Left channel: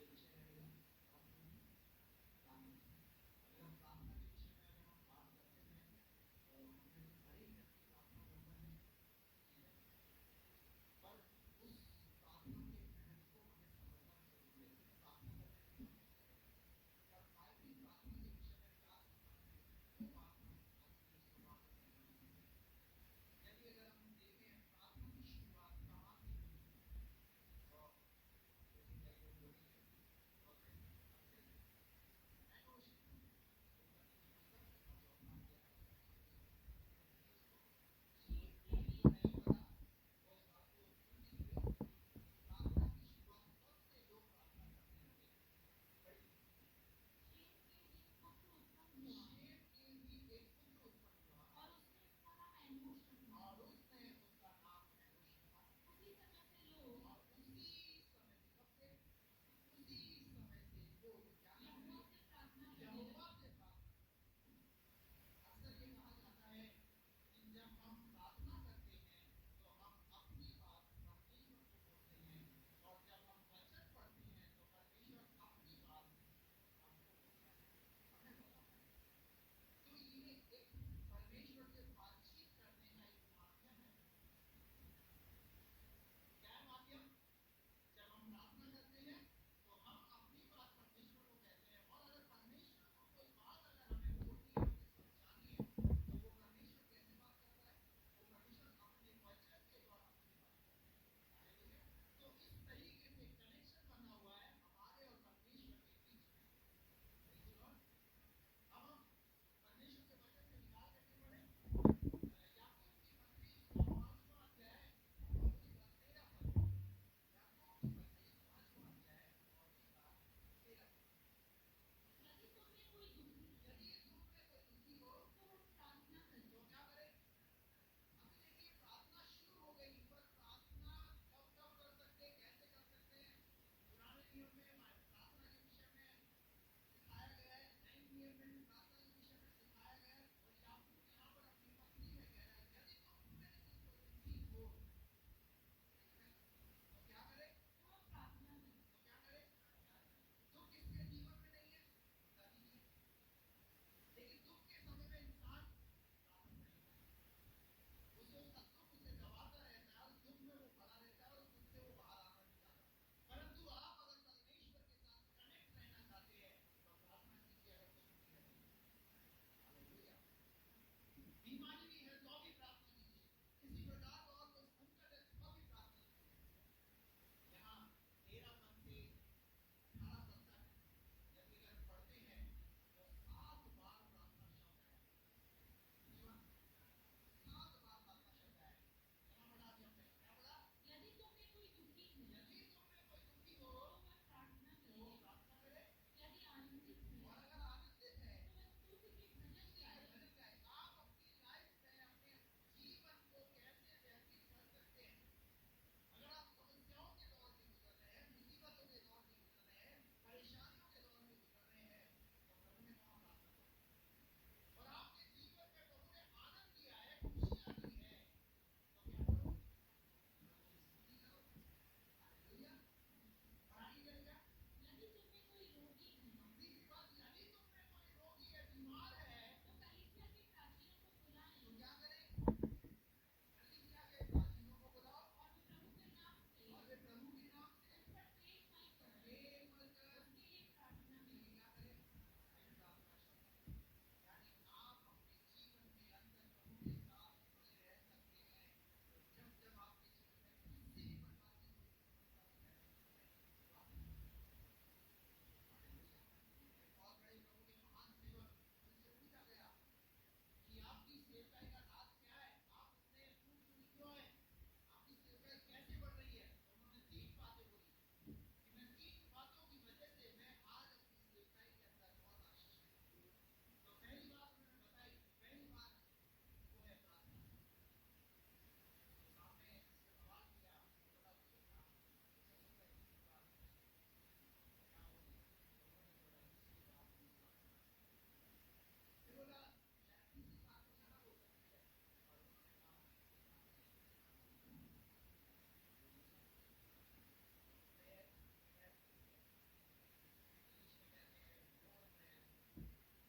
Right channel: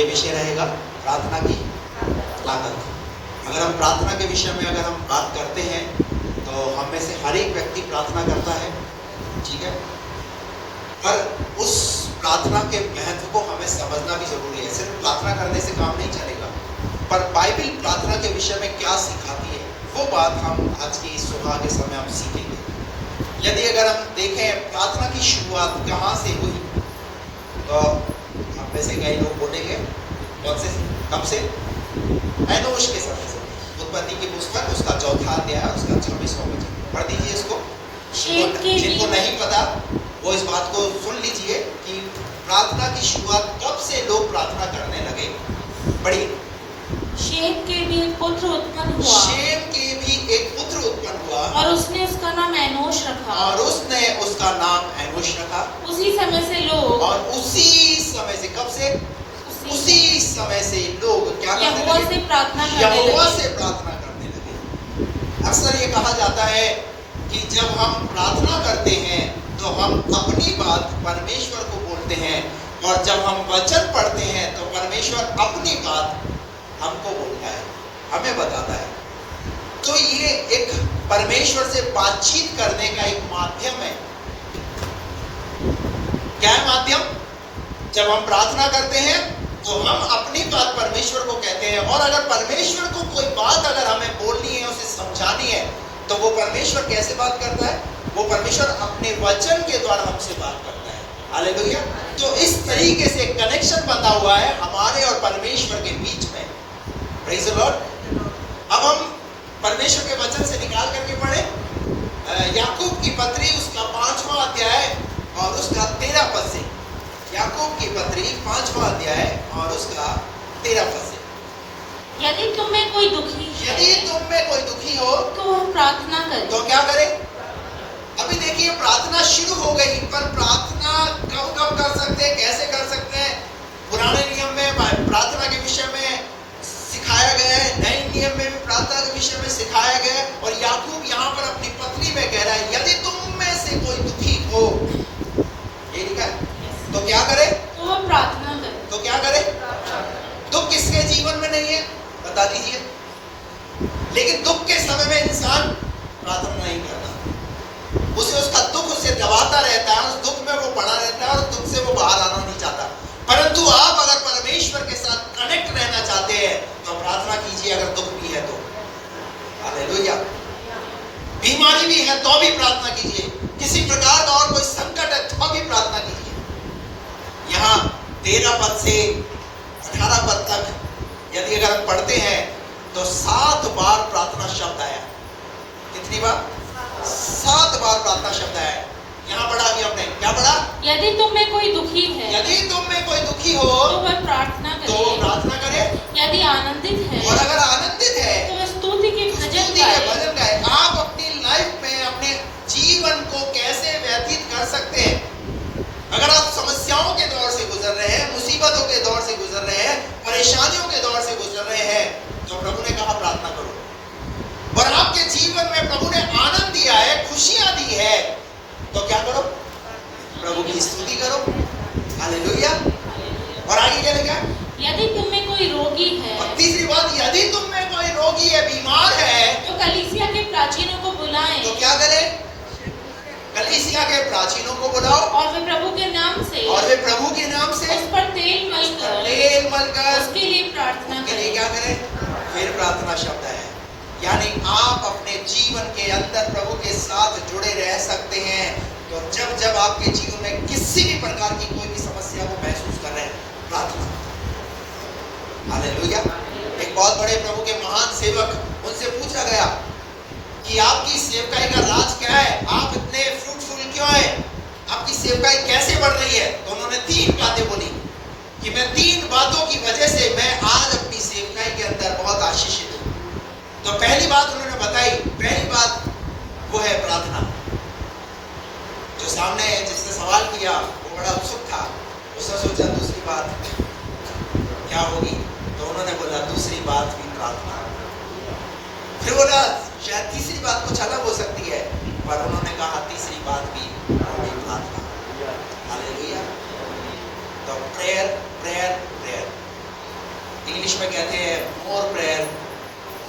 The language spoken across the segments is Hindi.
ये विषय रहेगा प्रार्थना की ताकत। अगर हम प्रार्थना के विषय में अगर हम बात करते हैं तो हम में से हर एक व्यक्ति प्रार्थना करता है, ठीक है, पर उस प्रार्थना के महत्व को हमें समझना भी जरूरी है। सिर्फ प्रार्थना करने से काम नहीं चलेगा, पर बाइबल प्रार्थना के विषय में क्या सिखाती है वो बात हम आज की इस सुबह के समय हम सीखेंगे। यदि अगर हम देखें प्रार्थना की शुरुआत कहाँ से हुई, तो हम में से कई लोग बोलेंगे कौन से, कब से? एनोश के समय से। उत्पत्ति की पुस्तक उसका 4वां अध्याय उसका 26वां वचन पढ़ दीजिए इसको। जिनको नहीं पता वो इस बात को सुन लीजिए कि प्रार्थना की शुरुआत कब से लोग प्रार्थना करने लगे। बड़ी शेम के भी एक पुत्र उत्पन्न हुआ। शेम के भी एक पुत्र उत्पन्न हुआ और उसने उसका नाम एनोश रखा। और उसने उसका नाम एनोश रखा। उसी समय से लोग, और उसी समय से, कब से? उसी समय से लोग क्या करने यहोवा लगे? से प्रार्थना करने यहोवा लगे। से प्रार्थना करने लगे। अक्सर ये कहा जाता है कि जब हम प्रार्थना करते हैं तो हम अपनी बात परमेश्वर को बोलते हैं, और जब हम वचन पढ़ते हैं तो परमेश्वर अपनी बात हमको बोलता है, हमें बताता है। तो ये एक परमेश्वर से बातचीत करने का एक माध्यम है। क्या है माध्यम? जब हम प्रार्थना करते हैं तो हम अपनी बात परमेश्वर को कहते हैं, और अगर परमेश्वर को कोई बात अगर हमें बोलनी है, उसे समझानी है, तो वो परमेश्वर कैसे बात करता है? वो परमेश्वर अपने वचन के द्वारा हमसे बात करता है। हालेलुया। तो इस तरीके से कनेक्शन बंधा हुआ है हमारे और परमेश्वर के बीच में। Praise the Lord. अब हम परमेश्वर के वचन से निकाल करके पढ़े याकूब की पत्री उसका 5वां अध्याय और उसका 13 पद से। याकूब की पत्री 5वां अध्याय और उसका 13 पद से। यदि तुम में कोई दुखी है, यदि तुम में कोई दुखी हो तो वह प्रार्थना करे। तो क्या करे? अभी देखिए प्रार्थना शुरू हो गई, पर प्रार्थना कब कब कर सकते हैं, कैसे कर सकते हैं? पुराने नियम में प्रार्थना के विषय में सिखाया गया है, नए नियम में भी प्रार्थना के विषय में सिखाया गया है, और याकूब यहाँ पर अपनी पत्री में कह रहा है यदि तुम में से कोई दुखी हो, ये लिखा है, तो क्या करे? तो वह प्रार्थना करे। तो क्या करे? दुख किसके जीवन में नहीं है बता दीजिए? लेकिन दुख के समय में इंसान प्रार्थना नहीं करता, उसे उसका दुख उसे दबाता रहता है, उस दुख में वो पड़ा रहता है और दुख से वो बाहर आना नहीं चाहता। परंतु आप अगर परमेश्वर के साथ कनेक्ट रहना चाहते हैं तो प्रार्थना कीजिए, अगर दुख भी है तो। हालेलुया। बीमारी भी है तो भी प्रार्थना कीजिए, किसी प्रकार का और कोई संकट है तो भी प्रार्थना कीजिए। यहाँ 13 पद से 18 पद तक यदि अगर हम पढ़ते हैं तो 7 बार प्रार्थना शब्द आया। कितनी बार? 7 बार प्रार्थना शब्द आया। यहाँ पढ़ा अभी हमने, क्या पढ़ा? यदि तुम में कोई दुखी है, यदि तुम में कोई दुखी हो तो वह प्रार्थना तो करे। प्रार्थना करे, यदि आनंदित है, और अगर आनंदित है तो वह स्तुति के तो भजन स्तुति के गाए। भजन गाए। आप अपनी लाइफ में अपने जीवन को कैसे व्यतीत कर सकते हैं? अगर आप समस्याओं के दौर से गुजर रहे हैं, मुसीबतों के दौर से गुजर रहे हैं, परेशानियों के दौर से गुजर रहे हैं, तो प्रभु ने कहा प्रार्थना करो। और आपके जीवन में प्रभु ने आनंद दिया है, खुशियां दी है, तो क्या करो? प्रभु की स्तुति करो। हालेलुया। और आगे क्या लिखा? यदि तुम में कोई रोगी है, और तीसरी बात, यदि तुम में कोई रोगी है, बीमार है, तो कलीसिया के प्राचीनों को बुलाएं, तो क्या करें? कलीसिया के प्राचीनों को बुलाओ, और वे प्रभु के नाम से, और वे प्रभु के नाम से उस पर तेल मलकर उसके उसके लिए प्रार्थना लिए करें। क्या करें? फिर प्रार्थना शब्द है। यानी आप अपने जीवन के अंदर प्रभु के साथ जुड़े रह सकते हैं। तो जब जब आपके जीवन में किसी भी प्रकार की कोई भी समस्या को महसूस कर रहे हैं, प्रार्थना। हालेलुया। एक बहुत बड़े प्रभु के महान सेवक, उनसे पूछा गया कि आपकी सेवकाई का राज क्या है? आप इतने फ्रूटफुल क्यों हैं? आपकी सेवकाई कैसे बढ़ रही है? तो उन्होंने 3 बातें बोली कि मैं 3 बातों की वजह से मैं आज अपनी सेवकाई के अंदर बहुत आशीषित हूँ। तो पहली बात उन्होंने बताई, पहली बात वो है प्रार्थना। जो सामने जिसने सवाल किया वो बड़ा उत्सुक था, उसने सोचा दूसरी बात क्या होगी, तो उन्होंने बोला दूसरी बात भी प्रार्थना। फिर बोला शायद तीसरी बात कुछ अलग हो सकती है, पर उन्होंने कहा तीसरी बात भी प्रार्थना। हालेलुया। तो प्रेयर प्रेयर प्रेयर इंग्लिश में कहते हैं more prayer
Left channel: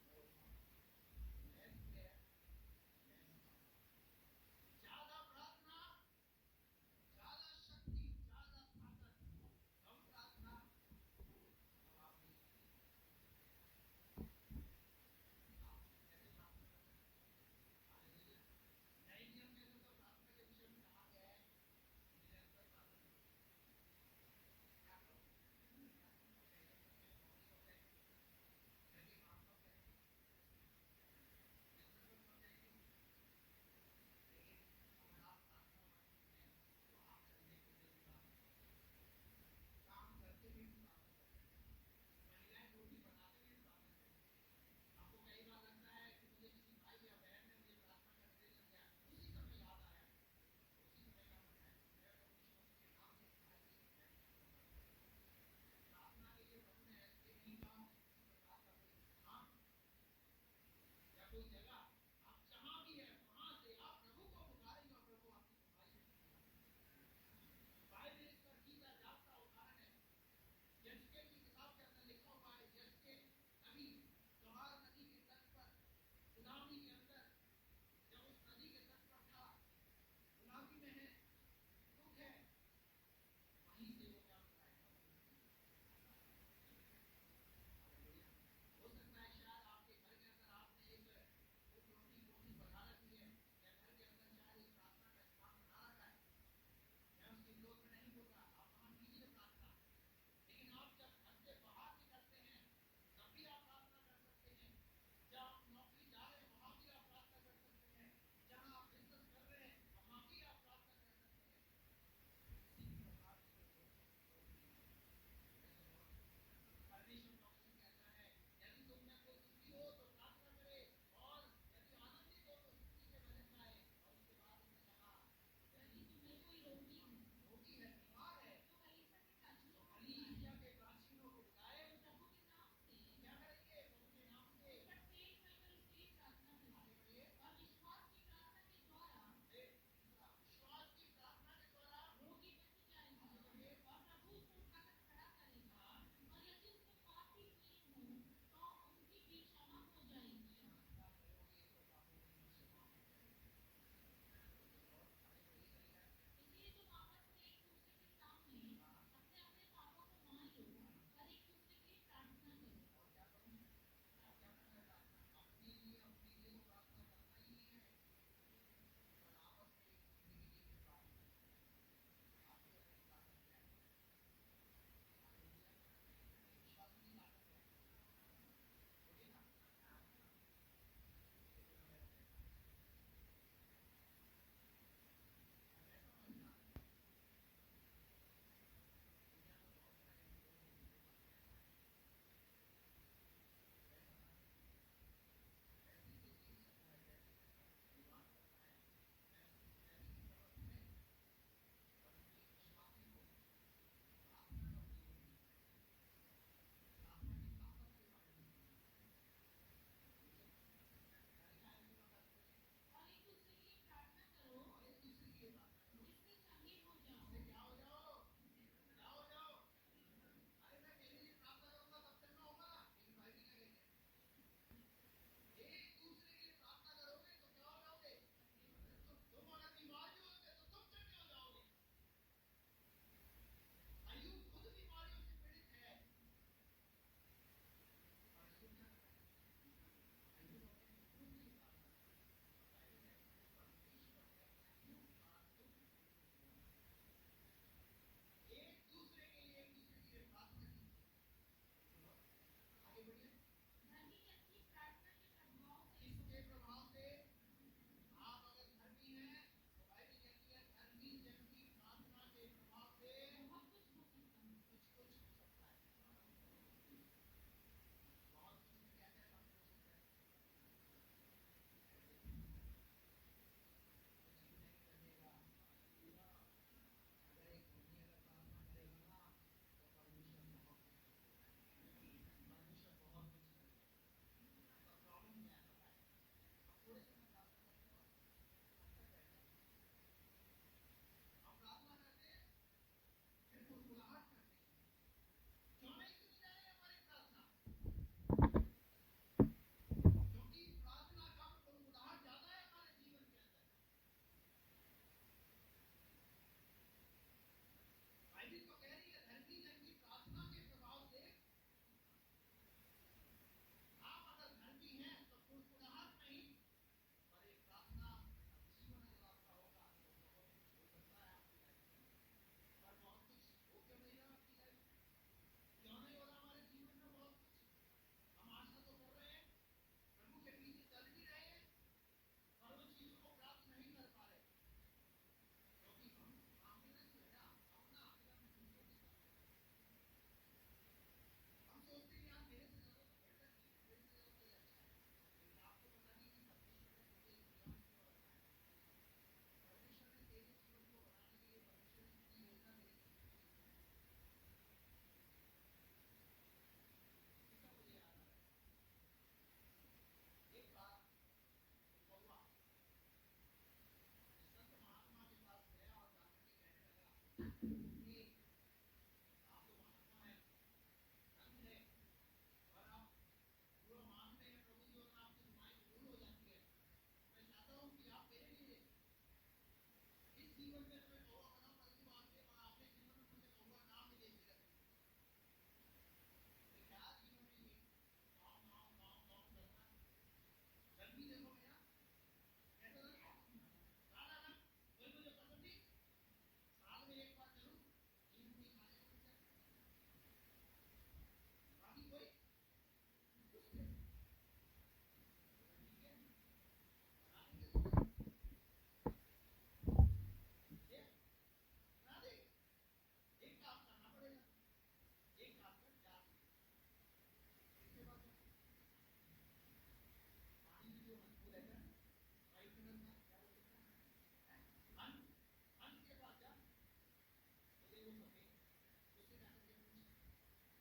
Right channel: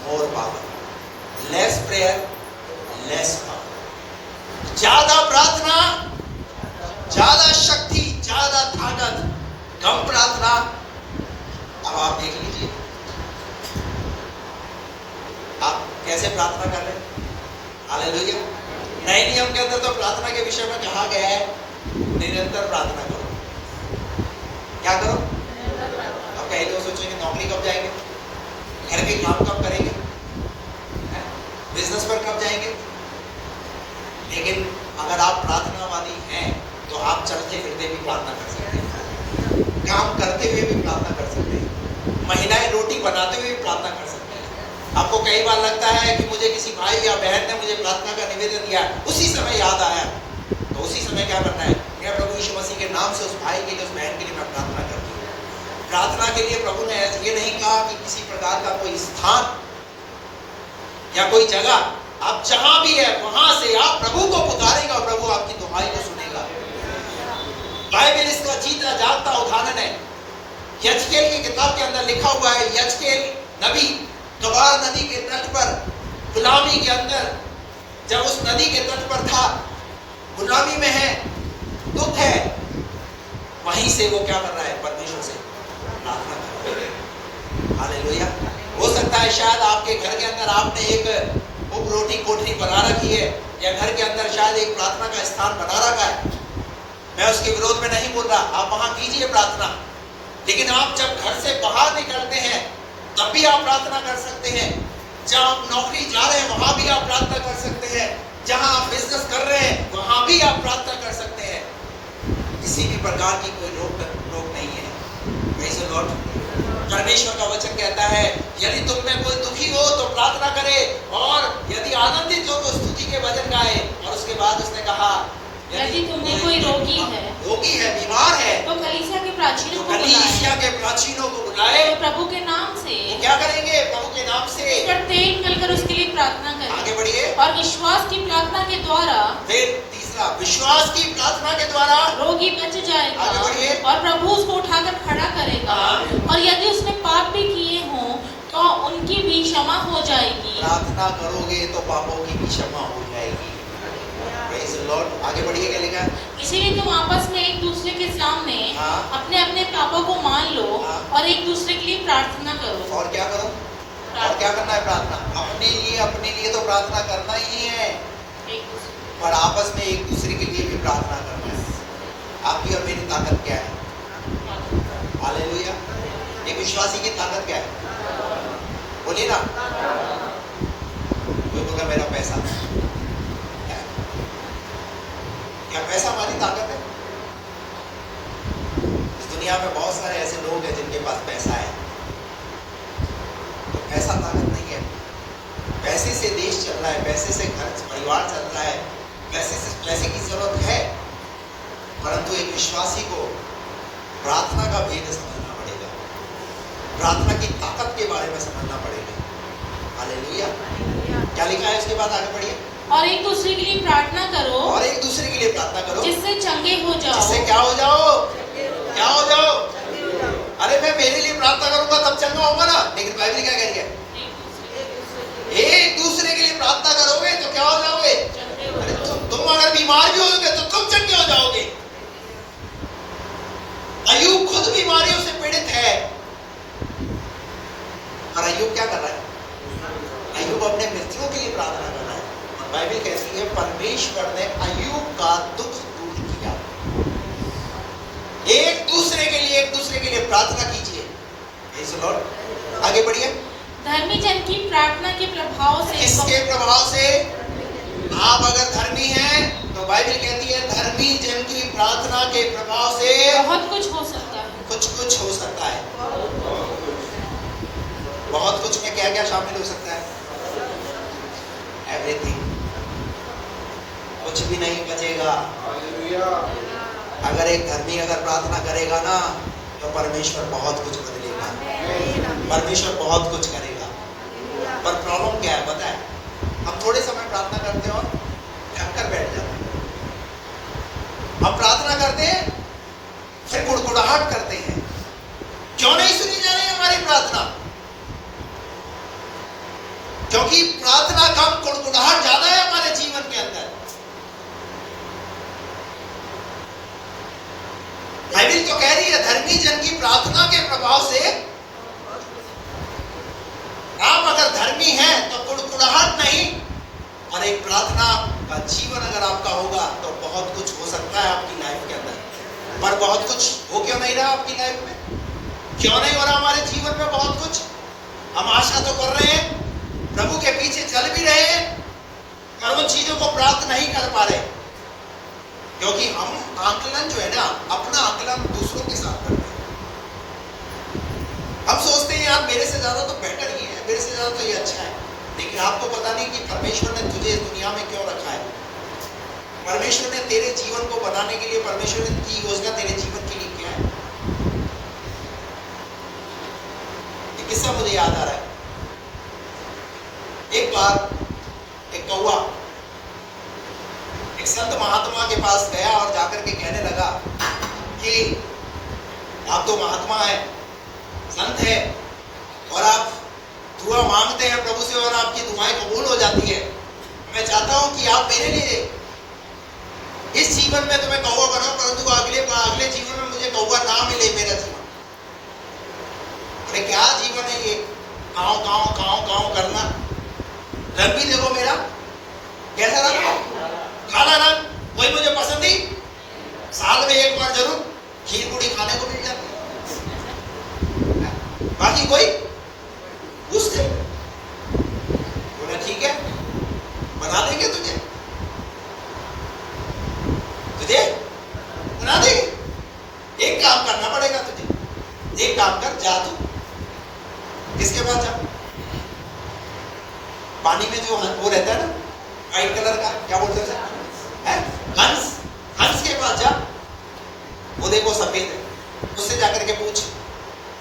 more power, less prayer less power. ज्यादा प्रार्थना ज्यादा शक्ति ज्यादा ताकत, कम प्रार्थना। अब आप देख लीजिए आप कैसे प्रार्थना कर रहे हैं। हालेलुया। नए नियम के अंदर तो प्रार्थना के विषय में कहा गया है निरंतर प्रार्थना करो। क्या करो? अब कई लोग सोचेंगे नौकरी कब जाएंगे, घर के काम कब करेंगे, बिजनेस पर कब जाएंगे। लेकिन अगर आप प्रार्थनावादी हैं तो आप चलते फिरते भी प्रार्थना कर सकते हैं, काम करते हुए भी प्रार्थना कर सकते हैं, महिलाएं रोटी बनाते हुए भी प्रार्थना कर सकते हैं। आपको कई बार लगता है कि मुझे किसी भाई या बहन ने मुझे प्रार्थना का निवेदन दिया, उसी समय याद आया, तो उसी समय क्या करना है, मैं प्रभु यीशु मसीह के नाम से उस भाई के लिए उस बहन के लिए मैं प्रार्थना करती हूँ। प्रार्थना के लिए प्रभु ने ये नहीं कहा कि किसी प्रकार का कोई स्थान या कोई जगह, आप जहां भी है वहां से आप प्रभु को पुकारेगा और प्रभु आपकी दुहाई को सुनेगा। बाइबल इसका जीता जागता उदाहरण है। यजकेल की किताब के अंदर लिखा हुआ है, यजकेल नबी कबार नदी के तट पर गुलामी के अंदर, जब उस नदी के तट पर था, गुलामी में है, दुख है, वहीं से वो क्या कर रहा है, परमेश्वर से प्रार्थना कर रहा है। हालेलुया। हो सकता है शायद आपके घर के अंदर आपने एक रोटी कोठरी बना रखी है, या घर के अंदर शायद एक प्रार्थना का स्थान बना रखा है। मैं उसके विरोध में नहीं बोल रहा, आप वहां कीजिए प्रार्थना, लेकिन आप जब घर से बाहर निकलते हैं तब भी आप प्रार्थना कर सकते हैं। जहां आप नौकरी जा रहे हैं वहां भी आप प्रार्थना कर सकते हैं, जहां आप बिजनेस कर रहे हैं वहां भी आप प्रार्थना कर सकते हैं। किसी भी प्रकार की कोई रोक नहीं है। Praise the Lord। परमेश्वर का वचन कहता है यदि तुम में कोई दुखी हो तो प्रार्थना करे, और यदि आनंदित हो तो स्तुति के भजन गाए। और उसके बाद उसने कहा यदि तुमने कोई रोगी है, बीमार है, तो कलीसिया के प्राचीनों को कलीसिया के प्राचीनों को बुलाए। तो प्रभु के नाम से क्या करेंगे? प्रभु के नाम से उस पर तेल मलकर उसके लिए प्रार्थना करें। आगे बढ़िए। और विश्वास की प्रार्थना के द्वारा, फिर तीसरा, विश्वास की प्रार्थना के द्वारा रोगी बच जाएगा। आगे बढ़िए। और प्रभु उसको उठाकर खड़ा करेगा। और यदि उसने पाप भी किए हों तो उनकी भी क्षमा हो जाएगी। प्रार्थना करोगे तो पापों की भी क्षमा हो जाएगी। Praise the Lord। आगे बढ़िए। क्या लिखा? इसीलिए तुम आपस में एक दूसरे के सामने अपने अपने पापों को मान लो और एक दूसरे के लिए प्रार्थना करो। और क्या करो? और क्या करना है? प्रार्थना। अपने लिए तो प्रार्थना करना ही है, पर आपस में एक दूसरे के लिए भी प्रार्थना करना है। आपकी और मेरी ताकत क्या है? हालेलुया। एक विश्वासी की ताकत क्या है? बोलिए ना। कोई बोला मेरा पैसा। क्या पैसा हमारी ताकत है? इस दुनिया में बहुत सारे ऐसे लोग हैं जिनके पास पैसा है, तो पैसा ताकत नहीं है। पैसे से देश चल रहा है, पैसे से घर परिवार चल रहा है, पैसे की जरूरत है, परंतु एक विश्वासी को प्रार्थना का भेद समझना पड़ेगा, प्रार्थना की ताकत के बारे में समझना पड़ेगा। हालेलुया। क्या लिखा है उसके बाद? आगे बढ़िए। और एक दूसरे के लिए प्रार्थना करो, और एक दूसरे के लिए प्रार्थना करो, जिससे चंगे हो जाओ। जिससे क्या हो जाओ? क्या हो जाओ? अरे मैं मेरे लिए प्रार्थना करूंगा तब चंगा होगा ना, लेकिन बाइबल क्या कह रही है? एक दूसरे के लिए प्रार्थना करोगे तो क्या हो जाओगे? अरे तुम अगर बीमार भी होगे तो तुम चंगे हो जाओगे। अय्यूब खुद बीमारियों से पीड़ित है, और अय्यूब क्या कर रहा है? अय्यूब अपने मित्रों के लिए प्रार्थना कर रहा है। और बाइबल कहती है परमेश्वर ने अय्यूब का दुख दूर किया। एक दूसरे के लिए प्रार्थना कीजिए। Praise the Lord। आगे बढ़िए। धर्मी जन की प्रार्थना के प्रभाव से, किसके प्रभाव से? आप अगर धर्मी हैं तो बाइबल कहती है धर्मी जन की प्रार्थना के प्रभाव से बहुत कुछ हो सकता है। कुछ हो सकता है। बहुत कुछ में क्या क्या शामिल हो सकता है? एवरीथिंग। कुछ भी नहीं बचेगा। अगर एक धर्मी अगर प्रार्थना करेगा ना तो परमेश्वर बहुत कुछ बदलेगा, परमेश्वर बहुत कुछ करेगा। पर प्रॉब्लम क्या है पता है? हम थोड़े समय प्रार्थना करते हैं और थक कर बैठ जाते हैं। हम प्रार्थना करते हैं फिर गुड़गुड़ाहट करते हैं, क्यों नहीं सुनी जा रही हमारी प्रार्थना? क्यों नहीं हो रहा हमारे जीवन में बहुत कुछ? हम आशा तो कर रहे हैं, प्रभु के पीछे चल भी रहे हैं, पर उन चीजों को प्राप्त नहीं कर पा रहे, क्योंकि हम आकलन जो है ना, अपना आकलन दूसरों के साथ करते हैं। हम सोचते हैं यार मेरे से ज्यादा तो बेटर ही है, मेरे से ज्यादा तो ये अच्छा है, लेकिन आपको पता नहीं कि परमेश्वर ने तुझे इस दुनिया में क्यों रखा है। परमेश्वर ने तेरे जीवन को बनाने के लिए, परमेश्वर की योजना तेरे जीवन के लिए क्या है। एक किस्सा मुझे याद आ रहा है। एक बार एक कौवा एक संत महात्मा के पास गया और जाकर के कहने लगा कि आप तो महात्मा है, संत है, और आप दुआ मांगते हैं प्रभु से और आपकी दुआएं कबूल हो जाती है। मैं चाहता हूं कि आप मेरे लिए इस जीवन में तुम्हें कौवा बनाओ, परंतु अगले जीवन में मुझे कौवा ना मिले मेरा जीवन। अरे क्या जीवन है ये, गाँव गाँव गाँव गाँव करना। रंग भी देखो मेरा कैसा रंग, काला रंग, वही मुझे पसंद ही। साल में एक बार जरूर खीर पूड़ी खाने को मिल जाती है, बाकी कोई पूछते बोला ठीक है बना देंगे तुझे, तुझे बना देंगे। एक काम करना पड़ेगा तुझे, एक काम कर, जा तू किसके पास जा, पानी में जो वो रहता है ना व्हाइट कलर का, क्या बोलते हैं हंस, हंस के पास जा, वो देखो सफेद है, उससे जाकर के पूछ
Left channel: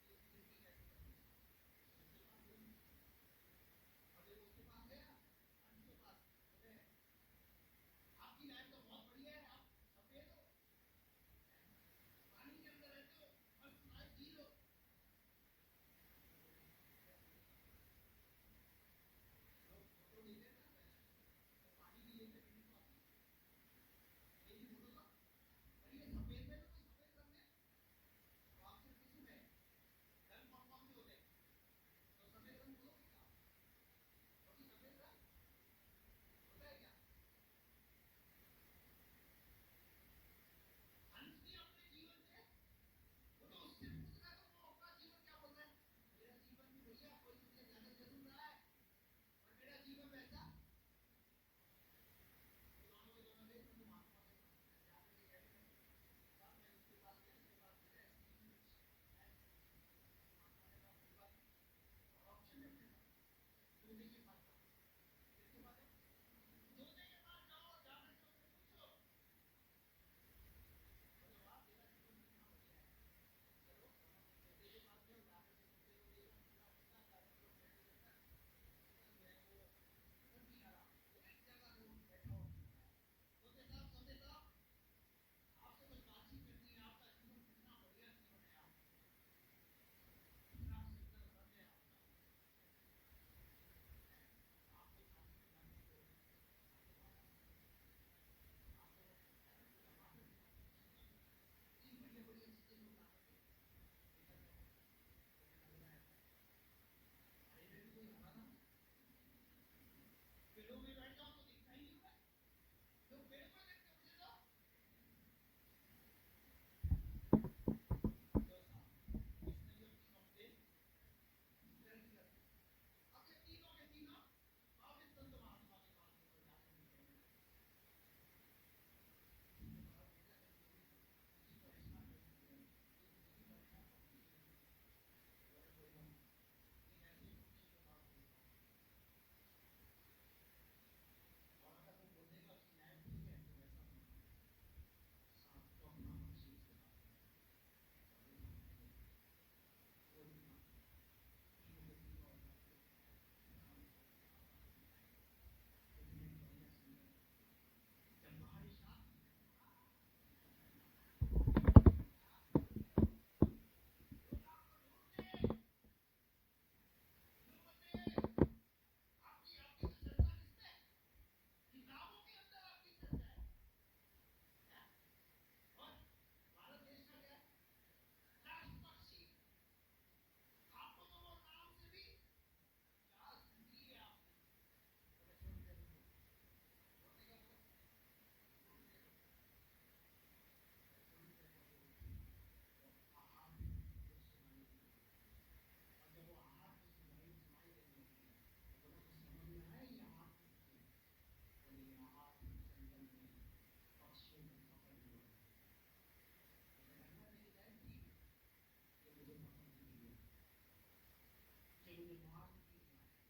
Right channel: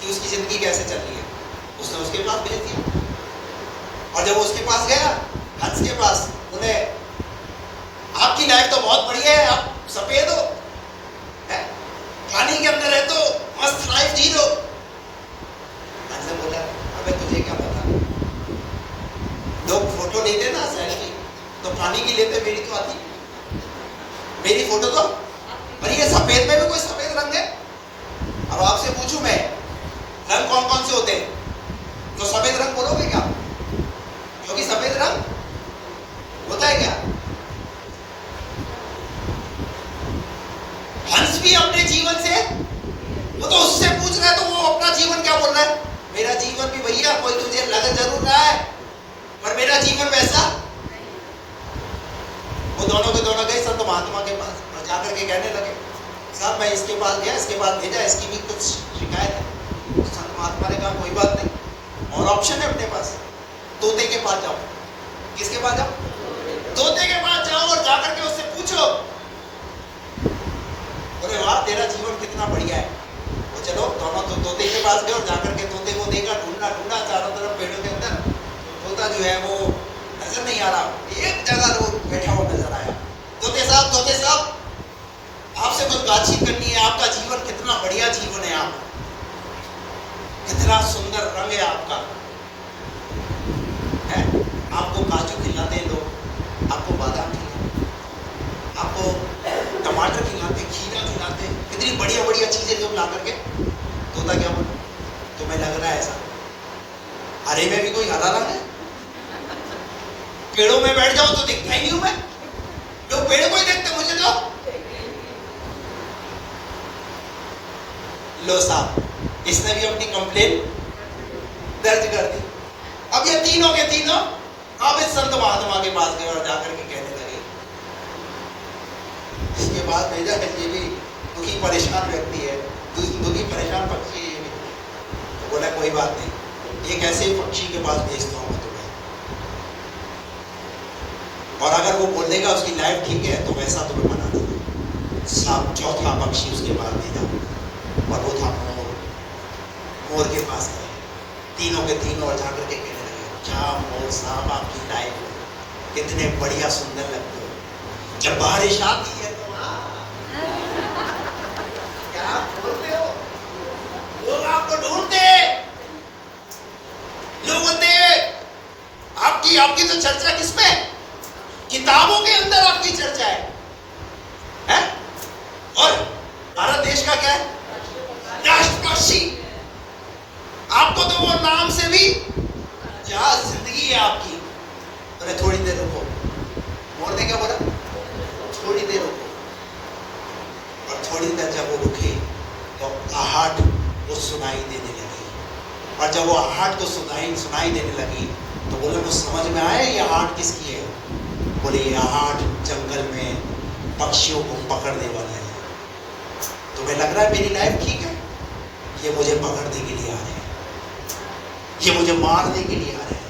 कि उसकी जिंदगी कैसे चल रही है। उसने उसके पास भेज दिया, और जब वो उसके पास गया, हंस के पास, उन्हें आपकी लाइफ तो बहुत बढ़िया है, आप सफेद हो, पानी के अंदर है तो मस्त लाइफ जी लो। हंस ने बोला अबे तुझे क्या पता, लोग फोटो लेते ना सेल्फी, तो पानी की लेते, मेरी तो आती, मेरी फोटो तो, और ये सफेद में भी कोई सफेद रंग है। अब आपसे पूछूं मैं, रंग कौन कौन से होते हैं, तो सफेद रंग बोलोगे क्या, क्योंकि सफेद रंग होता है क्या। हंस भी अपने जीवन से, वो तो उससे पूछ रहा है, तो वो अपना जीवन क्या बोल रहा है, मेरा जीवन भी भैया कोई तुझे लग जरूर रहा है, पर मेरा जीवन वैसा। वो दोनों के दोनों गए संत महात्मा के पास और जाकर के कहने लगे साहब मैं इसके पास गया, इसके पास भेजा, इसकी भी कुछ शिकायत है। संत महात्मा ने कहा कोई बात नहीं, और ऑप्शन है अपने पास, तोते के पास जाओ। किसके पास जाओ, तोते के पास जाओ, और जाकर के उससे पूछो, अरे वाह तेरा जीवन कितना बढ़िया है। वो चलो दोनों तो तोते के पास गए और जाकर के तोते को देखा, ढूंढा ढूंढा चारों तरफ पेड़ों के अंदर, तोता जो है वो नजर नहीं आ रहा, एक जगह वो बैठा हुआ नजर आया। तोते साहब आपसे कुछ बातचीत करनी है, आपका जीवन कितना बढ़िया जीवन है, आप कितना सुंदर रंग है आपका, है? आपको काजू खिलाते हैं लोग, आपको बादाम खिलाते, आपको टमाटर खिलाते, खीरा खिलाते, कितनी बढ़िया बढ़िया चीजें लोग ला करके। तोता क्या बोला, तुम्हें लग रहा है ऐसा, हरे में भी कोई हरा रंग है, पेड़ों में बैठ जाओ तो दिखता ही नहीं हूं मैं, लोग पेड़ को ही देखते, मुझे तो लो साहब, इसने भी अपनी कंप्लेन दर्ज कर दी। अब ये तीनों के तीनों अब इस संत महात्मा के पास गए और जाकर के कहने लगे, इसके बाद भेजा है, ये भी दुखी परेशान व्यक्ति है, दुखी परेशान पक्षी है। तो बोला कोई बात नहीं, एक ऐसे ही पक्षी के पास भेजता हूँ तुम्हें, और अगर वो बोलेगा उसकी लाइफ ठीक है तो वैसा तुम्हें बना देगा। साहब चौथा पक्षी उसके पास भेजा, और वो था मोर। मोर के पास गए तीनों के तीनों, और जाकर के कहने लगे क्या मोर साहब आपकी लाइफ कितने बढ़िया सुंदर लगते हो, जब बारिश आती है तो क्या बोलते हो, लोग आपको ढूंढते, लोग बोलते आपकी तो चर्चा किसमें, किताबों के अंदर आपकी चर्चा है? और भारत देश का क्या है, राष्ट्र पक्षी, आपको तो वो नाम से भी क्या जिंदगी है आपकी। अरे थोड़ी देर रुको, मोर ने क्या बोला, थोड़ी देर रुको, और थोड़ी देर जब वो रुके तो आहट वो सुनाई देने लगी। और जब वो आहट को सुनाई देने लगी तो बोले वो समझ में आया ये आहट किसकी है? बोले ये आहट जंगल में पक्षियों को पकड़ने वाला है। तुम्हें लग रहा है मेरी लाइफ ठीक है? ये मुझे पकड़ने के लिए आ रहे हैं, ये मुझे मारने के लिए आ रहे हैं।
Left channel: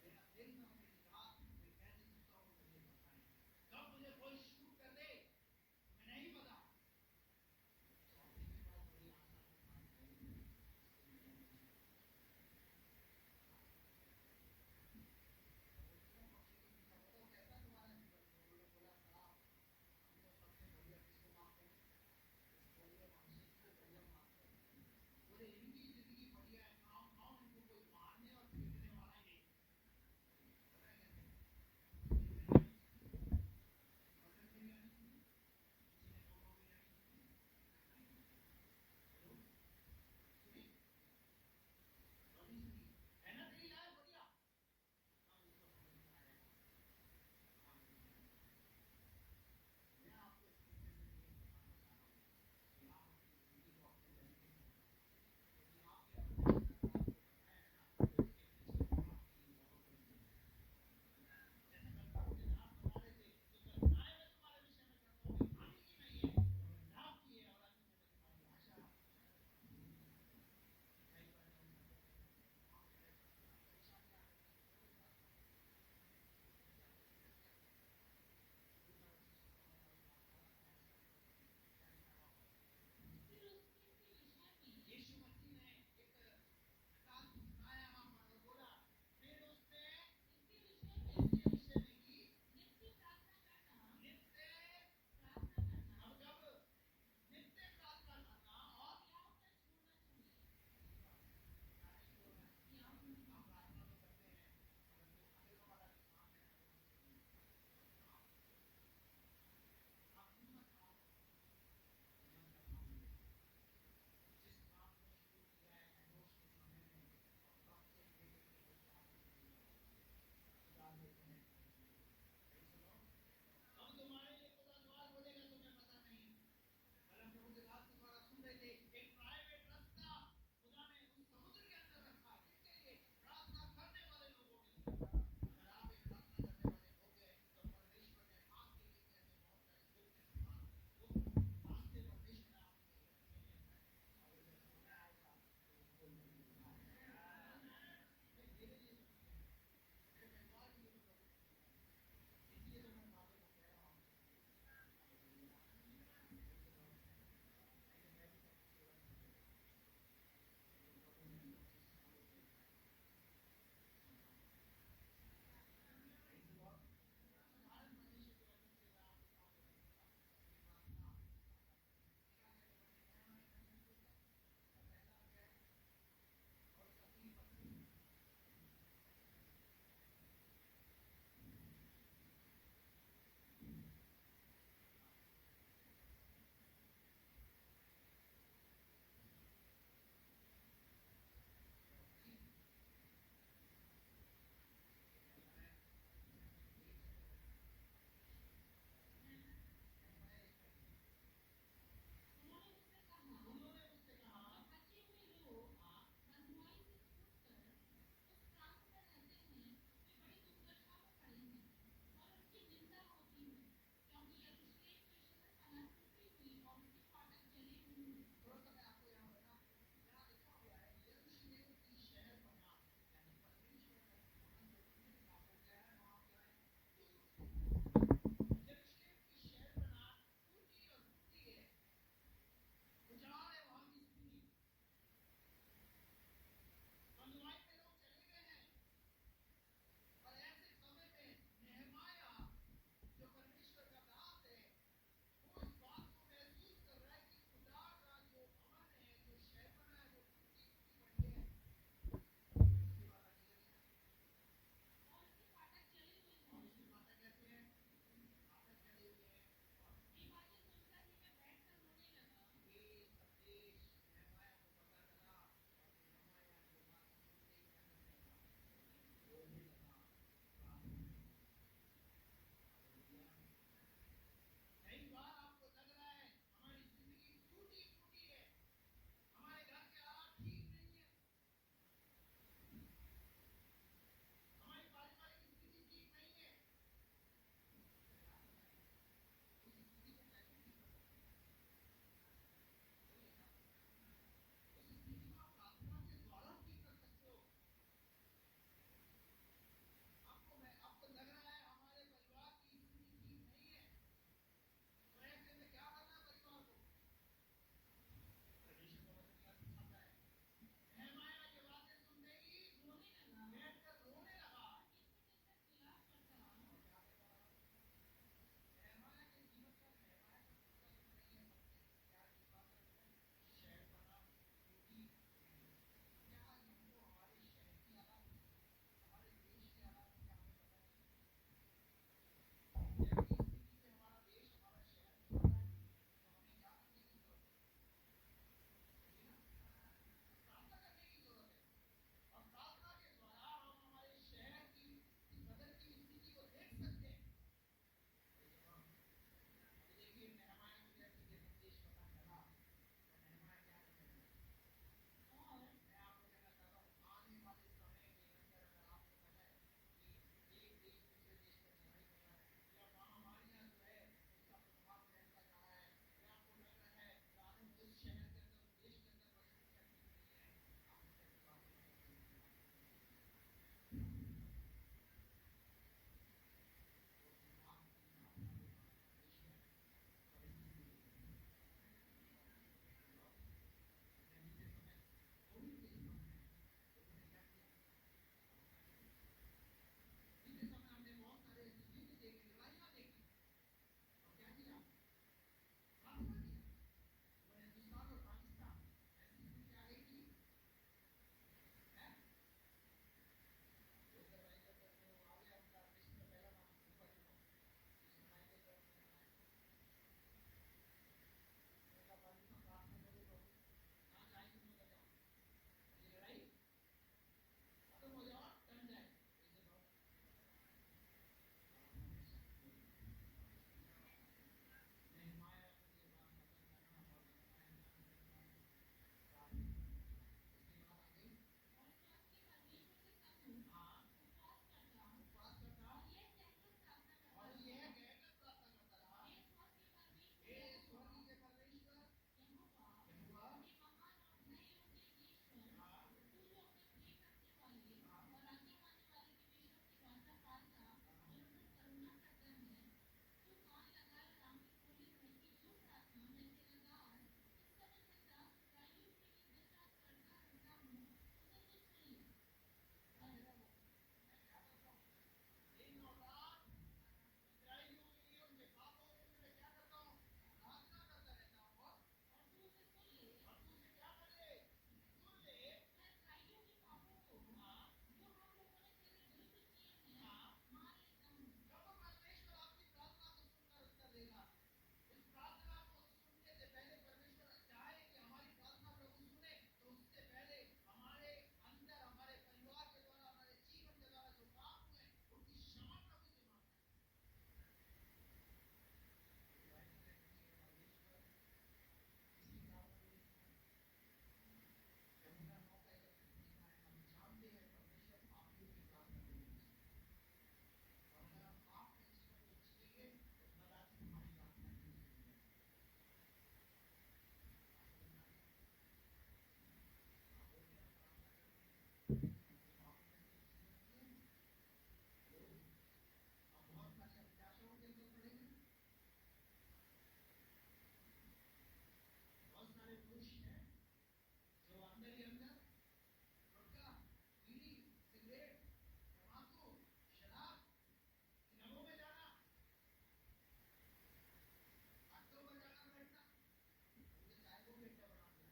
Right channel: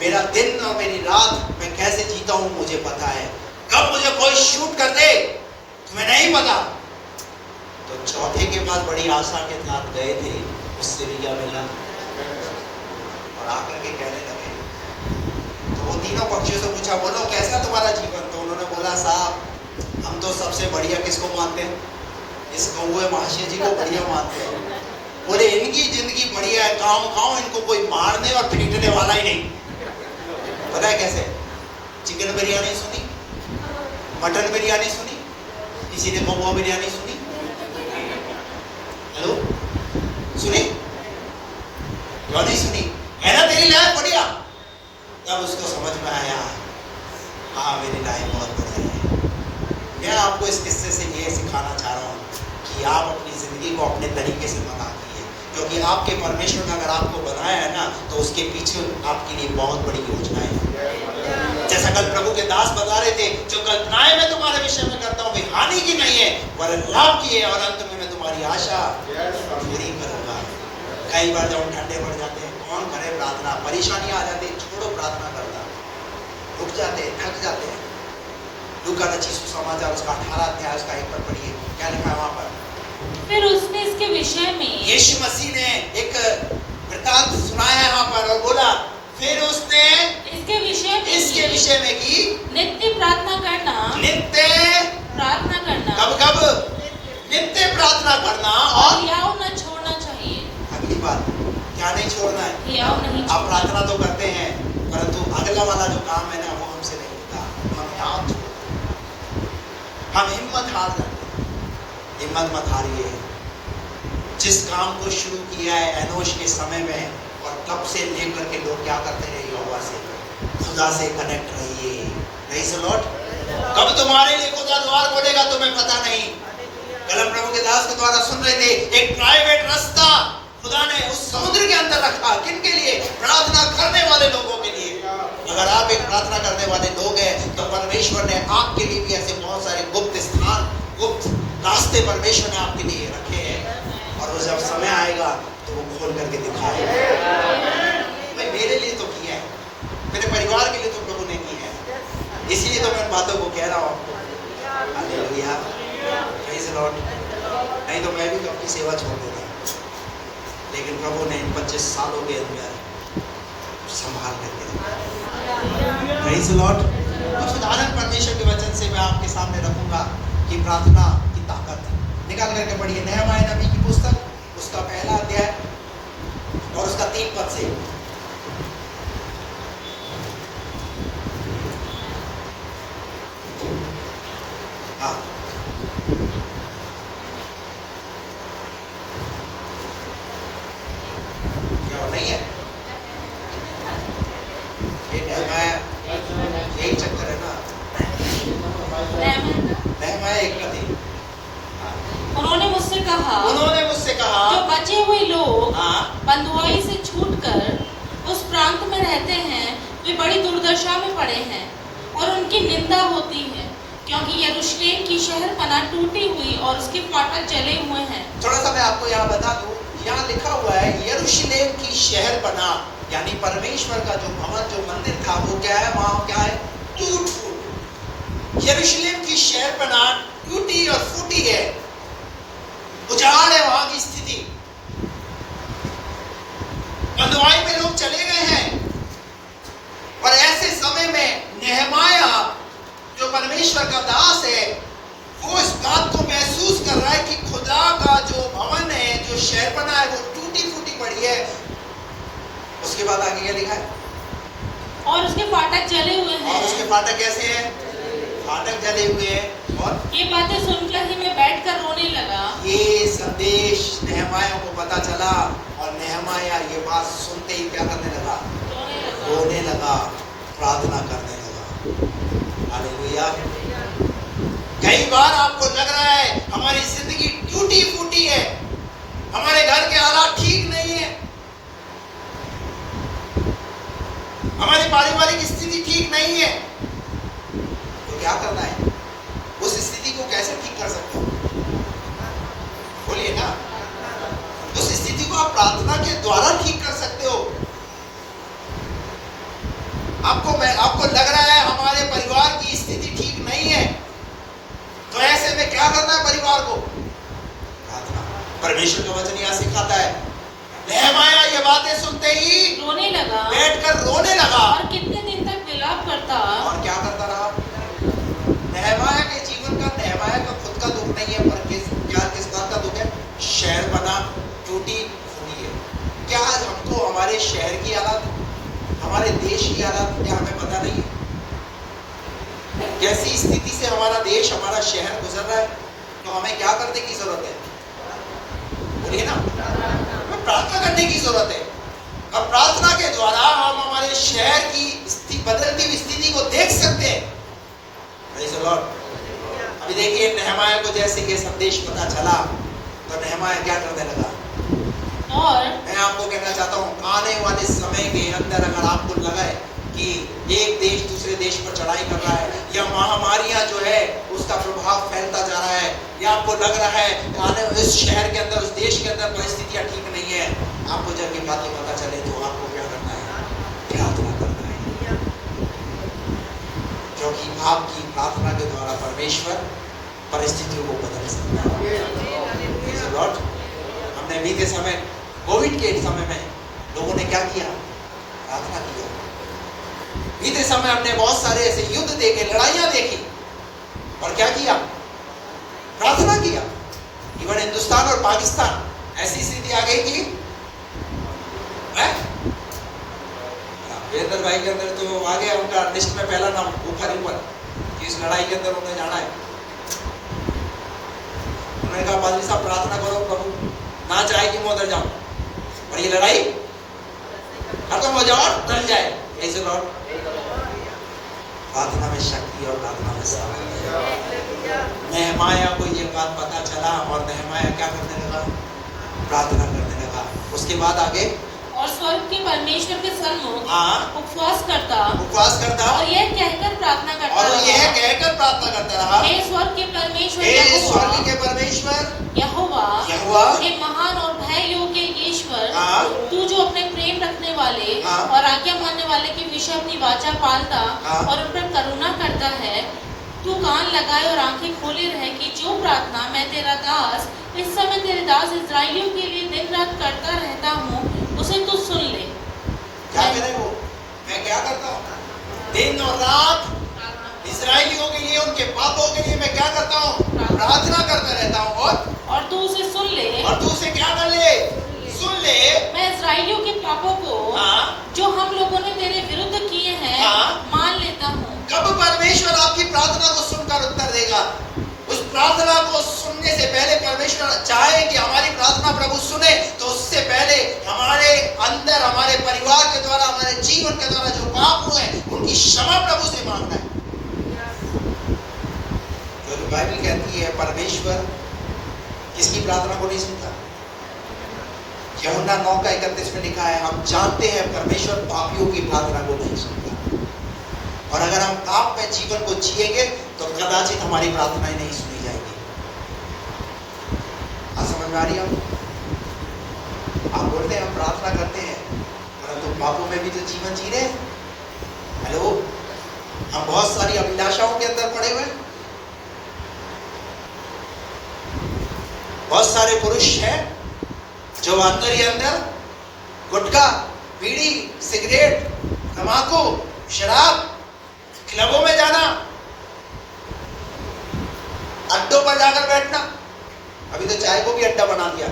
मेरा दिन और मेरी रात मैं कैसे जीता हूं मुझे पता है। कब मुझे कोई शूट कर दे तुम्हें नहीं पता। तो चौथे के बाद बड़ी आशा के साथ गए थे, उससे भी क्या मिला? और आकर के कहने लगे, तो वो तीनों पक्षियों से पूछा, बोलो कैसा तुम्हारा जीवन? तो उन्होंने बोला, साहब हम तो सबसे बढ़िया किसको मानते हैं? इस कौवे महाशय जी को बढ़िया मानते हैं। बोले इनकी जिंदगी बढ़िया है, गाँव इनको कोई मारने और पीटने वाला ही नहीं। पता है कैसे? चिकन बिरयानी सुनी, मटन बिरयानी सुनी, किसी ने कौवा बिरयानी सुनी? हेलो, सुनी? क्यों नहीं सुनी? है ना तेरी लाइफ बढ़िया? तब उसको समझ में आया, हाँ मेरी लाइफ बहुत बढ़िया है। मैं आपको इस किस्से से ये सिखाना चाह रहा हूँ कि आप अपनी जिंदगी को अपने तरीके से बना कीजिए, क्योंकि आपके परमेश्वर ने अगर आपको बनाया है ना तो उसके पीछे आपके लिए बहुत बड़ी योजना है। जैसा कल प्रभु के दास बता रहे थे, जो कल्पनाएं मैं तुम्हारे विषय में करता हूँ वे हानि की नहीं है वरन लाभ की है, और अंत में मैं तुम्हारी आशा पूरी करूंगा। कई बार जब हम ठंडे पड़ जाते हैं, कौन करे प्रार्थना? परेशानी आ जाती है, छोड़ो प्रार्थना करना, रुक जाते हैं, थक जाते हैं। लूका रचित सुसमाचार उसका 18 अध्याय उसका 1 पद पढ़िए, क्या लिखा है वहां पर? फिर उसने इसके विषय में यीशु मसीह ने एक वृत्तांत सुनाया है वहां पर और बोला, फिर उसने इसके विषय में की नित्य प्रार्थना करना, नित्य प्रार्थना करना, कब नित्य प्रार्थना करना, और हियाव न छोड़ना चाहिए। अगली बात क्या नहीं छोड़ना है? हियाव नहीं आप छोड़ना। प्रार्थना तो करते हैं परंतु अगला वाला जो काम है ना वो हमसे नहीं होता। हम हिम्मत हार जाते हैं। हिम्मत मत हारिए। जिस काम को शुरू किया है एनोश के समय में, और तब से लेकर के लोग क्या करते रहे? यहोवा से, खुदा से कनेक्ट रहिए। Praise the Lord. कब तुम्हारे लिए खुदा द्वार खोलेगा तुम्हें पता नहीं। कल हम प्रभु के दास के द्वारा सुन रहे थे, एक प्राइवेट रास्ता खुदा ने उस समुद्र के अंदर रखा। किनके लिए? प्रार्थना करने वाले लोगों के लिए। अगर आप एक प्रार्थना करने वाले लोग हैं तो परमेश्वर ने आपके लिए भी ऐसे बहुत सारे गुप्त स्थान, गुप्त रास्ते परमेश्वर ने आपके लिए रखे हैं, और वो जब समय आएगा तो वो खोल करके दिखाएगा। भाई मेरे लिए तो किया है, मेरे परिवार के लिए तो प्रभु ने किया है, इसीलिए तो मैं इन बातों को कह रहा हूँ आपको। Hallelujah, praise the Lord. नहीं तो मैं भी तो अपनी सेवा छोड़ देता, लेकिन प्रभु ने इन 25 सालों के अंदर संभाल करके रखा। Praise the Lord. कुछ उदाहरण परमेश्वर के वचन से मैं आपके सामने रखूंगा कि प्रार्थना की ताकत निकाल करके पढ़िए। नहमाया नबी की पुस्तक उसका 1 अध्याय और उसका 3 पद से। हाँ, क्या नहीं है? ये नहमाया, यही चक्कर है ना। नहमाया 1 का 3। उन्होंने मुझसे कहा, जो बचे हुए लोग बंधुआई से छूटकर उस प्रांत में रहते हैं वे बड़ी दुर्दशा में पड़े हैं और उनकी निंदा होती है, क्योंकि यरूशलेम की शहरपनाह टूटी हुई और उसके फाटक जले हुए हैं। थोड़ा सा मैं आपको यहाँ बता दूं, यहाँ लिखा हुआ है यरूशलेम की शहरपनाह, यानी परमेश्वर का जो भवन, जो मंदिर था वो क्या है? वहाँ क्या है? टूट फूट। यरूशलेम की शहरपनाह टूटी और फूटी है, उजाड़ है वहां की स्थिति। बंधुआई में लोग चले गए हैं, और ऐसे समय में नहमाया जो परमेश्वर का दास है वो इस बात को महसूस कर रहा है कि खुदा का जो भवन है, जो शहरपनाह है वो टूटी फूटी पड़ी है। उसके बाद आगे क्या लिखा है? और उसके फाटक जले हुए हैं। और उसके फाटक कैसे हैं? फाटक जले हुए हैं। और ये बातें सुनकर ही मैं बैठकर रोने लगा। ये संदेश नहमाया को पता चला, और नहमाया ये बात सुनते ही क्या करने लगा? रोने लगा, प्रार्थना करने लगा। हालेलुया। कई बार आपको लग रहा है हमारी जिंदगी टूटी फूटी है, हमारे घर के हालात ठीक नहीं है, हमारी पारिवारिक स्थिति ठीक नहीं है, तो क्या करना है? उस स्थिति को कैसे ठीक कर सकते हो? बोलिए ना। उस स्थिति को आप प्रार्थना के द्वारा ठीक कर सकते हो। आपको लग रहा है हमारे परिवार की स्थिति ठीक नहीं है, तो ऐसे में क्या करना है परिवार को? प्रार्थना। परमेश्वर का वचन यहाँ सिखाता है। नहमाया ये बातें सुनते ही रोने लगा, बैठकर रोने लगा, और कितने दिन तक विलाप करता। और क्या करता रहा? नहमाया के जीवन का, नहमाया का खुद का दुख नहीं है, पर किस बात का दुख है? शहर बना टूटी फूटी है। क्या आज हमको हमारे शहर की हालत, हमारे देश की हालत क्या हमें पता नहीं है? कैसी स्थिति से हमारा देश, हमारा शहर गुजर रहा है, तो हमें क्या करने की जरूरत है? बोलिए ना, हमें प्रार्थना करने की जरूरत है। और प्रार्थना के द्वारा हम हमारे शहर की बदलती हुई स्थिति को देख सकते हैं। Praise the Lord। अभी देखिए नहमाया को जैसे ये संदेश पता चला, तो नहमाया क्या करने लगा? और मैं आपको कहना चाहता हूँ, आने वाले समय के अंदर अगर आपको लगा है कि एक देश दूसरे देश पर चढ़ाई कर रहा है, या महामारियां जो है उसका प्रभाव फैलता जा रहा है, या आपको लग रहा है आने इस शहर के अंदर, उस देश के अंदर परिस्थितियां ठीक नहीं है, आपको जब ये बातें पता चले तो आपको क्या करना है? प्रार्थना करना है। क्योंकि आपकी प्रार्थना के द्वारा परमेश्वर परिस्थितियों को बदल सकता है। हमने बीते समय, कोविड के समय में लोगों ने क्या किया? प्रार्थना किया। बीते समय हमने बहुत सारे ऐसे युद्ध देखे, लड़ाइयां देखी, और क्या किया? प्रार्थना किया। इवन हिंदुस्तान और पाकिस्तान ऐसी स्थिति आ गई कि वीरेंद्र भाई के अंदर तो आ गया, उनका लिस्ट में पहला नाम ऊपर कि इस लड़ाई के अंदर उन्हें जाना है। उन्होंने कहा पादरी साहब प्रार्थना करो, प्रभु ना चाहे कि मैं उधर जाऊं, और ये लड़ाई खत्म हो जाए और टल जाए। ऐसे लॉर्ड, प्रार्थना में शक्ति और प्रार्थना में सामर्थ्य है। नहमाया को ये बात पता चला, और नहमाया क्या करने लगा? प्रार्थना करने लगा। उसके बाद आगे, और स्वर्ग के परमेश्वर के सन्मुख उपवास करता, और यह कहकर प्रार्थना करता, रहा, हे स्वर्ग के परमेश्वर, यहोवा, हे महान और भय योग्य ईश्वर, तू जो अपने प्रेम रखने वाले और आज्ञा मानने वाले के विषय अपनी वाचा पालता और उन पर करुणा करता है, तू कान लगाए और आंखें खोले रहे कि जो प्रार्थना मैं तेरा दास इस समय तेरे दास इस्राएलियों के लिए दिन रात करता रहता हूँ, उसे तू सुन ले। क्या करे वो? मैं क्या करता हूँ? दिन और रात इस्राएलियों के लिए, उनके पापों के लिए मैं क्या करता हूँ? प्रार्थना करता रहता हूँ। और तू उसे सुन ले, और तू उसे क्या कर ले? सुन ले। मैं इस्राएलियों के पापों को जो हम लोगों ने तेरे विरुद्ध किए हैं मान लेता हूँ। कब परमेश्वर आपकी प्रार्थना को सुनकर उत्तर देगा? उस प्रार्थना को सुनने से पहले परमेश्वर चाहे कि हमारी प्रार्थना प्रभु सुने, तो उससे पहले हमारे अंदर, हमारे परिवार के द्वारा, हमारे जीवन के द्वारा जो पाप हुए उनकी क्षमा प्रभु से मांगना है। तो बाइबल कहती है परमेश्वर किसकी प्रार्थना को नहीं सुनता? यूहन्ना 9:31 में लिखा है, हम जानते हैं परमेश्वर पापियों की प्रार्थना को नहीं सुनता, और अगर हम पाप में जीवन को जिएंगे तो कदाचित हमारी प्रार्थनाएं नहीं सुनी जाएगी। आज समझ में आ रही है? आप बोलते हैं हम प्रार्थना करते हैं, परंतु पापों में भी तो जीवन जी रहे हैं। हेलो, हम बहुत सारी अभिलाषाओं के अंदर पड़े हुए हैं। बहुत सारे पुरुष हैं जो अंदर ही अंदर गुटखा, बीड़ी, सिगरेट, तंबाकू, शराब, क्लबों में जाना, अड्डों पर जाकर बैठना, अभी तो चाय को भी अड्डा बना दिया।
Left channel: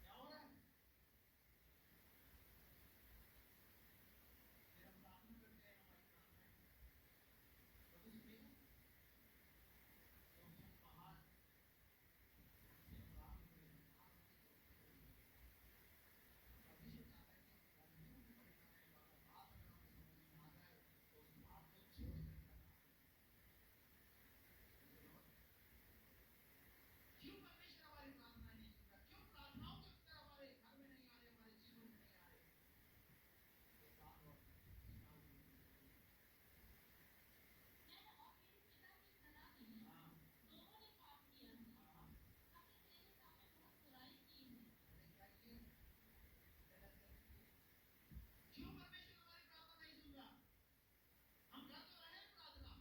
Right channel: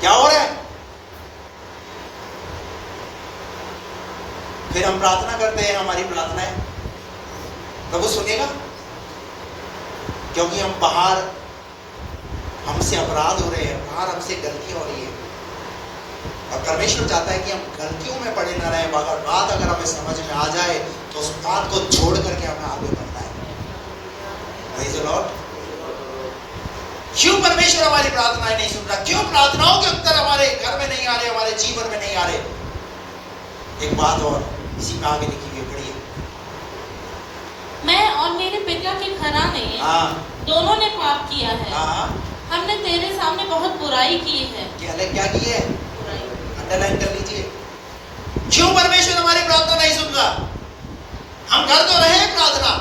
क्या हो रहा है? फिर हम प्रार्थना करते हैं, हमारी प्रार्थनाएं प्रभु सुनेगा? क्योंकि हम बाहर हमसे अपराध हो रहे हैं, बाहर हमसे गलतियां हो रही है, और परमेश्वर चाहता है कि हम गलतियों में पड़े न रहें। अगर बात अगर हमें समझ में आ जाए तो उस बात को छोड़ करके हमें आगे बढ़ना है। Praise the Lord। क्यों परमेश्वर हमारी प्रार्थनाएं नहीं सुन रहा? क्यों प्रार्थनाओं के उत्तर हमारे घर में नहीं आ रहे, हमारे जीवन में नहीं आ रहे? एक बात और इसी में आगे लिखी हुई पढ़िए। मैं और मेरे पिता के घराने दोनों ने पाप किया है। हमने तेरे सामने बहुत बुराई की है। क्या की है? अंडरलाइन कर लीजिए। क्यों परमेश्वर हमारी प्रार्थना नहीं सुन रहा? हम कर तो रहे हैं प्रार्थना,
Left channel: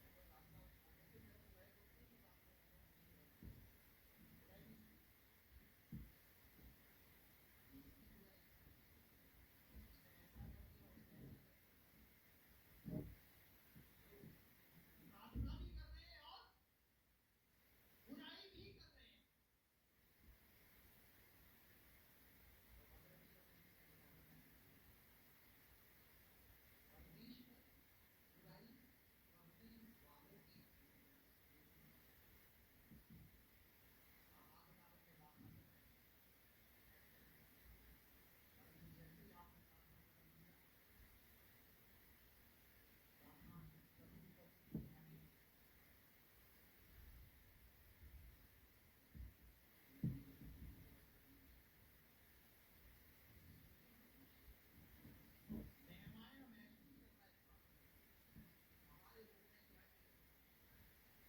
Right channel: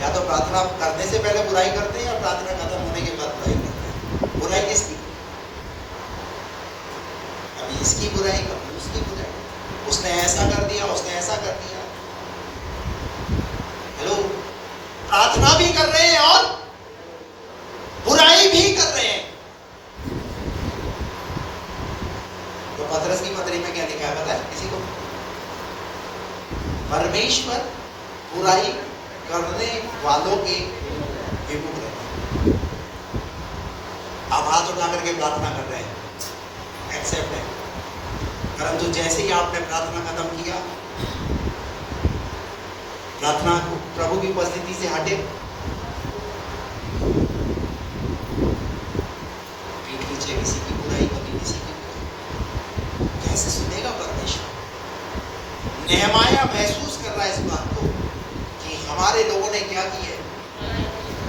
या तो प्रार्थना करने से पहले बुराई करते हैं या प्रार्थना खत्म होने के बाद बुराई करते हैं। बुराई किसकी? कभी इसकी बुराई, कभी उसकी बुराई। उसने ऐसा कर दिया, उसने ऐसा कर दिया। हेलो, प्रार्थना भी कर रहे हैं और बुराई भी कर रहे हैं। तो पतरस की पत्री में क्या लिखा है पता है किसी को? परमेश्वर बुराई करने वालों के विमुख रहते हैं। आप हाथ उठा करके प्रार्थना कर रहे हैं, एक्सेप्ट है, परंतु जैसे ही आपने प्रार्थना खत्म किया, प्रार्थना प्रभु की उपस्थिति से हटे, पीठ पीछे किसी की बुराई, कभी किसी की बुराई, कैसे सुनेगा परमेश्वर? नेहमाया महसूस कर रहा है इस बात को कि हमारे लोगों ने क्या किया है,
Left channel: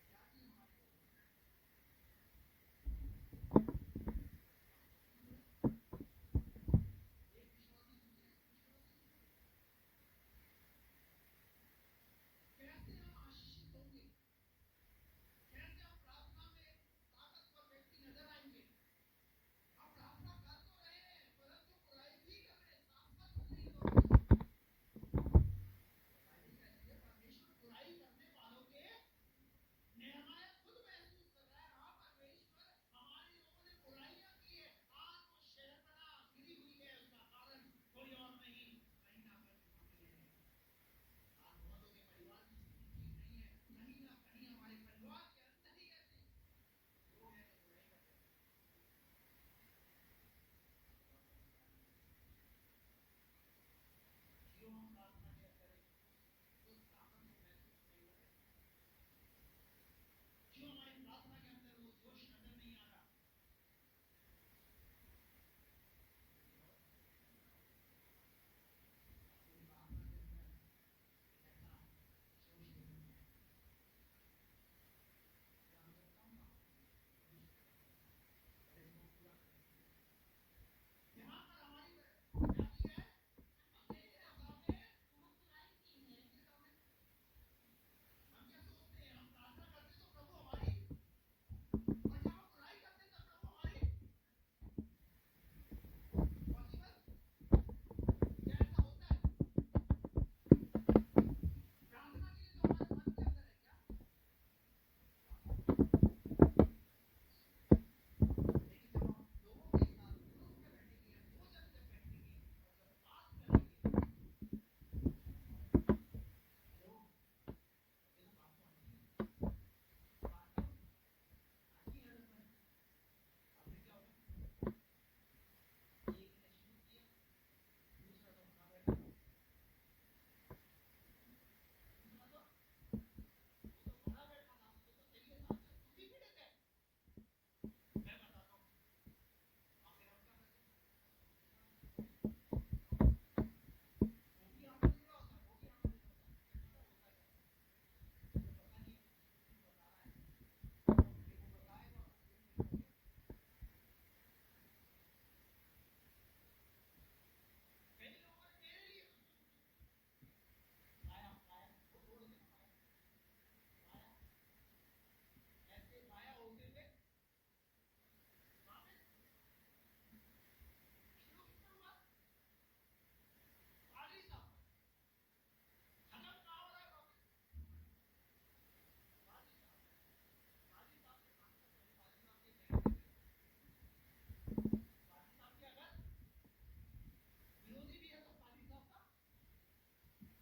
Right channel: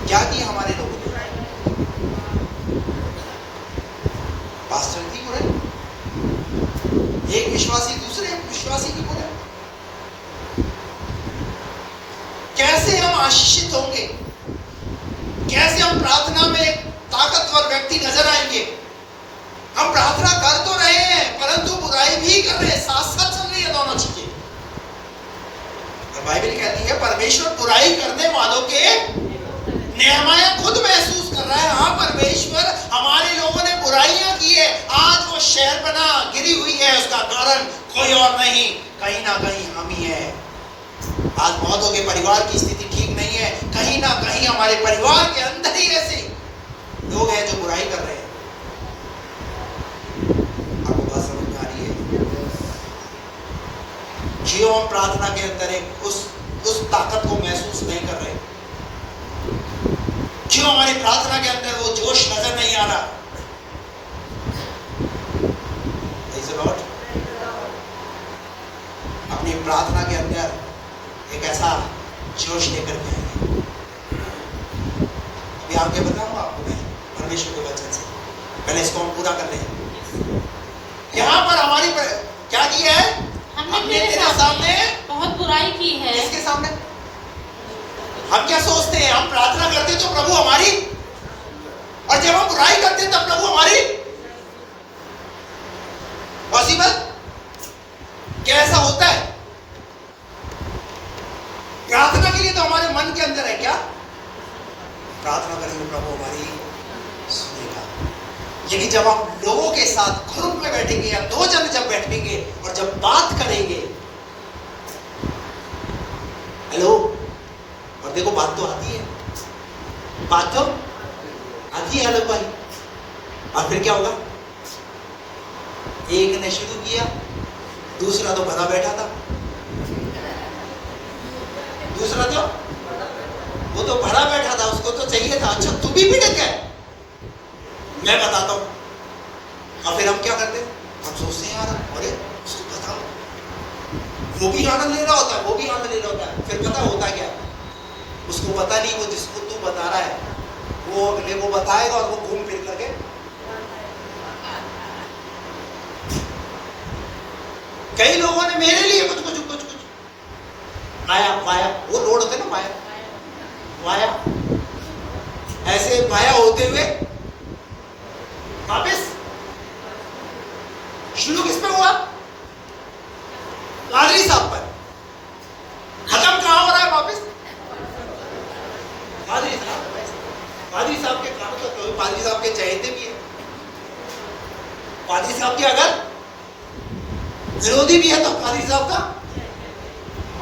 क्या किया हमारे लोगों ने। पास्टर की बुराई, एक विश्वासी दूसरे विश्वासी की बुराई। कैसे हम आशीषित होंगे? कैसे हम प्रार्थना में एक ताकतवर व्यक्ति नजर आएंगे? हम प्रार्थना कर तो रहे हैं परंतु बुराई भी कर रहे हैं, साथ साथ चल रही है दोनों चीजें। और बाइबल कहती है परमेश्वर बुराई करने वालों के, नेहमाया खुद महसूस कर रहा है, हाँ परमेश्वर हमारे लोगों ने बुराइयां की है, आज वो शहरपना गिरी हुई है, उसका कारण कोई और नहीं, कहीं ना कहीं हम ही है। आज बहुतों के परिवार की स्थिति ठीक नहीं है, कहीं ना कहीं हमारे परिवार के अंदर ही ऐसे लोग हैं जो बुराई कर रहे हैं। आपको बात समझ में आ रही है? जियो हम प्रार्थना के अंदर एक उस ताकत को महसूस नहीं कर रहे, क्यों हमारी प्रार्थना के अंदर वो जोश नजर नहीं आ रहा? अपनी प्रार्थना के अंदर एक ऐसा जोश लेकर के आएंगे। अभी आगे बताऊंगा आपको मैं परमेश्वर के वचन से, पहले इसको हम पूरा कर लें। यहाँ पर हमारी क्या किया है? हमने तेरे सामने बहुत बुराई की है। इसके सामने हम क्या सोचते हैं? हम प्रार्थना करते तो प्रभु हमारी, और जब हम बुराई करते तब प्रभु हमारी। पॉसिबल? क्या ऐसा होता है? प्रार्थना के लिए तो हमारे मन के अंदर है क्या? प्रार्थना करेंगे प्रभु हमारी सुनेगा। लेकिन जब हम लोगों के साथ ग्रुप में बैठेंगे या दो जन जब बैठेंगे और जब बात करेंगे, हेलो, और देखो बात तो आती है, बात तो आती है। हेलो भाई, और फिर क्या होगा? एक ने शुरू किया, दूसरा तो भरा बैठा था, दूसरा तो वो तो भरा बैठा था, उसको तो चाहिए था अच्छा तू भी भड़क है, मैं बताता हूं। और फिर हम क्या करते हैं? हम सोचते हैं यार अरे उसको बताओ, वो भी आनंद ले रहा होता है, वो भी आनंद ले रहा होता है। फिर पता होता क्या? उसको पता नहीं, वो जिसको तू बता रहा है वो अगले को बताएगा और वो घूम फिर करके कई लोगों ने मेरे लिए कुछ माया, वो रोड होते ना माया, ऐसे माया होते हुए वापस शुरू किस पे हुआ? पादरी साहब पर। खत्म कहां हो रहा है वापस? पादरी साहब के काम तो पादरी साहब के चहेते भी है, पादरी साहब के अगर विरोधी भी है तो पादरी साहब का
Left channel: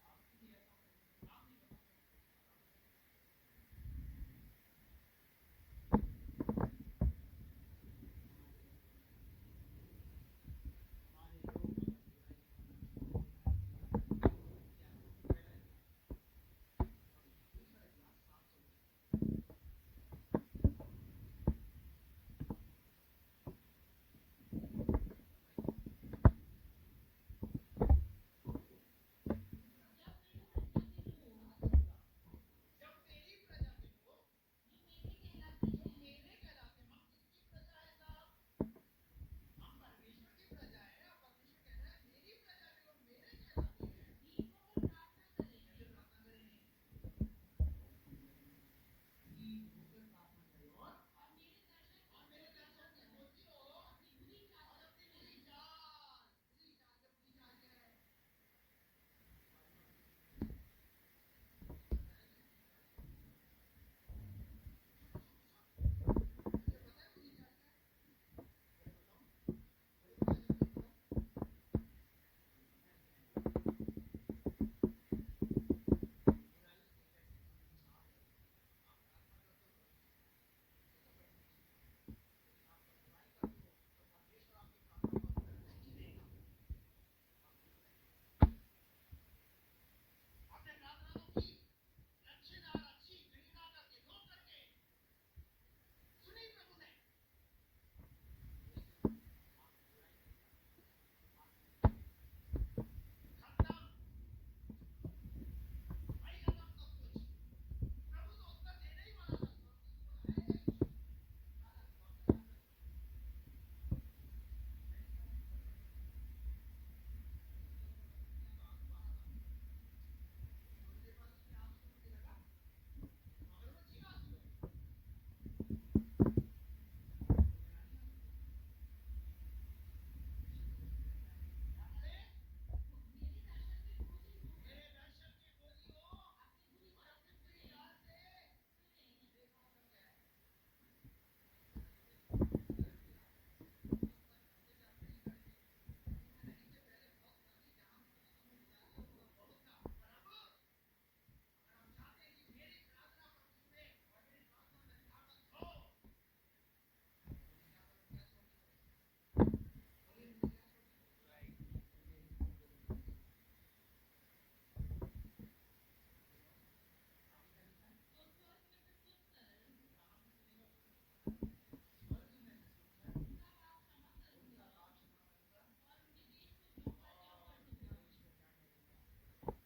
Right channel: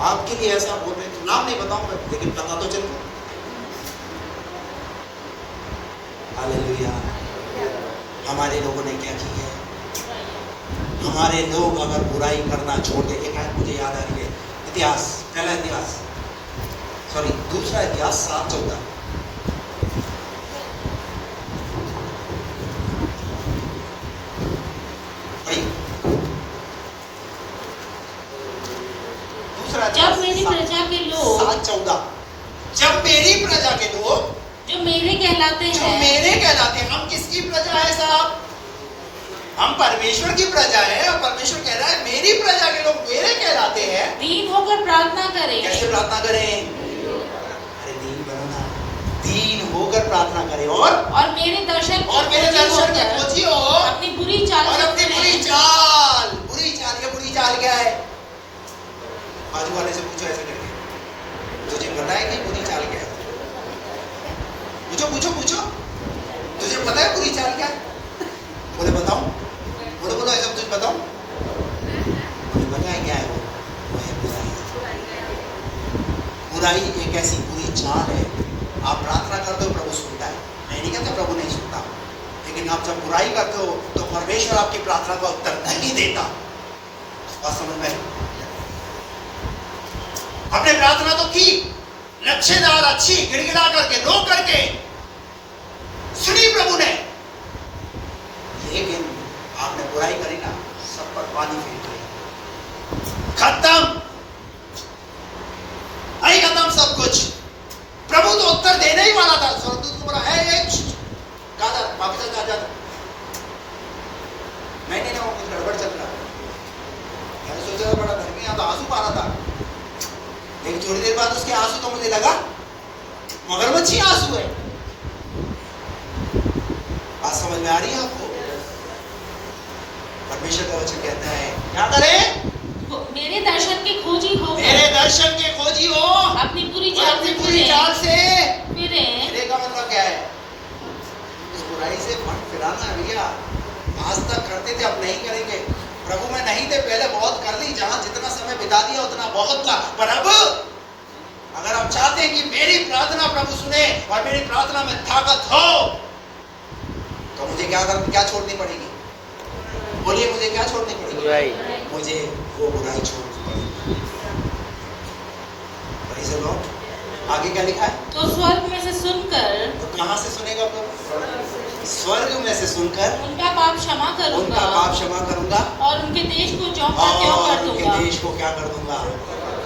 आपके लिए ऐसा बोल रहे, तो नाम नहीं बताऊंगा लेकिन पता तो चल। हालेलुया। हमारे लोगों ने क्या किया है? हमारे लोग अगर बुराई करना छोड़ दे, एक आयत मुझे याद आ रही है, इतिहास, पहला इतिहास, सॉरी दूसरा इतिहास 7:14। हम परमेश्वर की प्रजा है और परमेश्वर कह रहा है मेरी प्रजा के लोग मेरे कहलाते हैं। दीन होकर प्रार्थना करें। कैसे प्रार्थना करें? अरे दीन बनो ना, दीन होकर प्रार्थना करें और मेरे दर्शन के खोजियो अपनी बुरी चाल और अपनी बुरी चाल। बुरी चाल, ये बुरी चाल क्या है? बाजू वाले से पूछो ऐसे करके, तुझे पता है कि बुरी चाल क्या है? पूछो पूछो पूछो, तुझे पता है बुरी चाल क्या है? बोले बताओ, बोलो बोलो ऐसा तुझे बताओ। मुझे पता है क्या है वो है बुराई। बुराई एक ऐसी बुरी चाल है, आप प्रार्थना करते हो प्रभु सुनता है, मैं नहीं कहता प्रभु नहीं सुनता, लेकिन आप जब बुराई करते हो तो परमेश्वर आपकी प्रार्थना का उत्तर नहीं देता। बात समझ में? आपने प्रार्थना तो की, लच्छेदार अच्छी गिड़गिड़ा करके रो करके सुनी प्रभु ने, लेकिन आपने बुराई करी ना, सब पर पानी फेर दिया, खत्म, नहीं खत्म सब कुछ। प्रभु तो उत्तर देने ही वाला था। स्वर्गदूत को बोला है वापस जा। नहीं वो कुछ गड़बड़ चल रहा। मैंने सोचा था बड़ा धर्मी, यहाँ तो आंसू पा रहा था, लेकिन थोड़ी देर बाद उसके आंसू तो मुझे लगा मगरमच्छी आंसू है। बात समझ में आ रही है आपको? परमेश्वर का वचन कहता है क्या करें? मेरे दर्शन के खोजी हो, मेरे दर्शन के खोजी हो, अपनी बुरी चाल से फिरे का मतलब क्या है? इस बुराई से मन फिराना है भैया। आज तक करते थे, अब नहीं करेंगे। प्रभु में नहीं थे, पहले बहुत कर ली, जहां जितना समय बिता दिया उतना बहुत था, पर अब अगर हम चाहते हैं कि मेरी प्रार्थना प्रभु सुने और मेरी प्रार्थना में ताकत हो, तो मुझे क्या छोड़नी पड़ेगी? बोलिए, मुझे क्या छोड़नी पड़ेगी? बुराई। मुझे वो बुराई छोड़नी पड़ेगी। Praise the Lord। आगे क्या लिखा है? तो स्वर्ग में से सुनकर, तो कहां से सुनेगा प्रभु? स्वर्ग में से सुनकर उनका पाप क्षमा करूंगा और उनके देश को ज्यों का त्यों कर दूंगा। उनके देश को क्या कर दूंगा?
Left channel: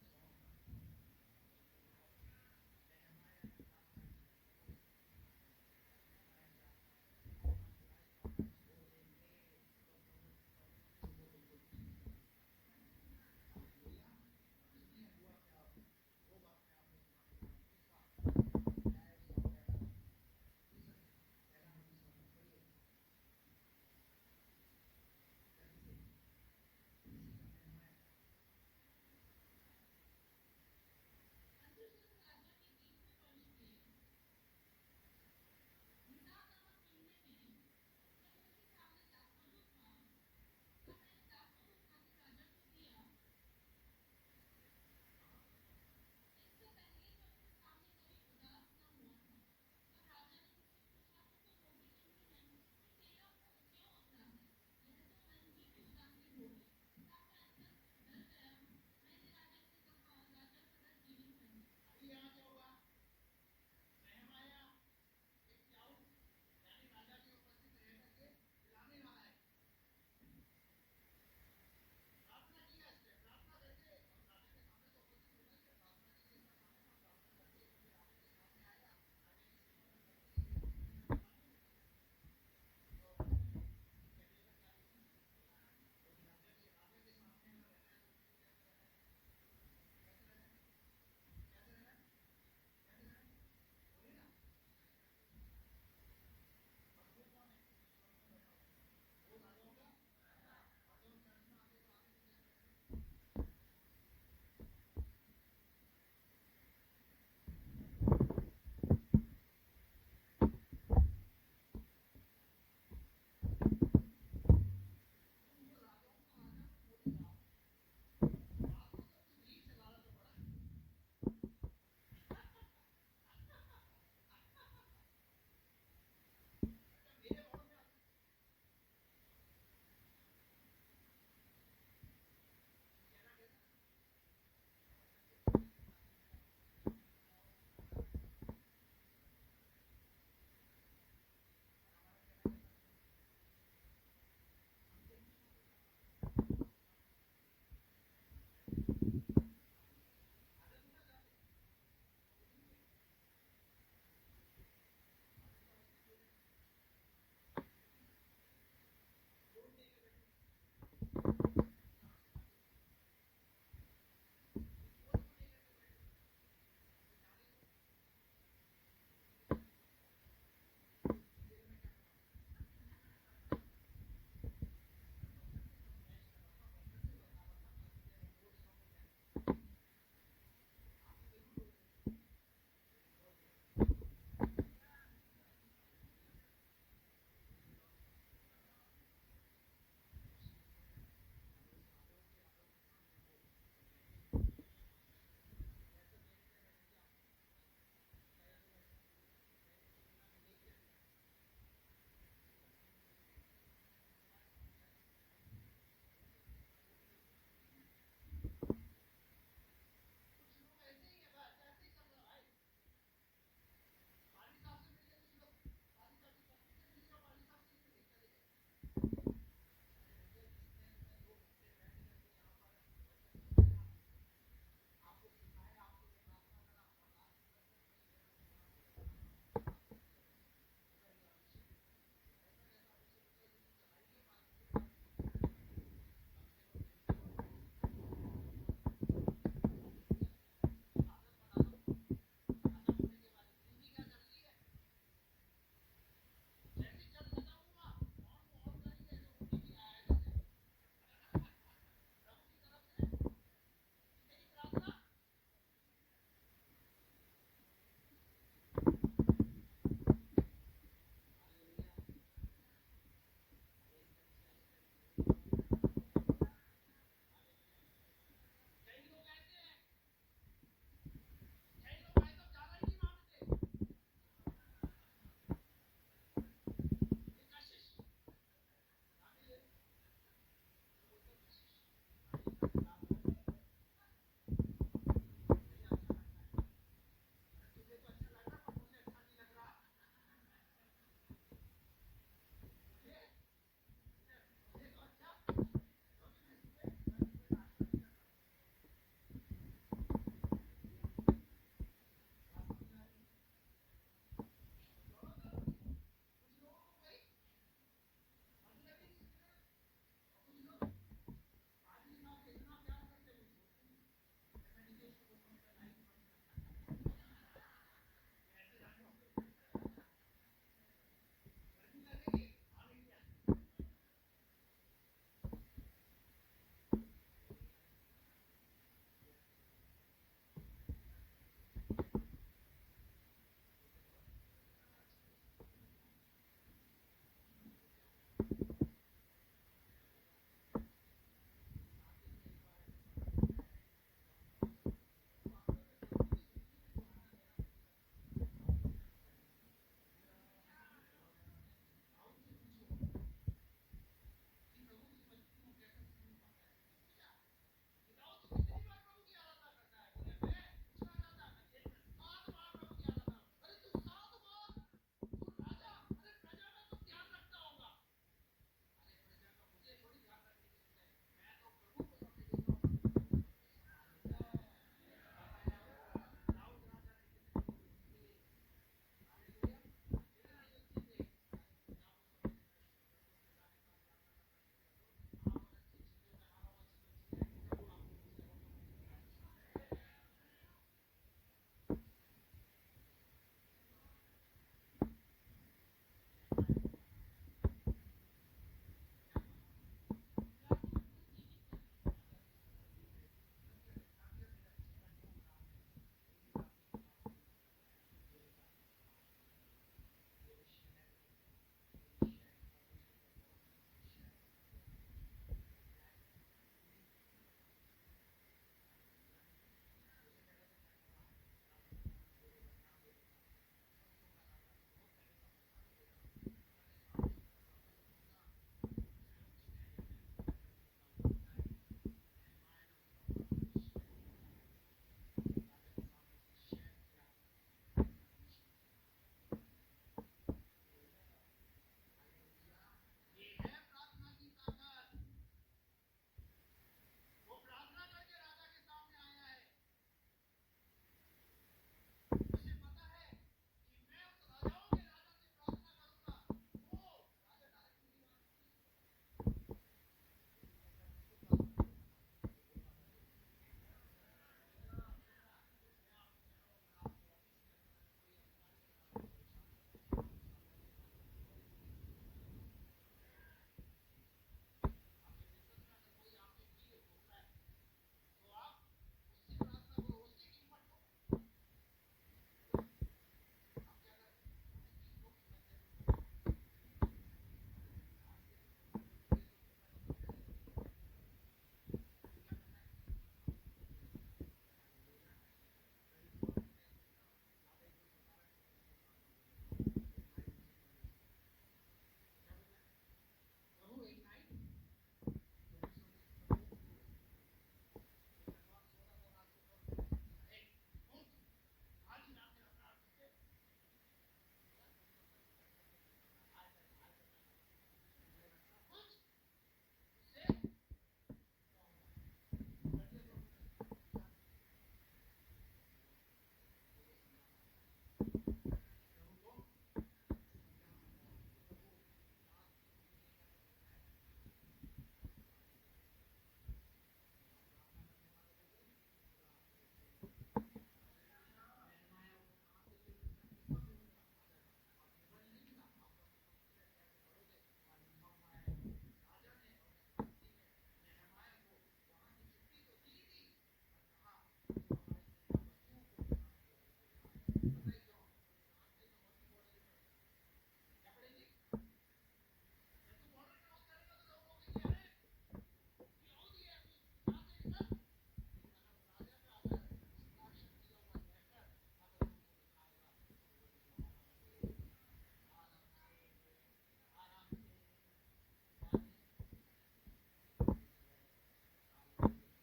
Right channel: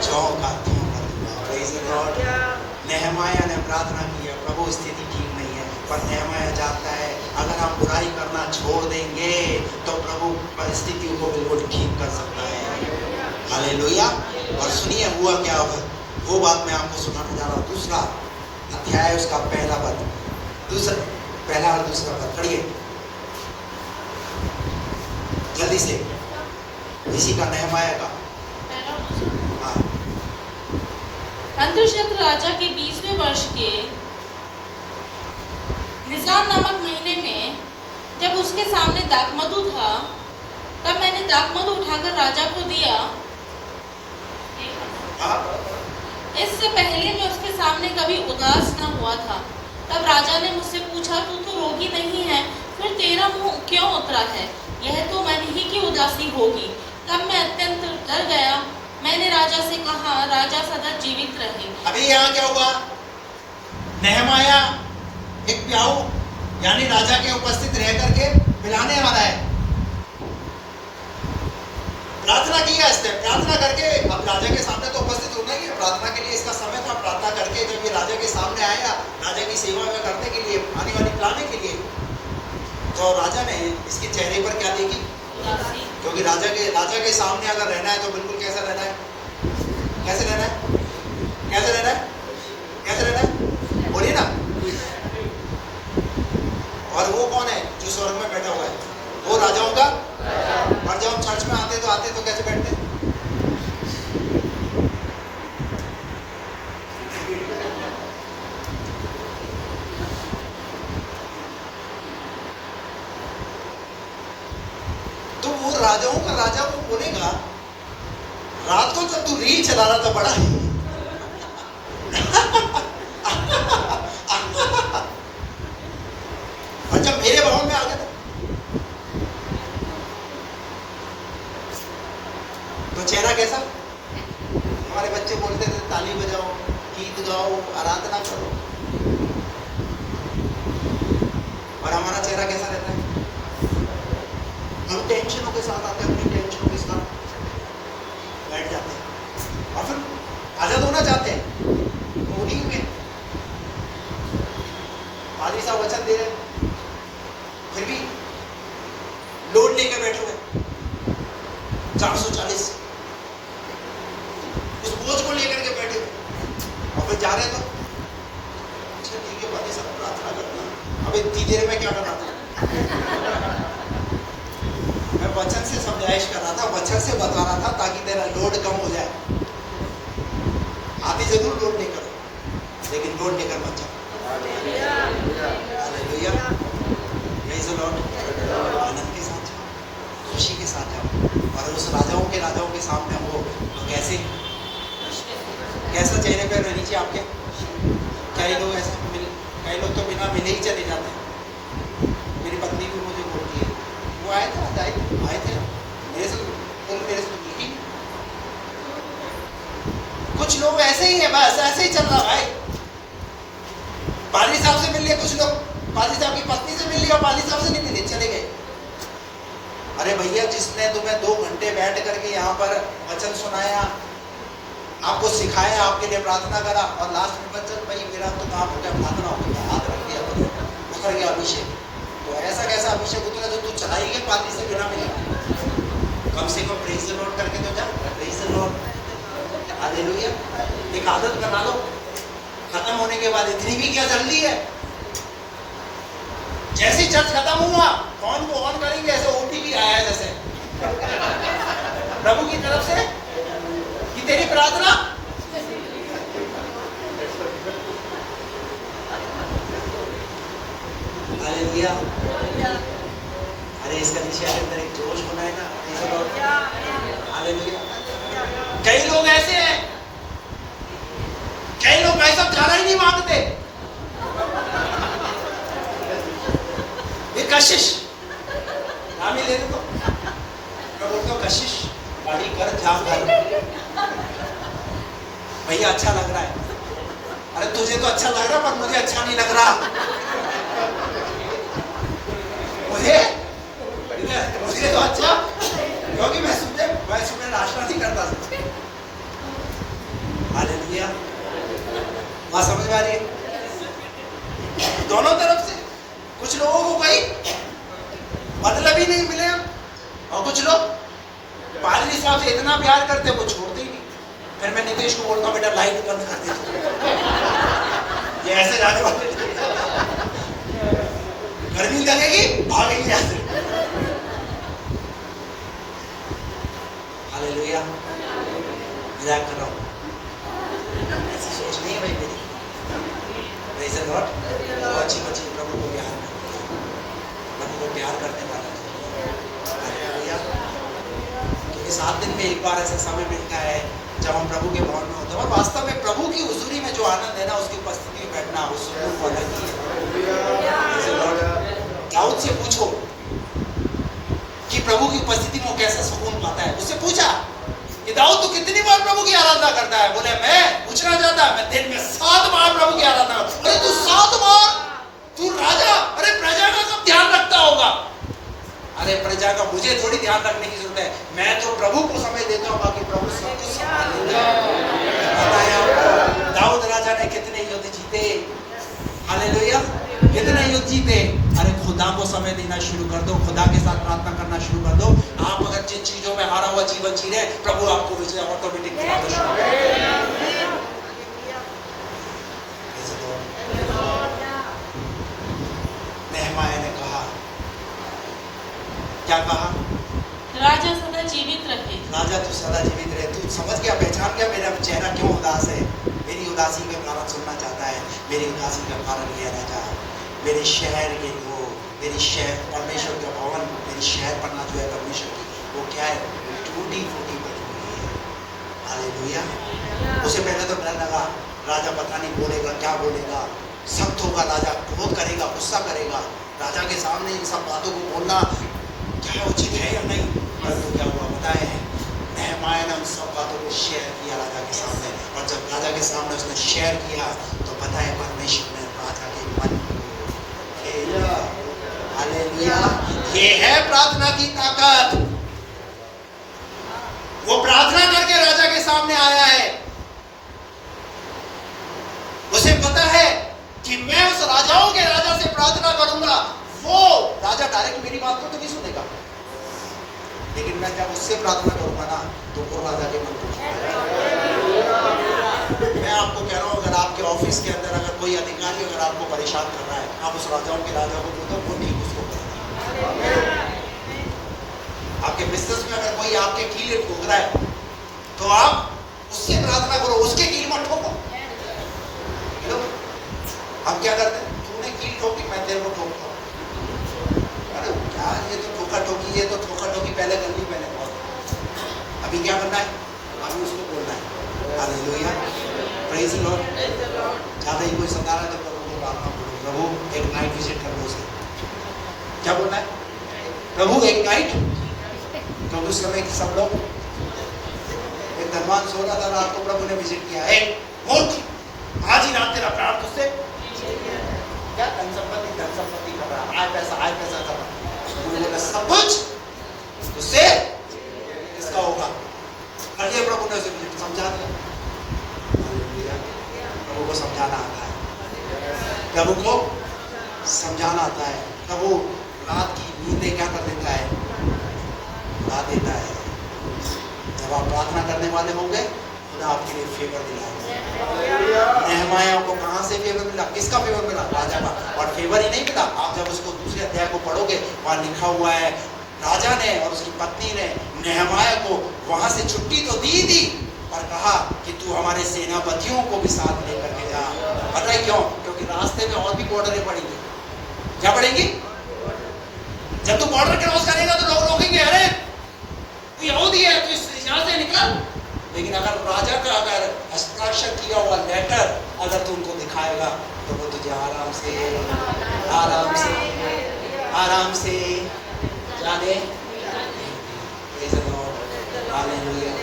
ज्यों का त्यों कर दूंगा। Praise the Lord। नेहमाया ने प्रार्थना की है, प्रभु स्थिति ठीक नहीं है, पर नेहमाया जानता है अगर हम बुराई करना छोड़ देंगे तो प्रभु परिस्थितियों को बिल्कुल ठीक कर सकता है। हालेलुया। और सुनिए हुआ क्या होगा, वो बात मैं आपको सुनाने जा रहा हूँ। दूसरा अध्याय उसका पहला और दूसरा पद पढ़िए जल्दी से, इसी का नेहमाया का। हाँ। अंतशत्र राजा के 20वें वर्ष के निसान नामक महीने में जब उसके सामने दाखमधु था, तब मैंने दाखमधु उठाकर राजा को दिया। इससे पहले मैं उसके सामने कभी उदास न हुआ था। तब राजा ने मुझसे पूछा, तू तो रोगी नहीं है, फिर तेरा मुंह क्यों उतरा है? यह तो मन ही की उदासी होगी। तब मैं अत्यंत डर गया। मैंने राजा से कहा, राजा सदा जीवित रहे। अभी यहाँ क्या हुआ? नेहमाया एक प्याऊ यानी राजा के उपस्थित रह करके पिलाने आ रहा है। प्रार्थना किया इसने, प्रार्थना करके अब राजा के सामने तो उपस्थित होना ही है, प्रार्थना के लिए इसका समय था। प्रार्थना करके जब ये राजा के सामने आया, राजा की सेवा में करने के लिए, पानी वानी पिलाने के लिए, तो राजा ने इसके चेहरे पर क्या देखी? क्योंकि राजा के सामने अगर रहना है तो बिल्कुल कैसा रहना है? कैसे रहना है? कैसे रहना है? कैसे रहना है? बोलिए ना। और वो कौन है जो स्वर्ग में बैठा हुआ है? वो राजाओं का। और जब हम चर्च में आते तो कैसे बैठते? तो वो राजाओं का राजा वो बोलेगा, रात को जब तू रील चला रहा था बड़ा और जब मेरे भवन में आ गया तो चेहरा कैसा? हमारे बच्चे बोलते थे ताली बजाओ, गीत गाओ, आराधना करो, और हमारा चेहरा कैसा रहता है? हम टेंशनों के साथ आते हैं, अपनी टेंशनों के साथ बैठ जाते हैं और फिर आजाद होना चाहते हैं। उन्हीं में पादरी साहब वचन दे रहे, फिर भी लोड लेके 440 उस बोझ को लेकर के बैठे और फिर जा रहे तो अच्छा ठीक है पानी सब प्रार्थना करना। अब इतनी देर में क्या करना था? मैं वचन से समझाइश कर रहा था, वचन से बता रहा था ताकि तेरा लोड कम हो जाए। आधी जरूर लोड नहीं करो, लेकिन लोड लेकर मत जाओ। Hallelujah, praise the Lord. आनंद के साथ जाओ, खुशी के साथ जाओ, और उस राजाओं के सामने हो तो कैसा चेहरे पे नीचे आपके? कई लोग ऐसे कई लोग तो बिना मिले ही चले जाते हैं। मेरी पत्नी भी मुझे बोलती है, वो आए थे मेरे से मिली। कुछ लोग ऐसे ही है, बस ऐसे ही चल रहा भाई। पादरी साहब से मिल लिए कुछ लोग, पादरी साहब की पत्नी से मिल लिया और पादरी साहब से नहीं मिले, चले गए। अरे भैया, जिसने तुम्हें 2 घंटे बैठ करके यहाँ पर वचन सुनाया, आपको सिखाया, आपके लिए प्रार्थना करा, और लास्ट में बच्चन भाई मेरा तो काम हो गया, प्रार्थना हो गया, हाथ रख दिया तो उतर गया अभिषेक। तो ऐसा कैसा अभिषेक उतरा जो तू चला ही गया पादरी से बिना मिले? कम से कम प्रेज़ द लॉर्ड करके तो जा। Praise the Lord, hallelujah. एक आदत बना लो, खत्म होने के बाद इतनी भी क्या जल्दी है? जैसे चर्च खत्म हुआ फोन को ऑन करेंगे, ऐसे ओटीपी आया है जैसे प्रभु की तरफ से कि तेरी प्रार्थना। हालेलुया। अरे इसका विषय के अंदर एक जोश होना है ना। हालेलुया। कई लोग ऐसे हैं, कई लोग भाई साहब खाना ही नहीं मांगते। ये कशिश नाम ही ले दो, मैं बोलता हूँ कशिश गाड़ी कर ध्यान कर भैया, अच्छा लग रहा है। अरे तुझे तो अच्छा लग रहा, पर मुझे अच्छा नहीं लग रहा। मुझे तो अच्छा, क्योंकि मैं सुबह नाश्ता नहीं करता। हालेलुया, बात समझ में आ रही है? दोनों तरफ से कुछ लोगों को कोई मतलब ही नहीं मिले, और कुछ लोग पादरी साहब से इतना प्यार करते वो छोड़ते ही नहीं। फिर मैं नीतीश को बोलता हूँ, बेटा लाइट बंद कर दे, ये ऐसे जाने वाले गर्मी लगेगी भागेंगे ऐसे। हालेलुया, मजाक कर रहा हूँ, ऐसी सोच नहीं है भाई मेरी। Praise the Lord. बहुत अच्छी बच्ची प्रभु को प्यार करती है, प्रभु को प्यार करने वाला है। हालेलुया। क्योंकि 7 दिन में एक बार ऐसा समय मिलता है जब हम प्रभु के भवन में होते हैं, और वास्तव में प्रभु की हुजूरी में जो आनंद है ना, उसकी उपस्थिति में बैठना उस सुकून को अलग ही है। दाऊद से पूछो कि प्रभु की उपस्थिति में कैसा सुकून पाता है। उससे पूछा कि दाऊद तू कितनी बार प्रभु की आराधना करता है? बोले मैं पूछना चाहता, मैं दिन में 7 बार प्रभु की आराधना। अरे तू 7 बार, तू राजा, अरे प्रजा का कब ध्यान रखता होगा? अरे प्रजा का मुझे थोड़ी ध्यान रखने की जरूरत है, मैं तो प्रभु को समय देता हूँ, बाकी प्रभु सब कुछ संभाल लेता है। बताया दाऊद राजा ने कितने युद्ध जीते। हालेलुया, कितने युद्ध जीते। अरे खुदा को समय देना शुरू कर दो, खुदा के साथ प्रार्थना करना शुरू कर दो। आप अगर जिन चीजों में हारा हुआ जीवन जी रहे, प्रभु आपको विजय ऑटोमेटिक दिलाना शुरू कर देगा। नेहमाया ने कहा, क्या कहा? राजा सदा जीवित रहे। राजा तू सदा जीवित रहे। तू समझ गया, पहचान गया मेरा चेहरा क्यों उदास है? मेरी उदासी का कारण सुनना चाहता है। मेरी उदासी का कारण ये राजा, मेरे शहर के लोग, मेरी शहर परमेश्वर का भवन, मेरी शहर पन्ना जो है परमेश्वर की, वो क्या है? टूटी फूटी पड़ी हुई है। हालेलुया। उसे पहले तो डर लगा, राजा पता नहीं बोलेगा क्या बोलेगा, सख्त होगा, राजा क्रोध करेगा, गुस्सा करेगा। राजा के सामने इन सब बातों को बोलना क्या उचित है या नहीं? परंतु क्या हुआ बताए हैं, नेहमाया ने उन सब बातों को शेयर किया राजा के सामने, और जब राजा के सामने उसने शेयर किया तो पता है परमेश्वर ने राजा के मन को। हालेलुया, ये है प्रार्थना की ताकत। वो प्रार्थना करके राजा के सामने आया है। उसे पता है कि मैं उस राजाओं के राजा से प्रार्थना करूंगा, वो राजा डायरेक्ट मेरी बात को तो नहीं सुनेगा, लेकिन मैं जब उससे प्रार्थना करूंगा ना तो वो राजा के मन को मैं आपको कह रहा हूँ, अगर आपके ऑफिस के अंदर अगर कोई अधिकारी अगर आपको परेशान कर रहा है, आप उस राजाओं के राजा को बोलो, वो नहीं उसको करना। आपके बिजनेस में अगर कोई आपके कीले ठोक रहा है तो आप उससे प्रार्थना करो, उसके कील मत ठोको। हम क्या करते हैं, तूने कील ठोकी मैं तेरे को ठोकता हूँ। अरे क्या ये तो ठोका ठोकी, ये तो ठोका ठोकी पहले कर ली मैंने बहुत। अभी क्या करना है, अभी उसको बोलना है हालेलुया, प्रेज़ द लॉर्ड। ज़्यादा ही कोई सता रहा है तो प्रभु को प्रार्थना करो, प्रभु एक नाइट विजिट कर लो उसे। क्या बोलना है, प्रभु एक नाइट। तो उस समय सब लोग, एक धनवान सो रहा था, रात को प्रभु ने विजिट किया, एक मूर्ख आज ही रात तेरा प्राण तुझसे क्या धन संपत्ति कर रहा, आय पैसा कर रहा, बोला सब कुछ तुझसे इसका होगा। अरे प्रभु ने उसे समझा दिया। प्रभु को समझाना आता है, प्रभु को समझाना आता है। प्रभु रात की नींदें क्या कर देता है, उड़ा देता है। जब आप प्रार्थना करने वाले होंगे खुदा आपके लिए फेवर दिलाएगा। नहमाया को कहां से फेवर मिला, किसका फेवर मिला, राजा का। और फेवर ही नहीं मिला, आप जब उसको दूसरे अध्याय को पढ़ोगे वहां लिखा हुआ है राजा ने और उसकी पत्नी ने नहमाया को वहां से छुट्टी तो दी पर कहा कि तू हमारे सेनापतियों को भी साथ लेकर के जा। पता है क्यों, क्योंकि रास्ते में और भी बॉर्डरें पड़ेंगी। क्या पड़ेंगी, जब तू बॉर्डर क्रॉस करेगा तो लोग रोकेंगे, अरे तू यहूदी है, तू यहाँ से निकल। लेकिन अगर राजा का अगर हस्ताक्षर किया हुआ लेटर अगर तू उनको दिखाएगा तो वो तुझे आराम से जाने। हालेलुया,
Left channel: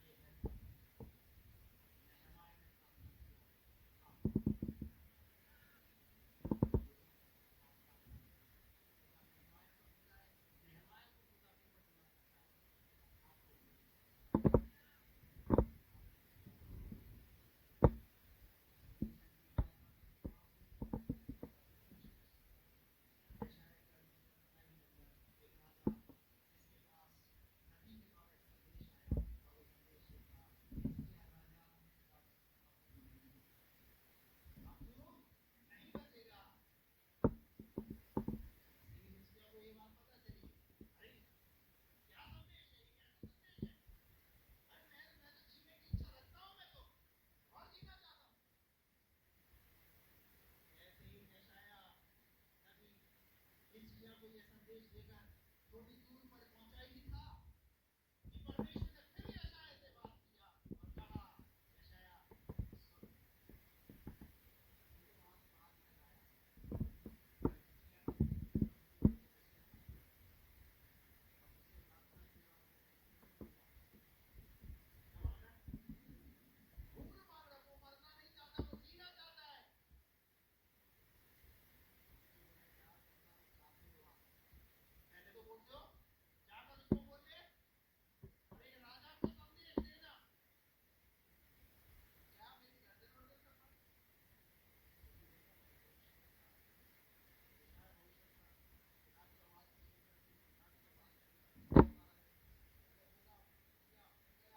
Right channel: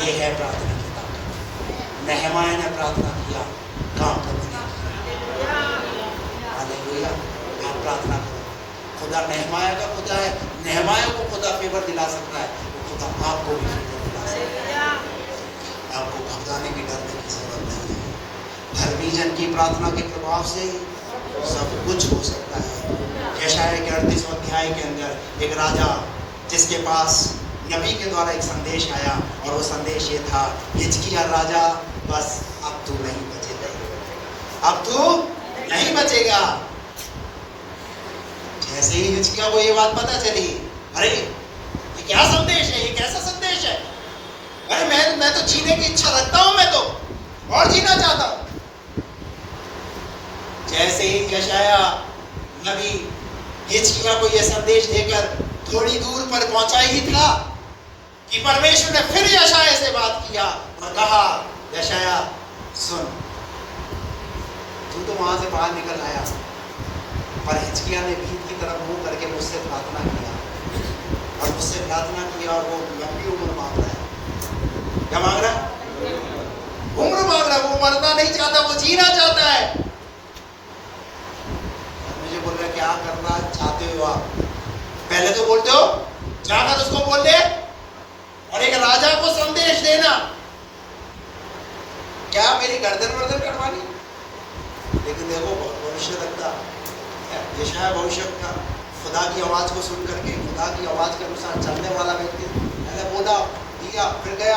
ये है प्रार्थना की ताकत। नहमाया ने प्रार्थना किया, काम प्रभु ने किया। हालेलुया, आप प्रार्थना करो। खुदा नहमाया का खुदा है, नहमाया को खुदा फेवर दिला सकता है, वो खुदा आपको भी फेवर दिला सकता है। आपको घबराने की, डरने की जरूरत नहीं है। धर्मी जन की प्रार्थना के प्रभाव से सब कुछ हो सकता है। यशायाह के 38वें अध्याय के अंदर एक राजा जिसके पास नबी के द्वारा एक संदेश आया और वो संदेश ये था, हिजकिय्याह राजा बस अब तू नहीं बचेगा, अब तू नहीं बचेगा। जैसे ही हिजकिय्याह को ये बात पता चली, अरे ये क्या संदेश है, ये कैसा संदेश है, अरे मैं तो जीने की इच्छा रखता हूं, मैं तो और जीना चाहता हूं। जैसे ही यशायाह नबी हिजकिय्याह को यह संदेश देकर थोड़ी दूर पर पहुंचा ही था कि परमेश्वर ने फिर यशायाह से बात किया और कहा, यशायाह सुन, तू तो वहां से बाहर निकल आया, पर हिजकिय्याह ने भीत की तरफ मुंह करके मुझसे प्रार्थना किया और वो लंबी उम्र मांग रहा है। क्या मांग रहा है, उम्र मांग रहा है। वो मरना नहीं चाहता, वो जीना चाहता है। मुझे बोल रहा है क्या करना चाहते हो आप, पहले तो बोलते हो जाकर उसको बोल दे और एक राजा को संदेश देना, क्या मेरी गर्दन वर्दन कटवानी। लेकिन देखो भविष्यवक्ता यशायाह भविष्यवक्ता खुदा की आवाज को सुन करके, खुदा की आवाज के अनुसार चलने वाला व्यक्ति, पहले बोला, दिया, फिर गया।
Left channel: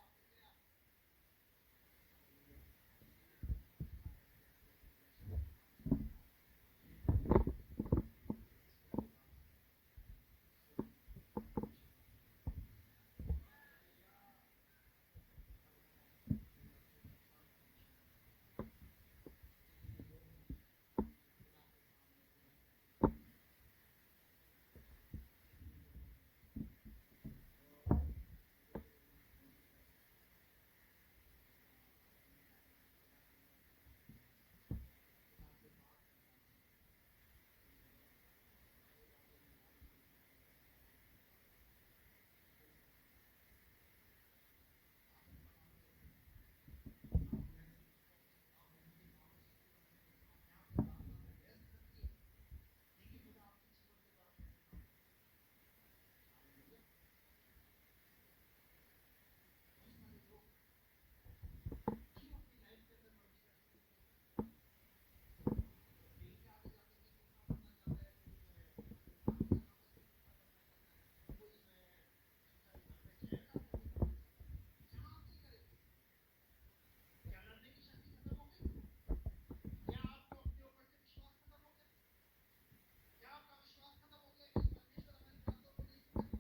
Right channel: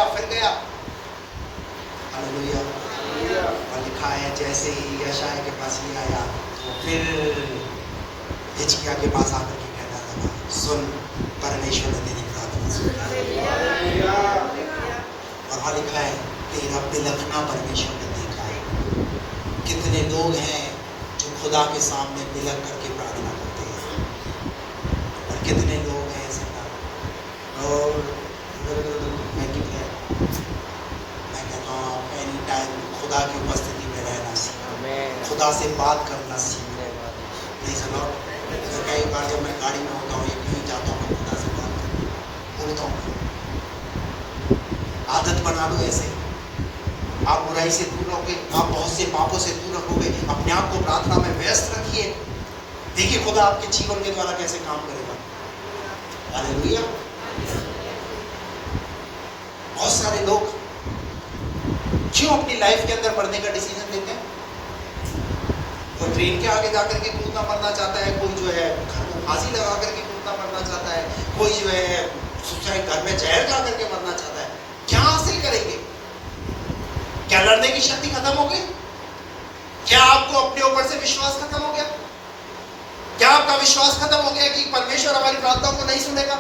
हालेलुया। और लिखा है जैसे ही यशायाह के पास ये आया तो फिर हिजकिय्याह के पास आकर के कहना लगा, सुन, परमेश्वर ने तेरी प्रार्थना सुनी। और वहाँ लिखा है तेरा बिलखना परमेश्वर ने देखा है। कितने लोग हैं जो खुदा के सामने बिलख करके प्रार्थना करते हैं, और कितने लोग हैं ऐसे ना। और मैं कहता हूँ एनी टाइम खुदा की उपस्थिति में रहना सीखें, खुदा से बात करना सीखें। कई बार जब मैं गाड़ी में होता हूँ या कहीं जाता हूँ, खुदा से बात बोलता हूँ। आदत बना लो ऐसे, आप बुराई से दूर रहोगे, आप बहुत से पापों से दूर रहोगे। अपने आप को प्रार्थना में व्यस्त रखिए, देखिए खुदा आपके जीवन के द्वारा कैसे काम करेगा। हालेलुया। बहुत सारे लोग क्यों अपनी लाइफ के अंदर मरने का डिसीजन लेते हैं? कोई ट्रेन के आगे जाकर के कूदना मरना चाहता है, कोई जो है घर को फांसी लगा करके कूदना मरना चाहता है, कोई जो है चाहे घर में जहर खा करके मरना चाहता है, क्या हासिल करेंगे? क्या लड़ने की शक्ति खत्म हो गई? क्या आपको अपने ऊपर से विश्वास खत्म हो गया? क्या आपका विश्वास खत्म हो गया कि परमेश्वर हमारी प्रार्थना को नहीं सुनेगा?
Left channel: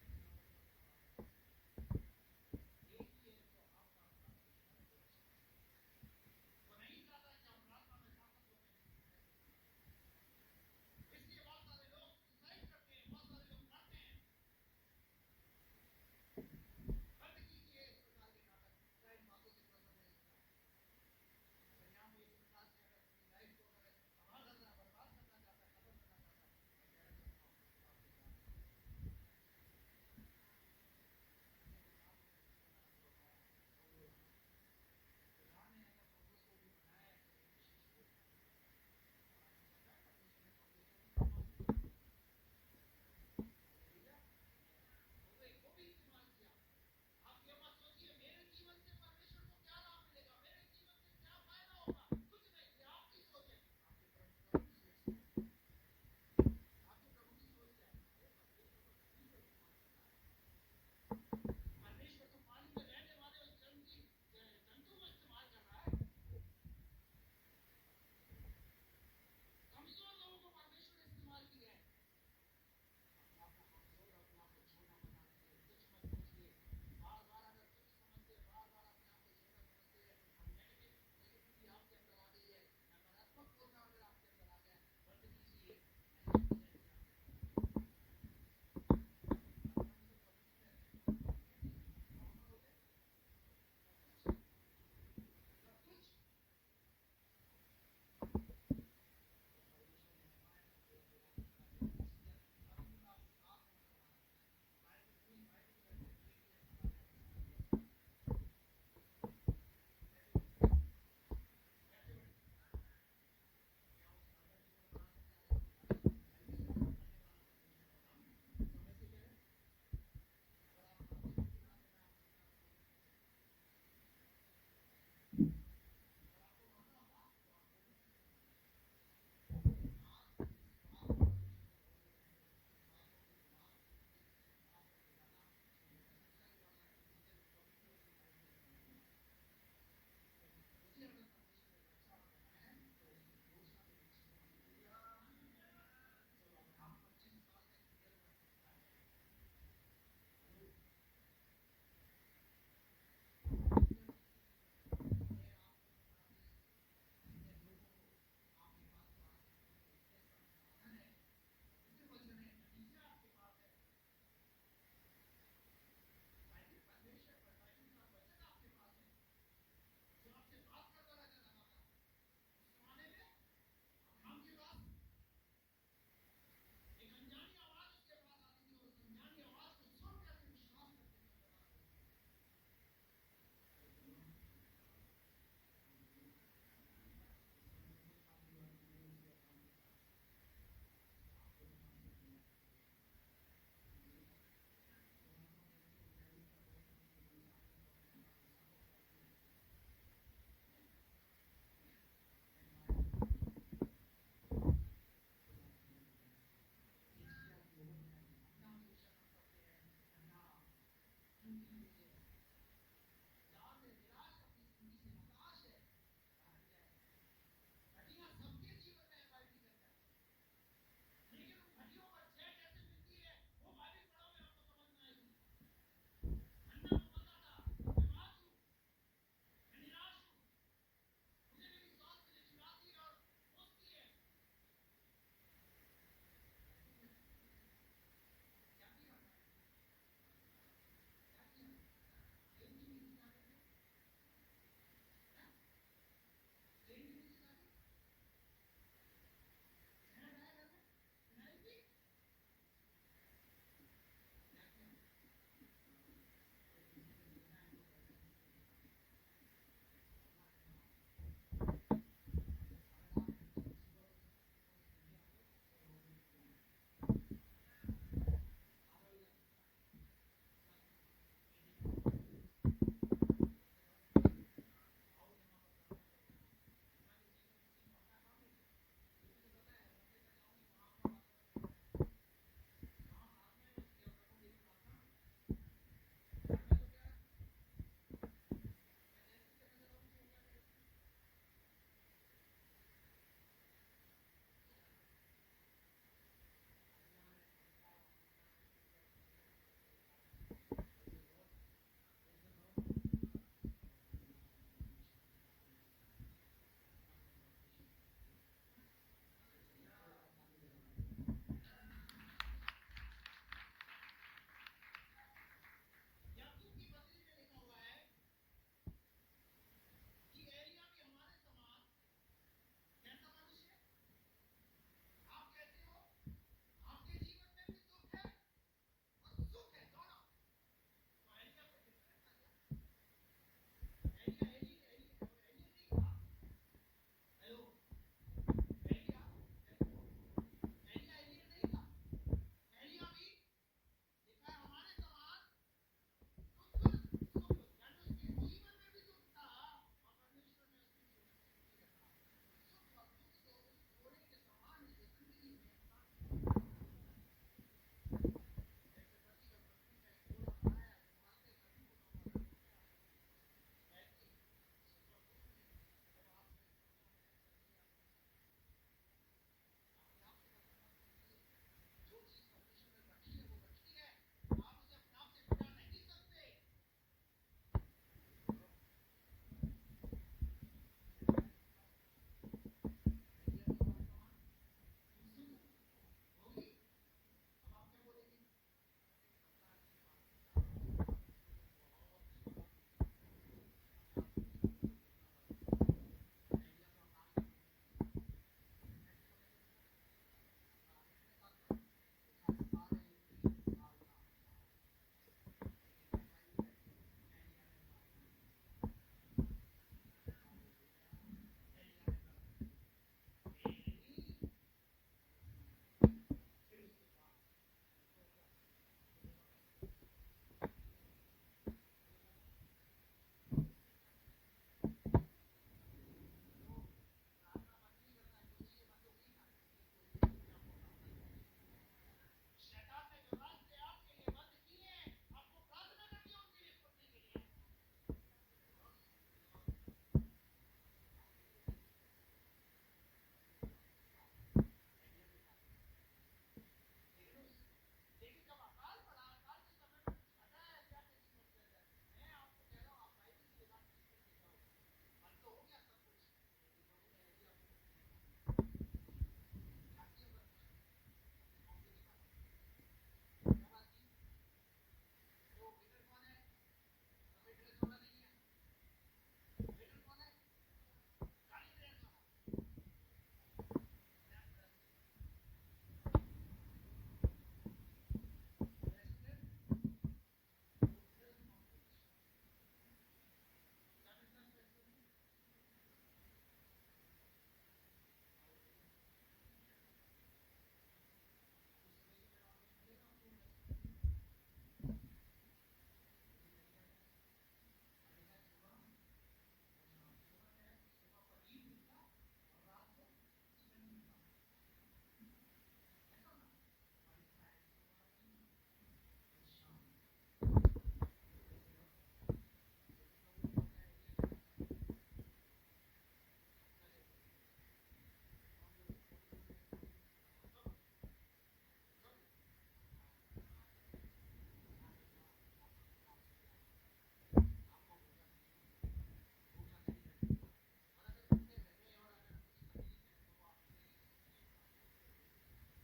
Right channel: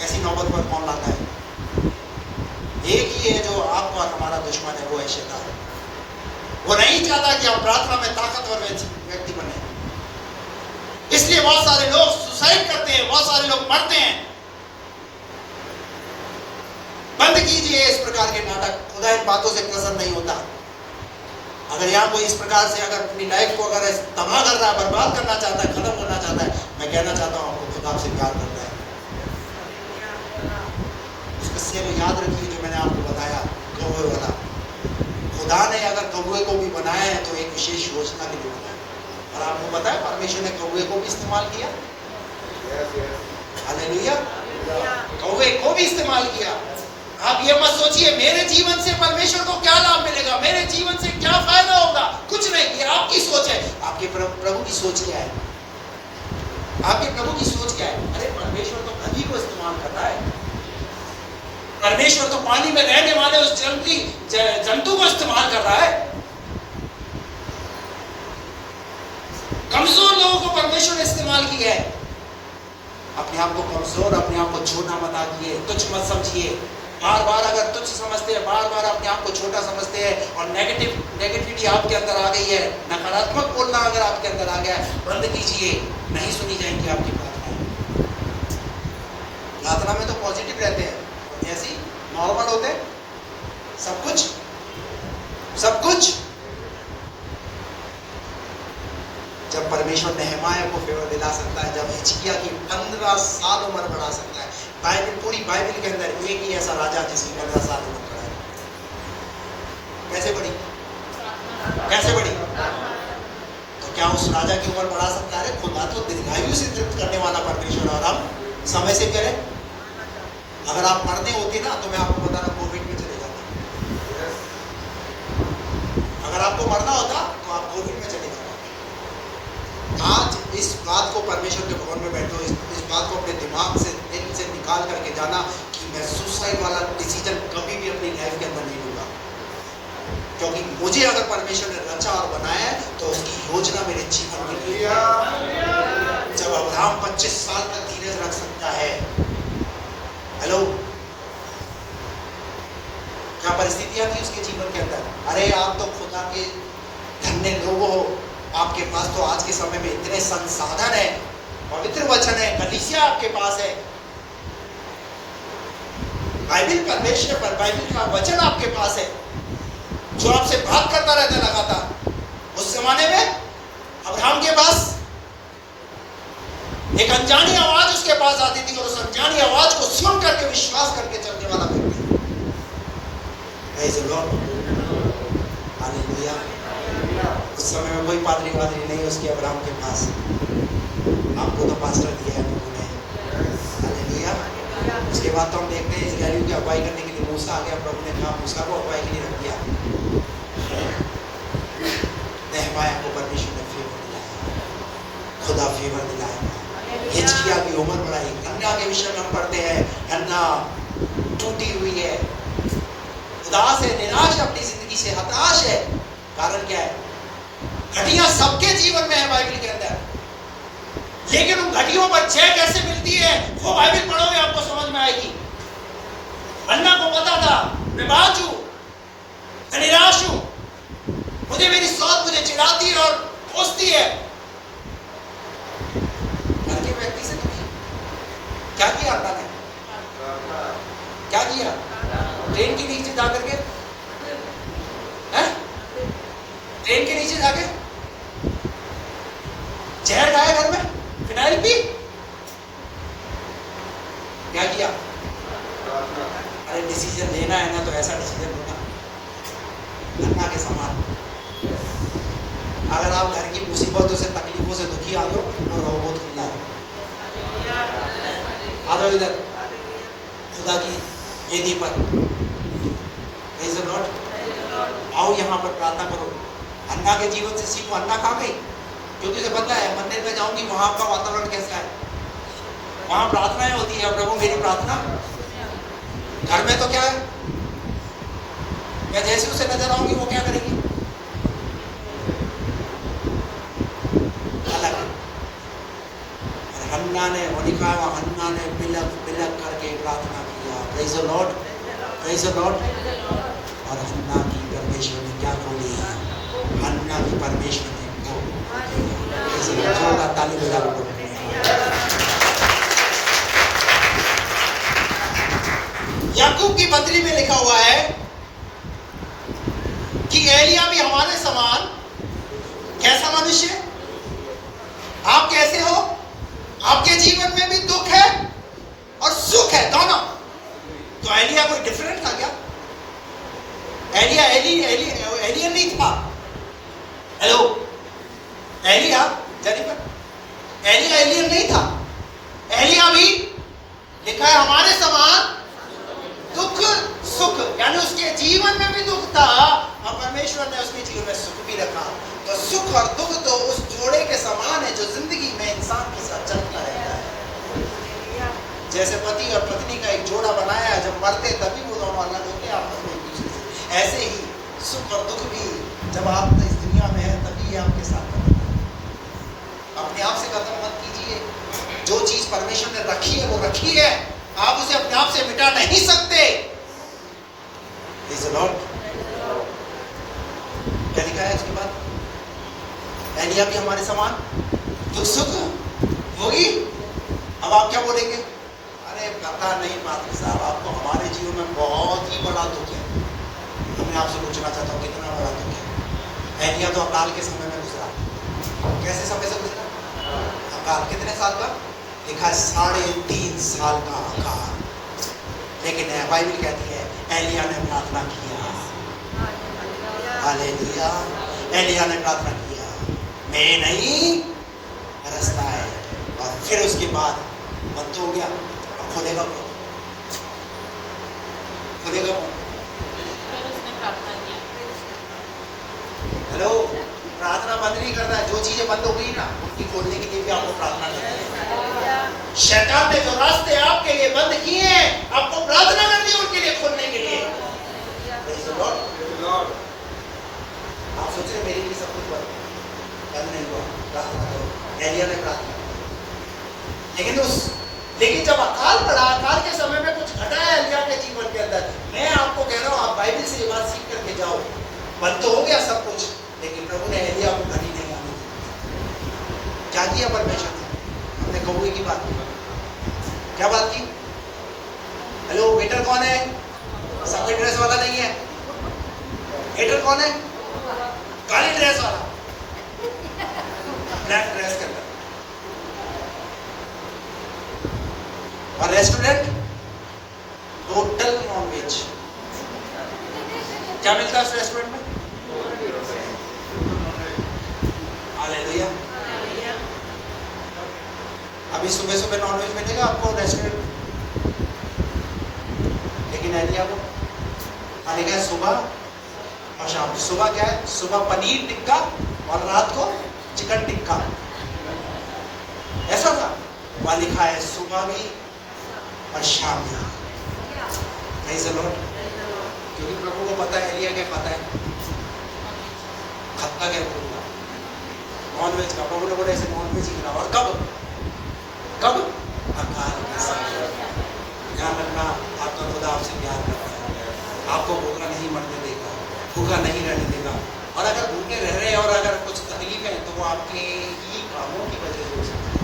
ऐसी नौबत पर कौन लाता है? एक ही है जो आपका और हमारा दुश्मन है, वो है शैतान। वो नहीं चाहता कि हम प्रार्थना में ताकतवर व्यक्ति बने। इसलिए बहुत सारे लोग सुसाइड करते हैं, बहुत सारे लोग मरते हैं। बंद कीजिए इस प्रकार के नाटक, खुदा इन बातों से प्रसन्न नहीं होता। अगर यहाँ कोई इस प्रकार से अगर अपनी लाइफ को अगर तबाह कर रहा है, बर्बाद करना चाहता है, खत्म करना चाहता है, मैं कहना चाहता हूँ आपको खुदा आपसे प्यार करता है। उस किस्से को याद रखिए जो मैंने आपको बताया, कौवे वाला। खुदा ने अगर कौवे को भी बनाया है तो एक विशेष योजना के लिए बनाया, और आपको पता है परमेश्वर ने कौवे को भी इस्तेमाल किया। हालेलुया, कौवे को भी इस्तेमाल किया। आप ये मत सोचिए मेरे जीवन से परमेश्वर को क्या लाभ मिलेगा, मेरे जीवन से क्या फायदा होगा, कुछ नहीं। ये आपकी सोच है। आपके प्रभु की सोच क्या है? आपके प्रभु की सोच क्या है? अरे परमेश्वर तो नदी को इस्तेमाल कर रहा है, परमेश्वर तो पानी में रहने वाले उस जंतु को इस्तेमाल कर रहा है। कमजोर लोगों को परमेश्वर ने इस्तेमाल किया है। अपने आप को कमजोर, अपने आप को छोटा मत आंकिए, तुच्छ मत समझिए। बार बार अगर तुच्छ समझते हैं, बार बार अपने आप को छोटा समझते हैं और नेगेटिविटी आपके अंदर आ गई है, नकारात्मक बोलना अगर आपके अंदर आ गया है, बंद कीजिए, नहीं सुनी जाएंगी आपकी प्रार्थना। प्रार्थना में तो पॉजिटिव रहते हैं, ऐसी नॉर्मल होते हैं, सब कुछ। जब परमेश्वर नेहमाया को फेवर दिला सकता है, जब हिजकिय्याह की 15 साल उम्र बढ़ा सकता है। पूरी बाइबल के अंदर एक ही ऐसा राजा जिसकी 15 साल उम्र बढ़ाई। कैसे बढ़ी? तो क्या उस राजा की उम्र बढ़ा सकता है? खुदा तो दीर्घायु से तृप्त करने वाला परमेश्वर, और हम समय से करें। अगर आप मरने होते ना तो मैं आपको बता रहा कोविड में चले जाते। अगर आपको मरना होता तो आप कोविड में चले जाते। आज इस बात को परमेश्वर के भवन में बैठो, इस बात को अपने दिमाग से, दिल से निकाल करके जाना कि मैं सुसाइड वाला डिसीजन कभी भी अपनी लाइफ के अंदर नहीं लूंगा, क्योंकि मुझे अगर परमेश्वर ने रचा और बनाया है तो उसकी योजना मेरे जीवन के लिए है। जब अब्राहम 25 साल तक धीरज रख सकता है, हेलो, क्या परिस्थितियां थी उसके जीवन के अंदर? अरे आप तो खुदा के धन्य लोग हो, आपके पास तो आज के समय में इतने संसाधन है, पवित्र वचन है, कलीसिया आपके पास है, बाइबल परमेश्वर पर, बाइबल का वचन आपके पास है जो आपसे बात करता रहता है लगातार। उस जमाने में अब्राहम के पास एक अनजानी आवाज उसके पास आती थी और उस अनजानी आवाज को सुन करके विश्वास करके चलने वाला व्यक्ति। Praise the Lord, hallelujah. उस समय में कोई पादरी नहीं उसके अब्राहम के पास। आपको तो पास्टर दिया है प्रभु ने, हालेलुया। उसके बाद तो हम देखते हैं इस्राएलियों की अगुवाई करने के लिए मूसा आ गया। प्रभु ने कहा मूसा को अगुवाई के लिए रख दिया। नेहमाया को परमेश्वर ने फेवर दिलाया, खुदा फेवर दिलाया। हिजकिय्याह की उम्र बढ़ाई। हन्ना के विषय में हम पढ़ते हैं, हन्ना टूटी हुई है, उदास है, निराश है, अपनी जिंदगी से हताश है। कारण क्या है? घटियां सबके जीवन में है बाइबल के अंदर, लेकिन उन घटियों पर जय कैसे मिलती है वो बाइबल पढ़ोगे आपको समझ में आएगी। हन्ना को पता था मैं बाज हूं, मैं निराश हूं, मुझे मेरी सौत मुझे चिढ़ाती है और कोसती है। घर के व्यक्ति से नहीं, क्या किया हन्ना ने? क्या किया? ट्रेन के नीचे जाकर के, ट्रेन के नीचे जाके जहर खाया, घर में फिनाइल पी, क्या किया? अरे डिसीजन लेना है ना तो ऐसा डिसीजन होगा हन्ना के समान। अगर आप घर की मुसीबतों से, तकलीफों से दुखी आ गए तो रहो बहुत खुला है, आ जाओ इधर खुदा की वेदी पर, प्रेज़ द लॉर्ड। आओ यहाँ पर प्रार्थना करो। हन्ना के जीवन से सीखो। हन्ना कहाँ गई? क्योंकि उसे पता है मंदिर में जाऊंगी वहां का वातावरण कैसा है, वहां प्रार्थनाएं होती है, प्रभु मेरी प्रार्थना। घर में तो क्या है, मैं जैसे उसे नजर आऊंगी वो क्या करेगी, अलग। और हन्ना ने, वो लिखा है हन्ना ने बिलक बिलक करके प्रार्थना किया। Praise the Lord, praise the Lord. और हन्ना की परमेश्वर ने क्या खोली है, हन्ना की परमेश्वर ने जोरदार ताली बजा लो। याकूब की पत्री में लिखा हुआ है कि एलिया भी हमारे समान कैसा मनुष्य, आप कैसे हो, आपके जीवन में भी दुख है और सुख है दोनों। तो एलिया कोई डिफरेंट था क्या? एलिया एलियन नहीं था। हेलो, एलिया जेनिफर, एलिया एलियन नहीं था। एलिया भी लिखा है हमारे समान दुख सुख, यानी उसके जीवन में भी दुख था और परमेश्वर ने उसके जीवन में सुख भी रखा। तो सुख और दुख तो उस जोड़े के समान है जो जिंदगी में इंसान के साथ चलता रहता है। जैसे पति और पत्नी का एक जोड़ा बनाया है, जब मरते तभी वो दोनों अलग होते आपस में एक दूसरे से। ऐसे ही सुख और दुख भी जब आप इस दुनिया में है तभी आपके साथ खत्म होगा। अपने आप से खत्म मत कीजिए। जो चीज परमेश्वर ने रखी है वो रखी है, आप उसे अपने आप से मिटा नहीं सकते। Praise the Lord। क्या लिखा है उसके बाद, एलिया भी हमारे समान दुख सुख होगी। अब आप क्या बोलेंगे, अरे पता नहीं पात्र साहब, आपको हमारे जीवन में बहुत ही बड़ा दुख है। मैं आपसे पूछना चाहता हूँ कितना बड़ा दुख है। एलिया तो अकाल के समय में गुजरा। कैसे समय से गुजरा? अकाल कितने साल का लिखा है? 3.5 साल का अकाल। लेकिन बाइबल कहती है एलिया ने प्रार्थना किया। हालेलुया, एलिया ने प्रार्थना किया, मैं नहीं रास्ता है। और फिर उसके बाद बंद हो गया। अब खोलेगा कौन? खोलेगा कौन? हेलो, प्रार्थना बंद नहीं करता है। जो चीजें बंद हो गई ना उनकी खोलने के लिए भी आपको प्रार्थना करनी है। शैतान ने जो रास्ते आपके लिए बंद किए हैं, आपको प्रार्थना करनी है उनके लिए खोलने के लिए। आप सोच रहे मेरे लिए सब कुछ बंद नहीं हुआ, प्रार्थना करो। एलिया ने प्रार्थना, लेकिन जब अकाल पड़ा, अकाल के समय में कुछ घटा है एलिया के जीवन के अंदर। मैं आपको कह रहा हूँ, आप बाइबल से ये बात सीख करके जाओ। बंद तो हो गया सब कुछ, लेकिन प्रभु ने एलिया को घड़ी नहीं आने दी। क्या किया परमेश्वर ने? हमने कौवे की बात की। क्या बात की? हेलो, वेटर कौन है? सफेद ड्रेस वाला नहीं है। वेटर कौन है? काली ड्रेस वाला, ब्लैक ड्रेस के अंदर। और रेस्टोरेंट टोटल नॉनवेज। क्या मिलता है उस रेस्टोरेंट में? हालेलुया। अभी सुबह सुबह नॉनवेज मिलेगा आपको रेस्टोरेंट में, लेकिन एलिया को खाने का सुबह और शाम। सुबह क्या है? सुबह पनीर टिक्का और रात को चिकन टिक्का। ऐसा था वहां लिखा है, सुबह भी और शाम भी। Praise the Lord। क्योंकि प्रभु को पता है एलिया क्या खाता है, खाता क्या बोलूंगा, नॉनवेज का। प्रभु ने बोला ऐसे नॉनवेज ही खिलाओ। और कब कब? अकाल के समय। ध्यान रखना, आपका खुदा आपसे प्यार करता है, आपको भूखा नहीं मरने देगा, भूखा नहीं रहने देगा। और अगर भूखे रह रहे हैं और अगर कुछ तकलीफ है तो वो आपके ही कामों की वजह से हो सकती है।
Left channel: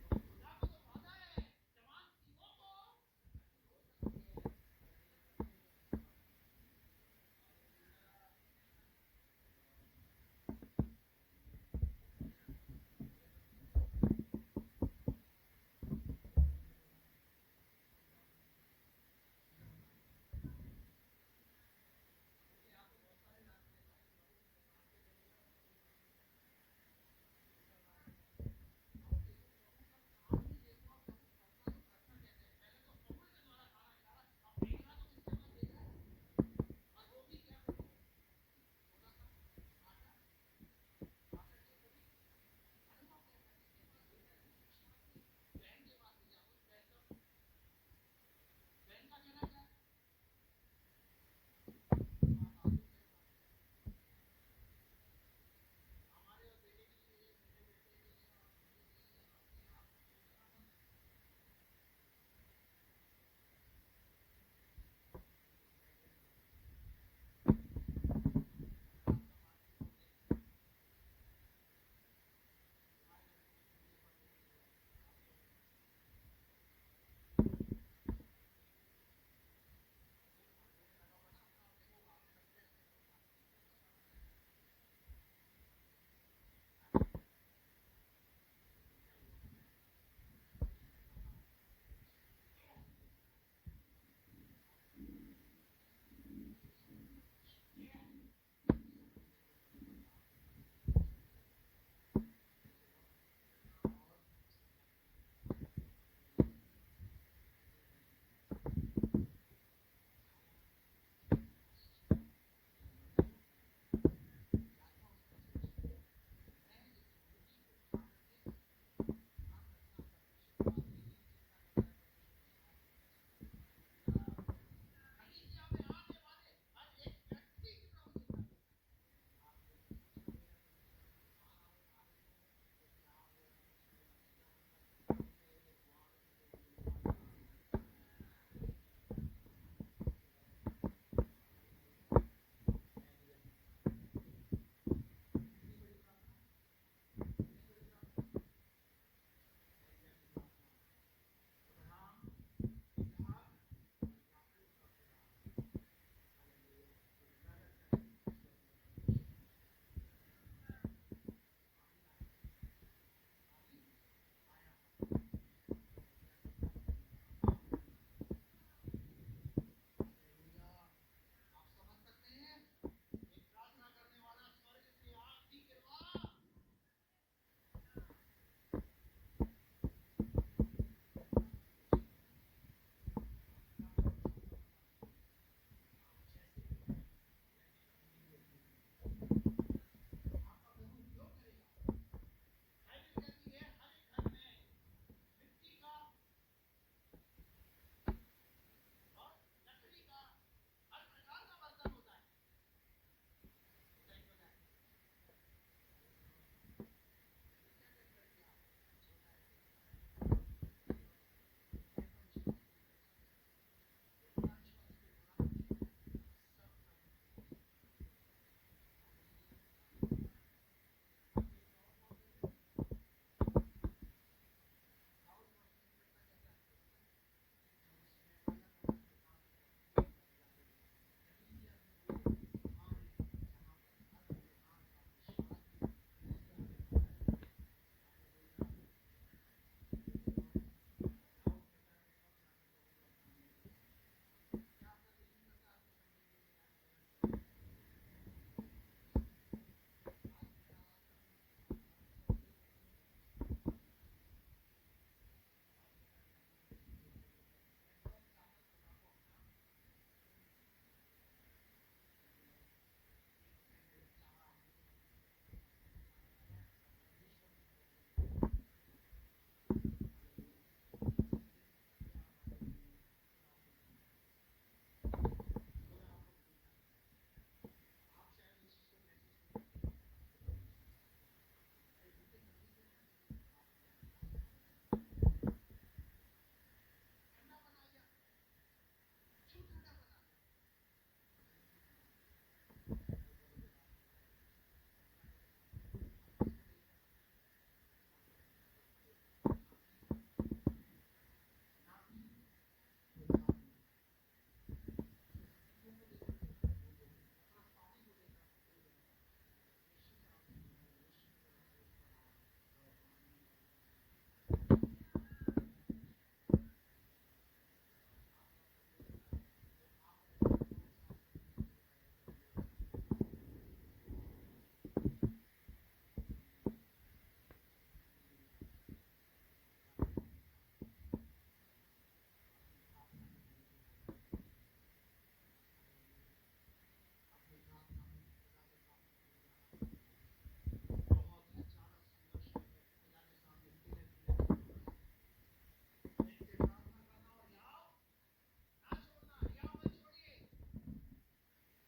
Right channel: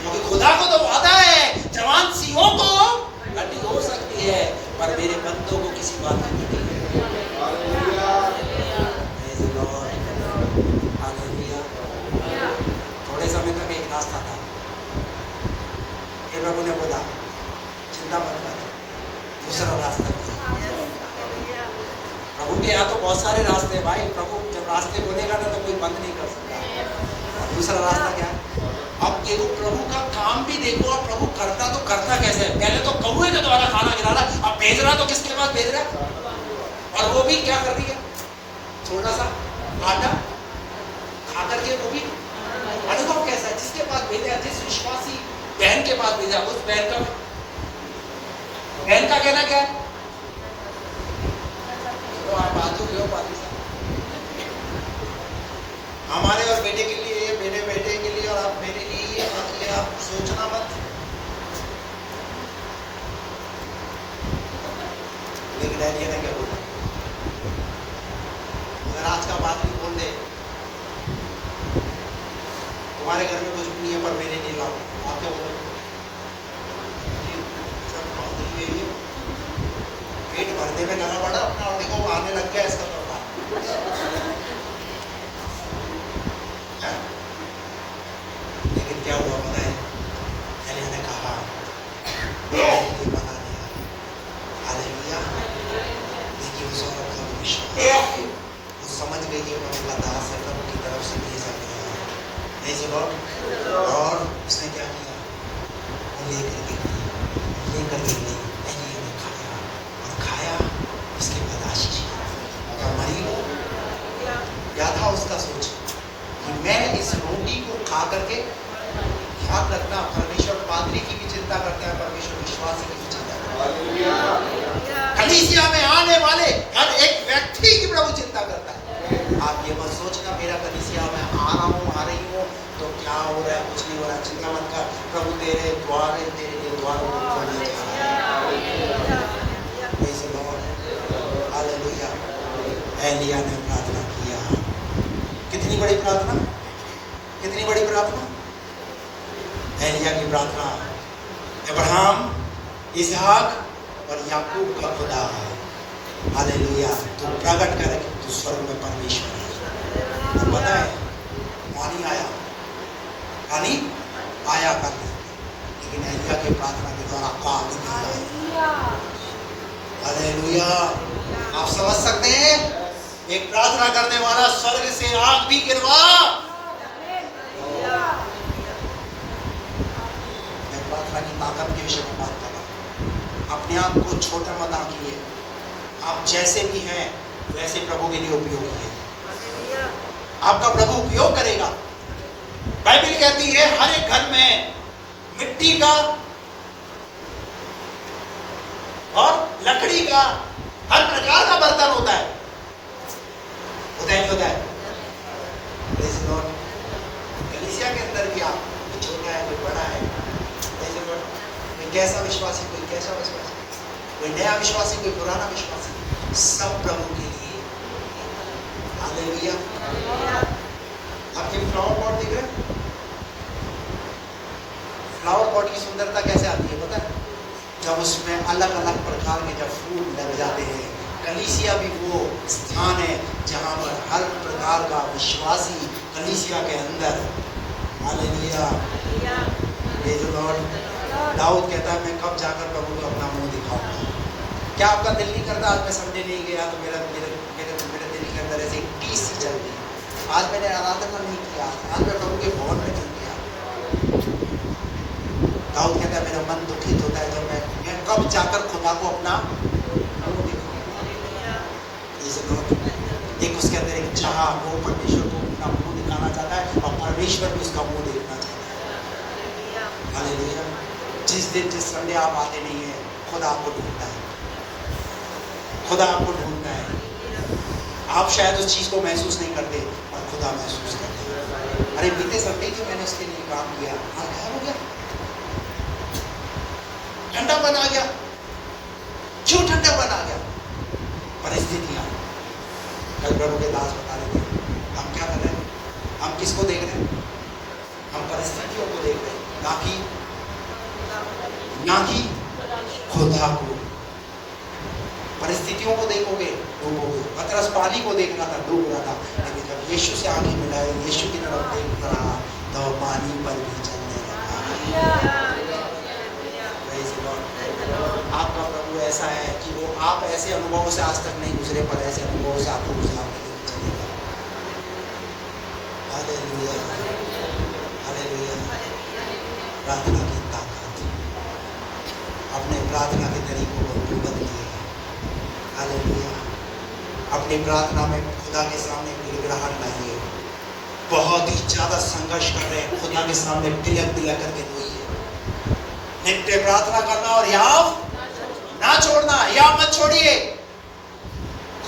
क्योंकि खुदा को तो वादा है, जवान सिंहों को घटी हो सकती है पर मेरे बंदों को किसी बात की घटी है। थोड़े समय तक एक रास्ता था, प्रभु ने बोला चिंता मत कर, दूसरा रास्ता है। प्रभु के यहाँ तो बहुत सारे रास्ते हैं भाई। प्रभु जब रास्ते बोलेगा ना तो कोई बंद नहीं कर सकता। दूसरा रास्ता क्या है? अब देखो प्रभु का काम भी देखो। और प्रभु करता तो करता कैसे है? पहले तो कौवे के द्वारा खाना खिला रहा, अब भेज रहा तो किसके पास भेज रहा है? और वो भी क्या कर रही है? थोड़ा सा आटा खा करके वो भी अनुभव कैसा है? जिसके पास भेजा, जिस विश्वासी बहन के पास भेजा, उस बहन का कहना क्या है? तो आप बात हो गए पादी साहब, हमारे और बेटे के लिए, मेरे बेटे के लिए और आप मेरे लिए, ये बात आप सोचना मत। लेकिन डैडी ने क्या बोला? अगर आज का बात भी बोल दे तुम्हारे घर में कुछ भी नहीं है पर मेरे लिए लाओ, आप क्या बोलोगे? पेट भरने में लगा पड़ा अपना और देखो आने लग गया इसका प्रभाव। लेकिन क्या हुआ पता है? एलिया ने कहा बता दिया, हालेलुया। देखिए उस औरत का विश्वास, वो समझ गई कि उन्होंने दास है प्रभु की तरफ से भेजा गया है। नहीं सुनो, और उसने क्या किया? वो लेकर के गई, एलिया ने खाया, उसके बाद आशीष क्या मरी हो? क्या था उसका सोच कि मैं इस रोटी को खा करके, याद रखना परमेश्वर पादरी की भी चिंता करता है, परमेश्वर विश्वासी की भी चिंता करता है। कलीसिया में आने वाले हर एक व्यक्ति की प्रभु चिंता करता है। आप ये मत सोचना मेरा कलीसिया में आ रहा हूँ, आ रही हूँ तो क्या हो रहा है, कुछ नहीं हो रहा, चिंता मत कर। प्रभु तेरे द्वार है, तेरे लिए द्वार खोलने जा रहा है। हालेलुया। एलिया ने प्रार्थना किया। कितनी बड़ी प्रार्थना, कितनी बड़ी प्रार्थना। एलिया की प्रार्थना, अब्राहम, इसहाक और याकूब का खुदा, हालेलुया, तू प्रकट कर कि तू स्वर्ग में परमेश्वर है। पता है पानी आया कर, लेकिन एलिया की प्रार्थना के द्वारा आग निकला। हालेलुया। आप समझ सकते हैं, एक प्रार्थना करने वाला स्वर्ग से आग भी गिरवा। मैं प्रार्थना की ताकत के विषय में बात कर रहा हूं। अपने आप को छोटा मत आंकिए, आप जैसे भी हैं वैसे प्रभु के लिए उपयोगी है। आपका प्रभु उपयोग करेगा। बाइबल कहती है हर एक घर में मिट्टी का और लकड़ी का हर प्रकार का बर्तन होता है, होता है नहीं होता है? कलीसिया के अंदर भी आप, कोई छोटा है कोई बड़ा है, कोई कैसा विश्वासी कोई कैसा विश्वासी, कोई नया विश्वासी कोई पुराना विश्वासी, सब प्रभु के लिए। हालेलुया। आपके फ्लावर पॉट दिख रहे हैं? फ्लावर पॉट की सुंदरता कैसे आती है पता है? जब उसमें अलग अलग प्रकार के जब फूल लग जाते हैं। कलीसिया भी वो स्थान है जहाँ पर हर प्रकार का विश्वासी कलीसिया के अंदर, हालेलुया, प्रेज़ द लॉर्ड। दाऊद कहता है मैं कब जाकर प्रभु को अपना मुंह दिखाऊंगा। क्या आपका दिल नहीं करता आज मैं संडे नहीं गया तो मेरे दिल के अंदर ऐसे टीस सी चल रही, आज मैंने आराधना नहीं किया, आज मैं प्रभु के भवन में नहीं गया। दाऊद कहता है मेरा मन दुखित होता है जब मैं कब जाकर खुदा को अपना मुंह दिखाऊंगा। एक उसके अंदर एक चाह, वो परमेश्वर को अपना मुंह दिखाना चाहता है और परमेश्वर भी उसका मुंह देखना चाहता है। हालेलुया। जिस दिन जिस संडे आप आते नहीं है, खुदा आपको ढूंढता है, खुदा आपको ढूंढता है। आप शायद उस चीज को महसूस नहीं करते और खुदा महसूस करते हैं। अरे बीते संडे जो मैंने उसके लिए काम किया आज गायब हो गया, ठंडापन आ गया। क्यों ठंडापन आ गया? परिस्थितियां। कल प्रभु के दास बता रहे थे हम क्या कर रहे हैं, हम किसको देख रहे हैं? हम परिस्थितियों को देख रहे हैं, ना कि खुदा को। परिस्थितियों को देखोगे डूबोगे। पतरस पानी को देख रहा था, डूब रहा था, लेकिन जब यीशु से आंखें मिलाए, यीशु की तरफ देख रहा तो पानी पर भी चलने लगा। आपका प्रभु ऐसा है कि वो आप ऐसे अनुभवों से आज तक नहीं गुजरे, पर ऐसे अनुभवों से आपको गुजरा चलेगा। Hallelujah, hallelujah. प्रार्थना की ताकत, अपने प्रार्थना के तरीकों को बदलिए। हालेलुया। अपनी प्रार्थना में खुदा के सामने गिड़गिड़ाहट लाइए। बहुत ही ज्यादा संघर्ष कर रहे हैं, खुदा के सामने तिलक तिलक करके रोइए। नित्य प्रार्थना करना और याव ना छोड़ना। याव मत छोड़िए।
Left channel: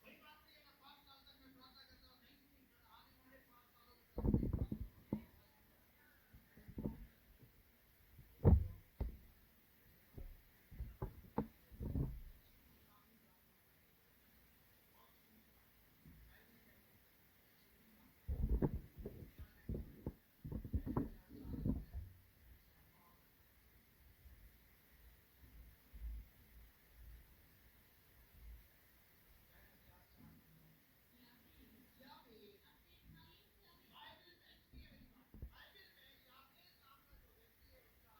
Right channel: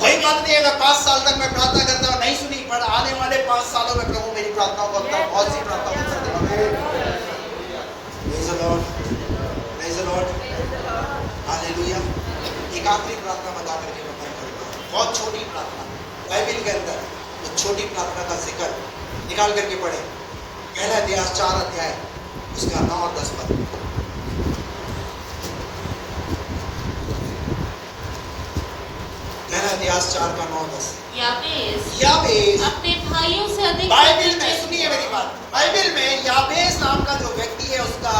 कोई बात नहीं अगर 5 साल तक मैं प्रार्थना करता हूँ नहीं सुनी, पर आने वाले 5 सालों में प्रभु मेरी प्रार्थनाओं को अपना बहुत सी प्रार्थनाओं को उत्तर देगा। Praise the Lord, praise the Lord, hallelujah. एक आखिरी प्रार्थना बता करके मैं बंद करूंगा। बहुत छोटी प्रार्थना बाइबल के अंदर, तो छोटी प्रार्थना का जिक्र निकाल करके पढ़े। पहला इतिहास 4 अध्याय उसका 9 और 10 पद। पहला इतिहास 4 का 9 10। याबेस अपने भाइयों से अधिक बाइबल में, सुनिए मेरी बात, बाइबल में याबेस नाम का जो व्यक्ति है उसका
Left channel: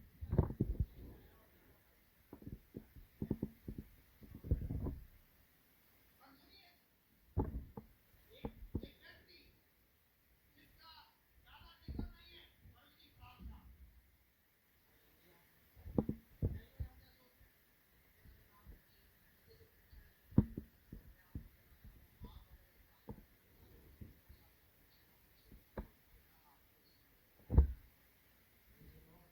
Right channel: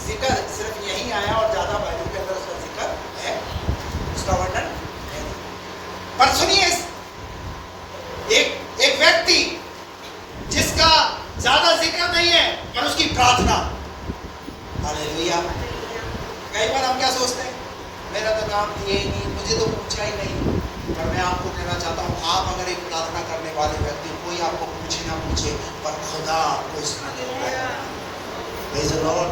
जिक्र सिर्फ यही आया और ज्यादा बाइबल के अंदर उसका जिक्र है, उसका वर्णन है। पर सुनिए एक व्यक्ति जिसका ज्यादा जिक्र नहीं है पर उसकी प्रार्थना, हालेलुया। कई बार हम क्या सोचते हैं, मेरा तो काम ये नहीं, मुझे तो पूछा ही नहीं। पर मैं आपको कहना चाहता हूँ, आप अगर एक प्रार्थना करने वाले व्यक्ति, कोई आपको पूछे ना पूछे, पर खुदा आपको इसमें देता है। Praise the Lord।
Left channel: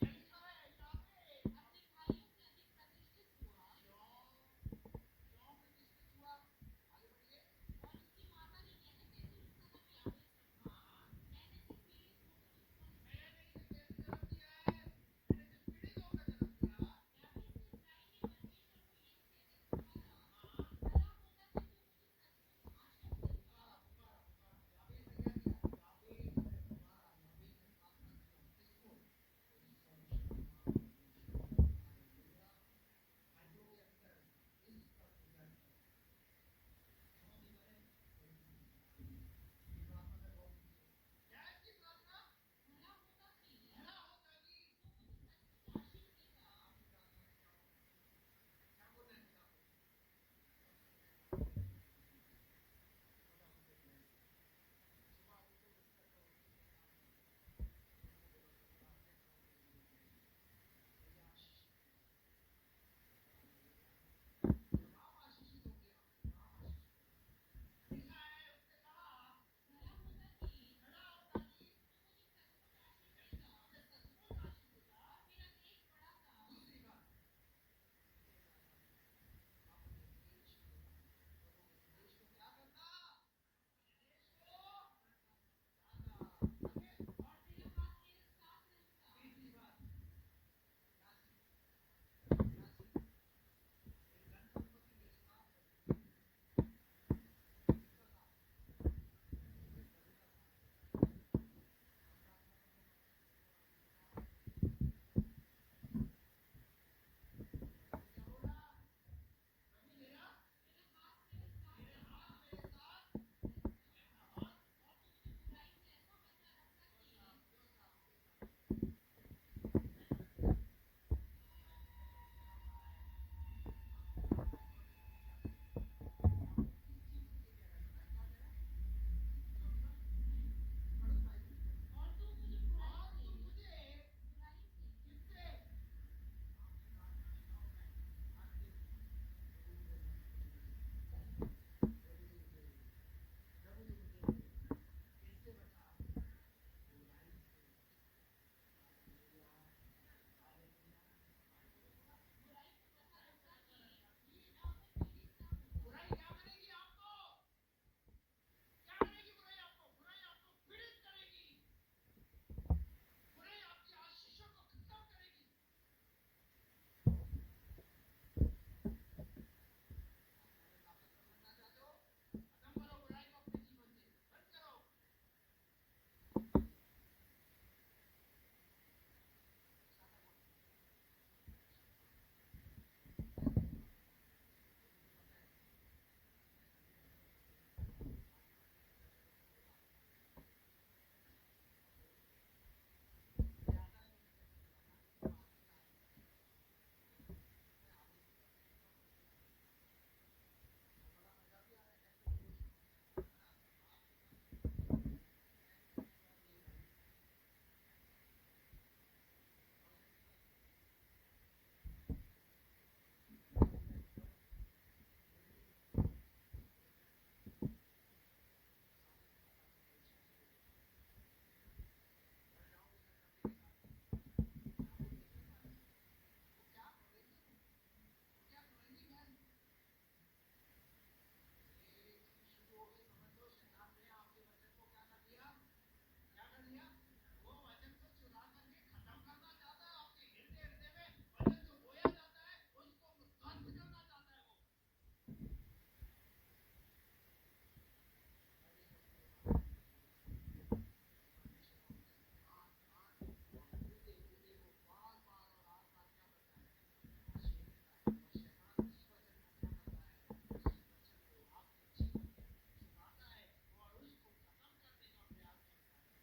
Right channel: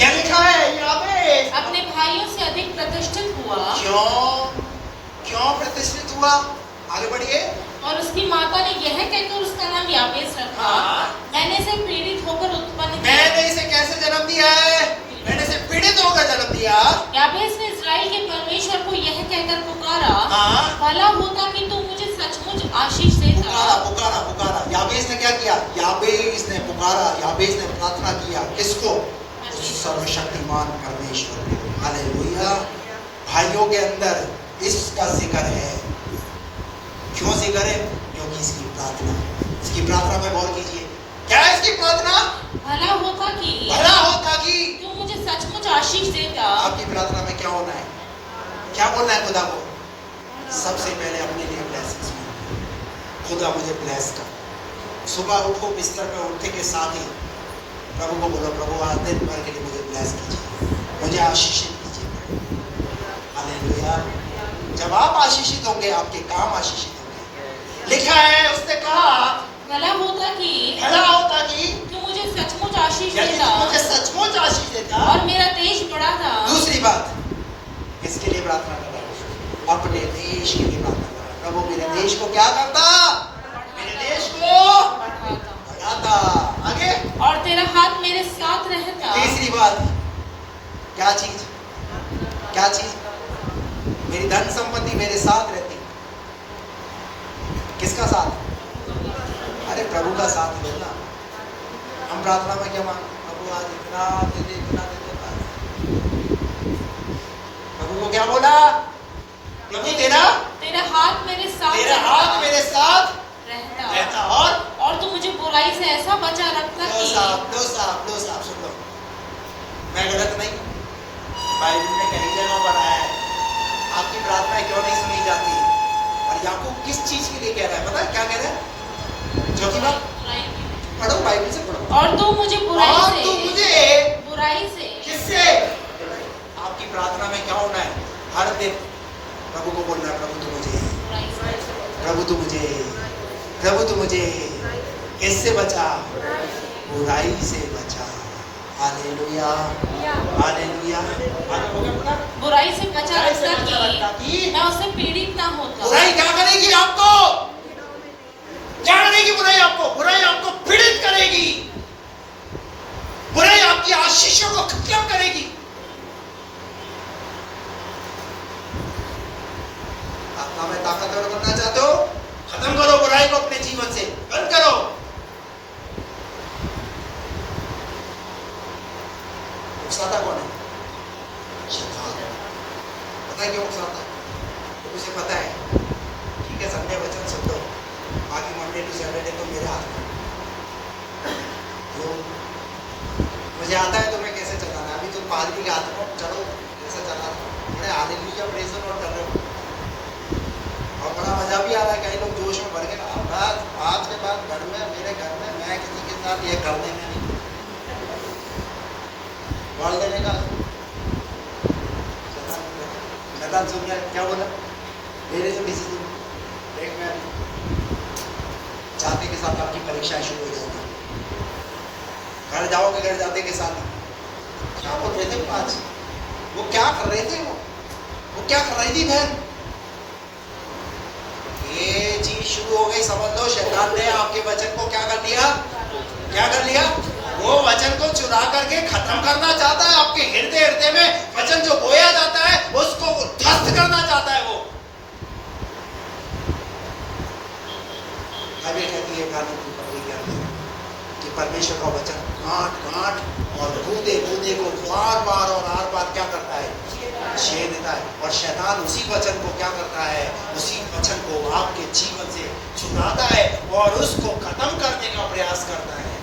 यह लिखा है याबेस अपने भाइयों से अधिक प्रतिष्ठित हुआ। क्यों प्रतिष्ठित हुआ? आगे बढ़िए। और उसकी माता ने यह कहकर उसका नाम याबेस रखा, मैंने इसे पीड़ित होकर उत्पन्न किया। मैंने इसे कैसे जन्म दिया है? मैंने इसे पीड़ित होकर जन्म दिया। याबेस ने इस्राएल के परमेश्वर को यह कहकर पुकारा, भला होता कि तू मुझे सचमुच आशीष देता। पुकारा। याबेस ने क्या किया? याबेस ने पुकारा, याबेस ने प्रार्थना किया। किसको? सर्वशक्तिमान परमेश्वर को। हालेलुया। भाइयों के अंदर इसका जिक्र है। क्यों जिक्र है? क्योंकि इसकी प्रार्थना में गौर कीजिए। क्या है इसकी प्रार्थना? भला होता कि तू मुझे सचमुच आशीष देता। आपकी प्रार्थना में क्या होना है? क्या बोलना है खुदा को? सबसे पहले अपने लिए ब्लेसिंग्स मांगो। खुदा मुझे ब्लेस कर। सुबह उठो, बिस्तर पे उठने के साथ ही प्रभु को बोलो, प्रभु आज दिन भर के लिए मुझे ब्लेस कीजिए, मुझे आशीषित कीजिए। हालेलुया। जब आप आशीषित होंगे, आपके काम आशीषित होंगे। लिखा है, उसने कहा भला होता कि तू मुझे सचमुच आशीष देता और मेरा देश बड़ा था। दूसरी बात, किसके लिए प्रार्थना कर रहा है? अपने देश के लिए प्रार्थना कर रहा है। प्रभु मेरे देश को क्या करता? मेरे देश को बढ़ाता। आगे, और तेरा हाथ मेरे साथ रहता। तीसरी बात, क्या चीज? मेरी धन संपत्ति मेरे साथ रहती। किसका साथ? अरे प्रभु का साथ लेना। हम प्रार्थना में क्या मांगते? प्रभु आज इतना दे दे, इतना दे दे। प्रभु को क्या बोला? प्रभु तेरा हाथ मेरे साथ रहता और तू मुझे बुराई से ऐसा बचा रखता कि लो साहब सुन लो, मैं गलत नहीं, बाइबल में कई जगह पर आया है आपकी प्रार्थना क्यों नहीं सुनी जाती। और याकूब किस चीज के लिए कह रहा है? पता है क्या कह रहा है? जो कि बात पढ़ो, बाइबल से पढ़ो। और तू मुझे बुराई से किससे? आपकी प्रार्थना में क्या होना है? हर दिन प्रभु को बोलना है, प्रभु तू मुझे किससे बचा? बुराई से बचा। हालेलुया। बुराई से बचा रखता कि मैं उससे पीड़ित ना होता। बुराई क्या करेगी आपको? बुराई आपको पीड़ित करेगी। बुराई आपकी आशीषों को खत्म करेगी। आत्मा में ताकतवर बनना चाहते हो? खत्म करो बुराई को अपने जीवन से, बंद करो। उकसाता कौन है? शैतान। पता है क्यों उकसाता? मुझे पता है। ठीक है, संडे वचन सुन लो, बाकी मंडे टू सैटरडे तो मेरे हाथ में। तो मुझे आता है तुम्हें कैसे चलाना है। अभी तुम पादरी के हाथ में चलो, कैसे चलाना है। हालेलुया, प्रेज़ द लॉर्ड कर रहे हो और बड़ा मजा भी आ रहा है। कई लोग जोश में भर गए। आज के बाद मेरे घर में मैं किसी के साथ ये करने में नहीं, बोल देने का शैतान सुन गया। क्या बोला? मेरे से किसी एक में जाते के साथ आपकी परीक्षाएं शुरू हो जाएगी। घर जाओगे, घर जाते के साथ क्या बोल रहे थे आज? वो क्या कर रहे थे? वो क्या कर रही थी बहन? ये चीज शुरू हो गई, समझ लो शैतान ने आपके वचन को क्या कर लिया? क्या कर लिया? वो वचन को चुरा करके खत्म करना चाहता है। आपके हृदय हृदय में वचन जो बोया जाता है उसको ध्वस्त करना चाहता है वो। बाइबल कहती है कि परमेश्वर का वचन गांठ और गूदे को बार बार और हर बार क्या करता है? छेद देता है। और शैतान उसी वचन को क्या करता है? उसी वचन को आपके जीवन से छुड़ाता है और उसको खत्म करने का प्रयास करता है,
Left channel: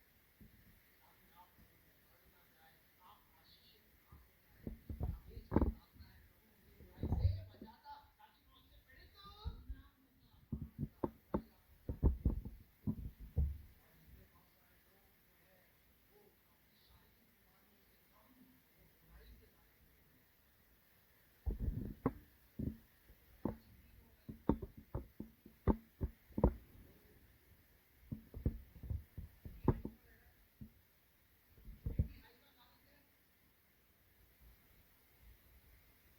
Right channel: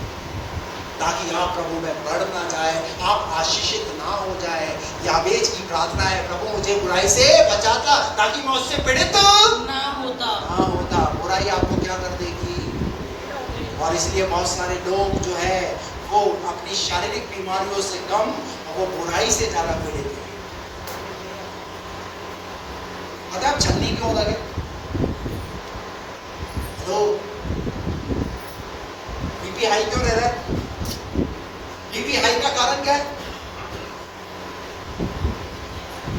ताकि आप प्रभु में बढ़ ना जाए, आप आशीषित ना हो जाए। याबेज की प्रार्थना है, प्रभु मुझे बुराई से बचाता ताकि मैं उससे पीड़ित ना होता। बुराई आपको क्या कर देगी? और इसलिए बहुत सारे लोग जो है वो अपनी शारीरिक बीमारियों से कम वो बुराई से ज्यादा पीड़ित है। पता आप छलनी क्यों लगे? तो बीपी हाई क्यों रह रहा है? बीपी हाई का कारण क्या है?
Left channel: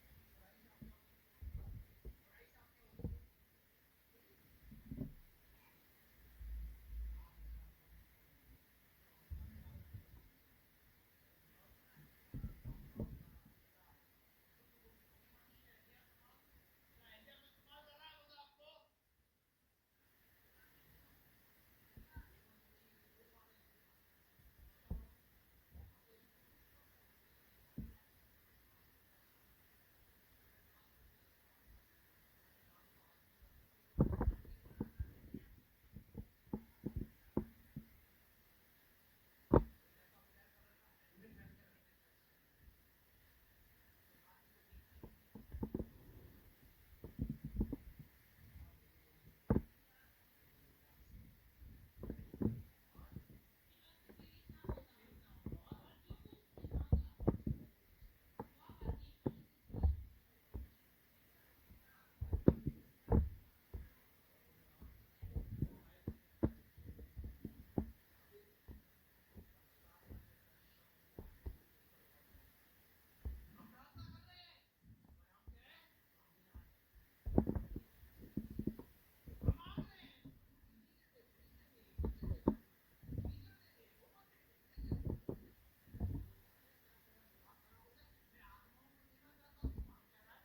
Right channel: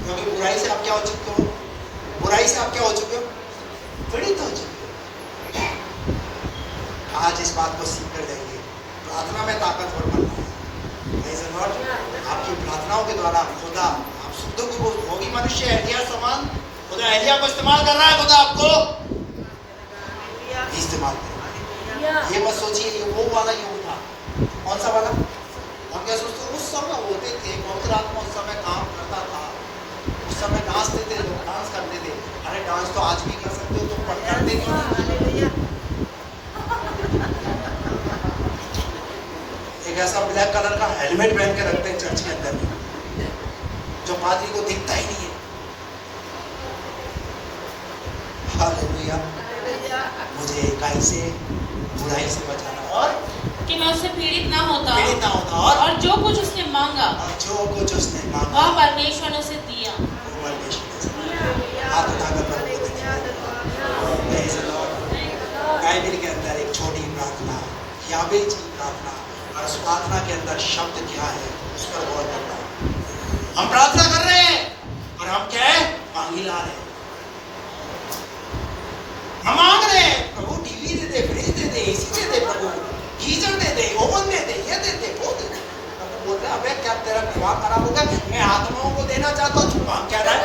क्योंकि बुराई से आप क्या हो चुके हो? बुराई से आप क्या हो चुके हो? पीड़ित हो चुके हो। आज इस बात को सीख कर जाइए, प्रार्थना में ताकतवर बनना है। आपकी प्रार्थनाओं के द्वारा खुदा आप शुद्ध को भोगी मनुष्य एलिया समान, खुदा एलिया को इस्तेमाल कर रहा है। खुदा आपको इस्तेमाल कर, ये मत सोचिए ये वो वाला युग था। कौन सा वाला? हम क्या सोचते उस समय होते थे, पवित्र आत्मा उस समय काम करता था, उस समय नाचते थे लोग, डांस करते थे। अरे डांस तो आज भी कर सकते हो, तुम पर करते नहीं। एक ऐसा ब्लैक कलर का हेलमेट पहन के रखते हैं चर्च के अंदर में, जो पादरी को दिखता ही नहीं है। हालेलुया। मुझे इकाई से बुराई से बचाना और कि मैं उससे पीड़ित ना होता और जो कुछ उसने मांगा वह परमेश्वर ने उसे दिया। हाथ उठाकर प्रभु को बाइबल के अंदर एक छोटी प्रार्थना, याबेज की प्रार्थना, और उस प्रार्थना के अंदर शब्द क्या है उस पर गौर करना। हम प्रार्थना कर रहे हैं और हम क्या है? मांगी ला रहे हैं। हम मांग रहे हैं प्रभु टीवी दे दे, फ्रिज दे दे, एसी दे दे, प्रभु गीजर दे दे, ओवन दे दे, ये दे दे, वो दे दे। प्रभु बोल रहा है अबे क्या तेरा दिमाग खराब हो गया? मैं आत्माओं को देना चाहता हूँ, तू मांग क्या रहा है?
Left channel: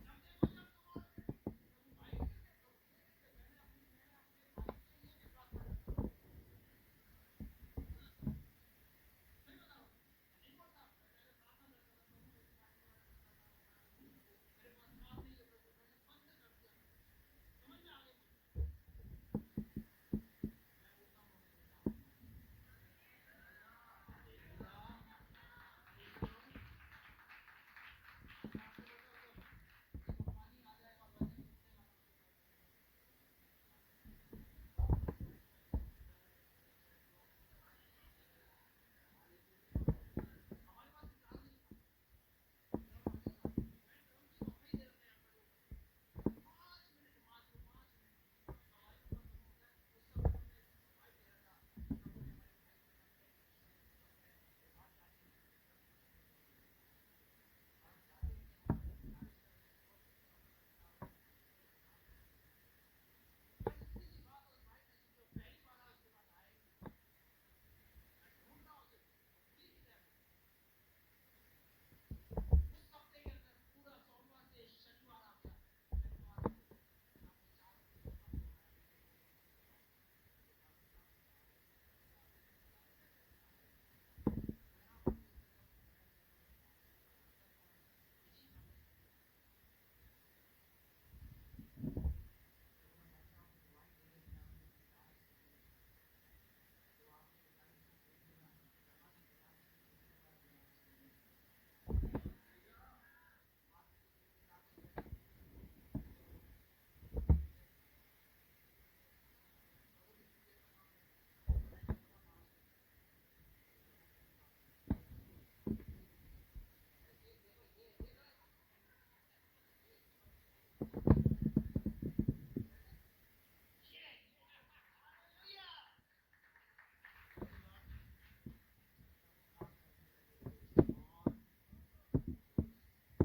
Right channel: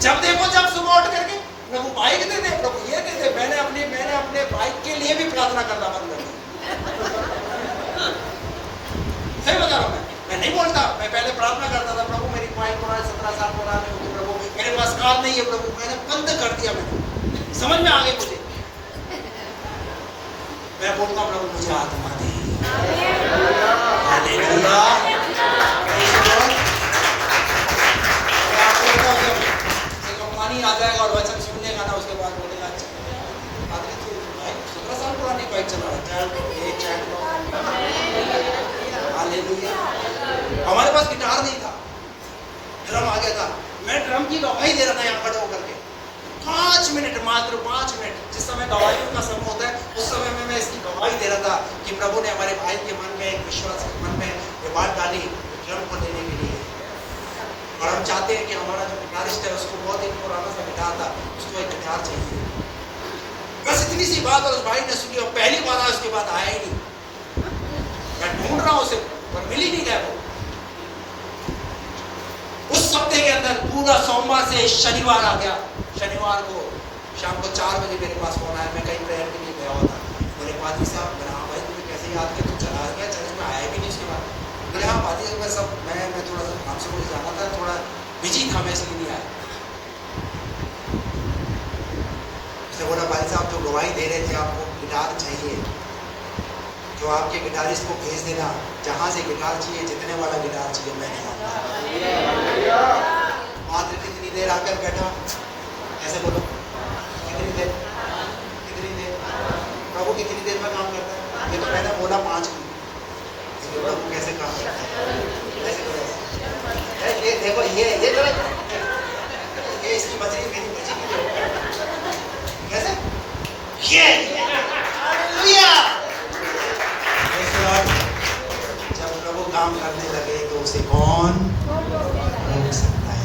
जब देखो जब सुबह उठ करके प्रभु बाइक दे दे, प्रभु ये दे दे। मैंने अपने बाइक के लिए भी प्रार्थना करना बंद कर दिया। सही बता रहा हूँ मैं नहीं बोलता। मैं पहले प्रार्थना करता था, प्रभु मेरी बाइक 17 साल पुरानी होगी, प्रभु मेरे पास कार नहीं है, प्रभु मैंने बंद कर दिया। मैंने समझ में आ गई मुझे। मैं बोलता हूँ प्रभु मुझे आत्मा दे। हालेलुया। कंपनी आ जाएगा और वचन सुनने का ना, उसके बाद बोलेगा अच्छा आदमी तो 17 साल पुरानी बाइक चला रहा है। हालेलुया। हमारे पास गिटार नहीं था, ड्रम आ गया था। मैं ड्रम की गवाही दे रहा था यहाँ खड़े होकर के 5 मिनट, मात्र 5 मिनट। जिस समय गवाहियों का समय होता है उस समय में मैं इसकी गवाही दे रहा था कि प्रभु ने हमारे भाई के मन में एक विश्वास के मन में ये बात डाली ड्रम को लेने के लिए। और हम चाहते हैं कि हमारा जो गिटारिस्ट है उसको बहुत एक पुराना सा गिटार था, उसको एक गिटार चाहिए। बस इतनी सी बात और उस भाई ने सुनी और पहली बार उसके बाद आया ही नहीं। मैं ढूंढ रहा हूँ उसे पर मिल ही नहीं गया वो। उस हफ्ते के अंदर पूरा सोमवार से शनिवार आ गया। शनिवार को शाम को 4 बजे मेरे पास फोन आया। मैं कहीं प्रेयर के लिए गया हुआ था। बोले पादी साहब, मैंने हाँ भाई तुम्हें कैसे याद किया? तुम चला गया चर्च में, आया भी नहीं उसके बाद। बोले हाँ पादी साहब मैं थोड़ा सा काम से मुझे जाना था, थोड़ा बिजी था, मैं इसलिए नहीं आया। उसने बोला भाई साहब जो गवाही दे रहे थे आपको गिटार चाहिए, जो आपके गिटारिस्ट को भेज देना, जहाँ से गिटार चाहिए, जितने वाला गिटार चाहिए मैं नहीं आता। मात्र कितनी देर आकर बैठा, ऐसे बोलो कितनी देर प्रभु कितनी देर में काम करता है? ये तो मैंने बोला 5 मिनट। प्रभु कैसे काम करता है? ऐसे करो, ये देखो ये करो, ये इसकी बचरी मेरी बचरी कैसे ये जब प्रभु काम करने लगे तो उसे कौन रोक सकता है?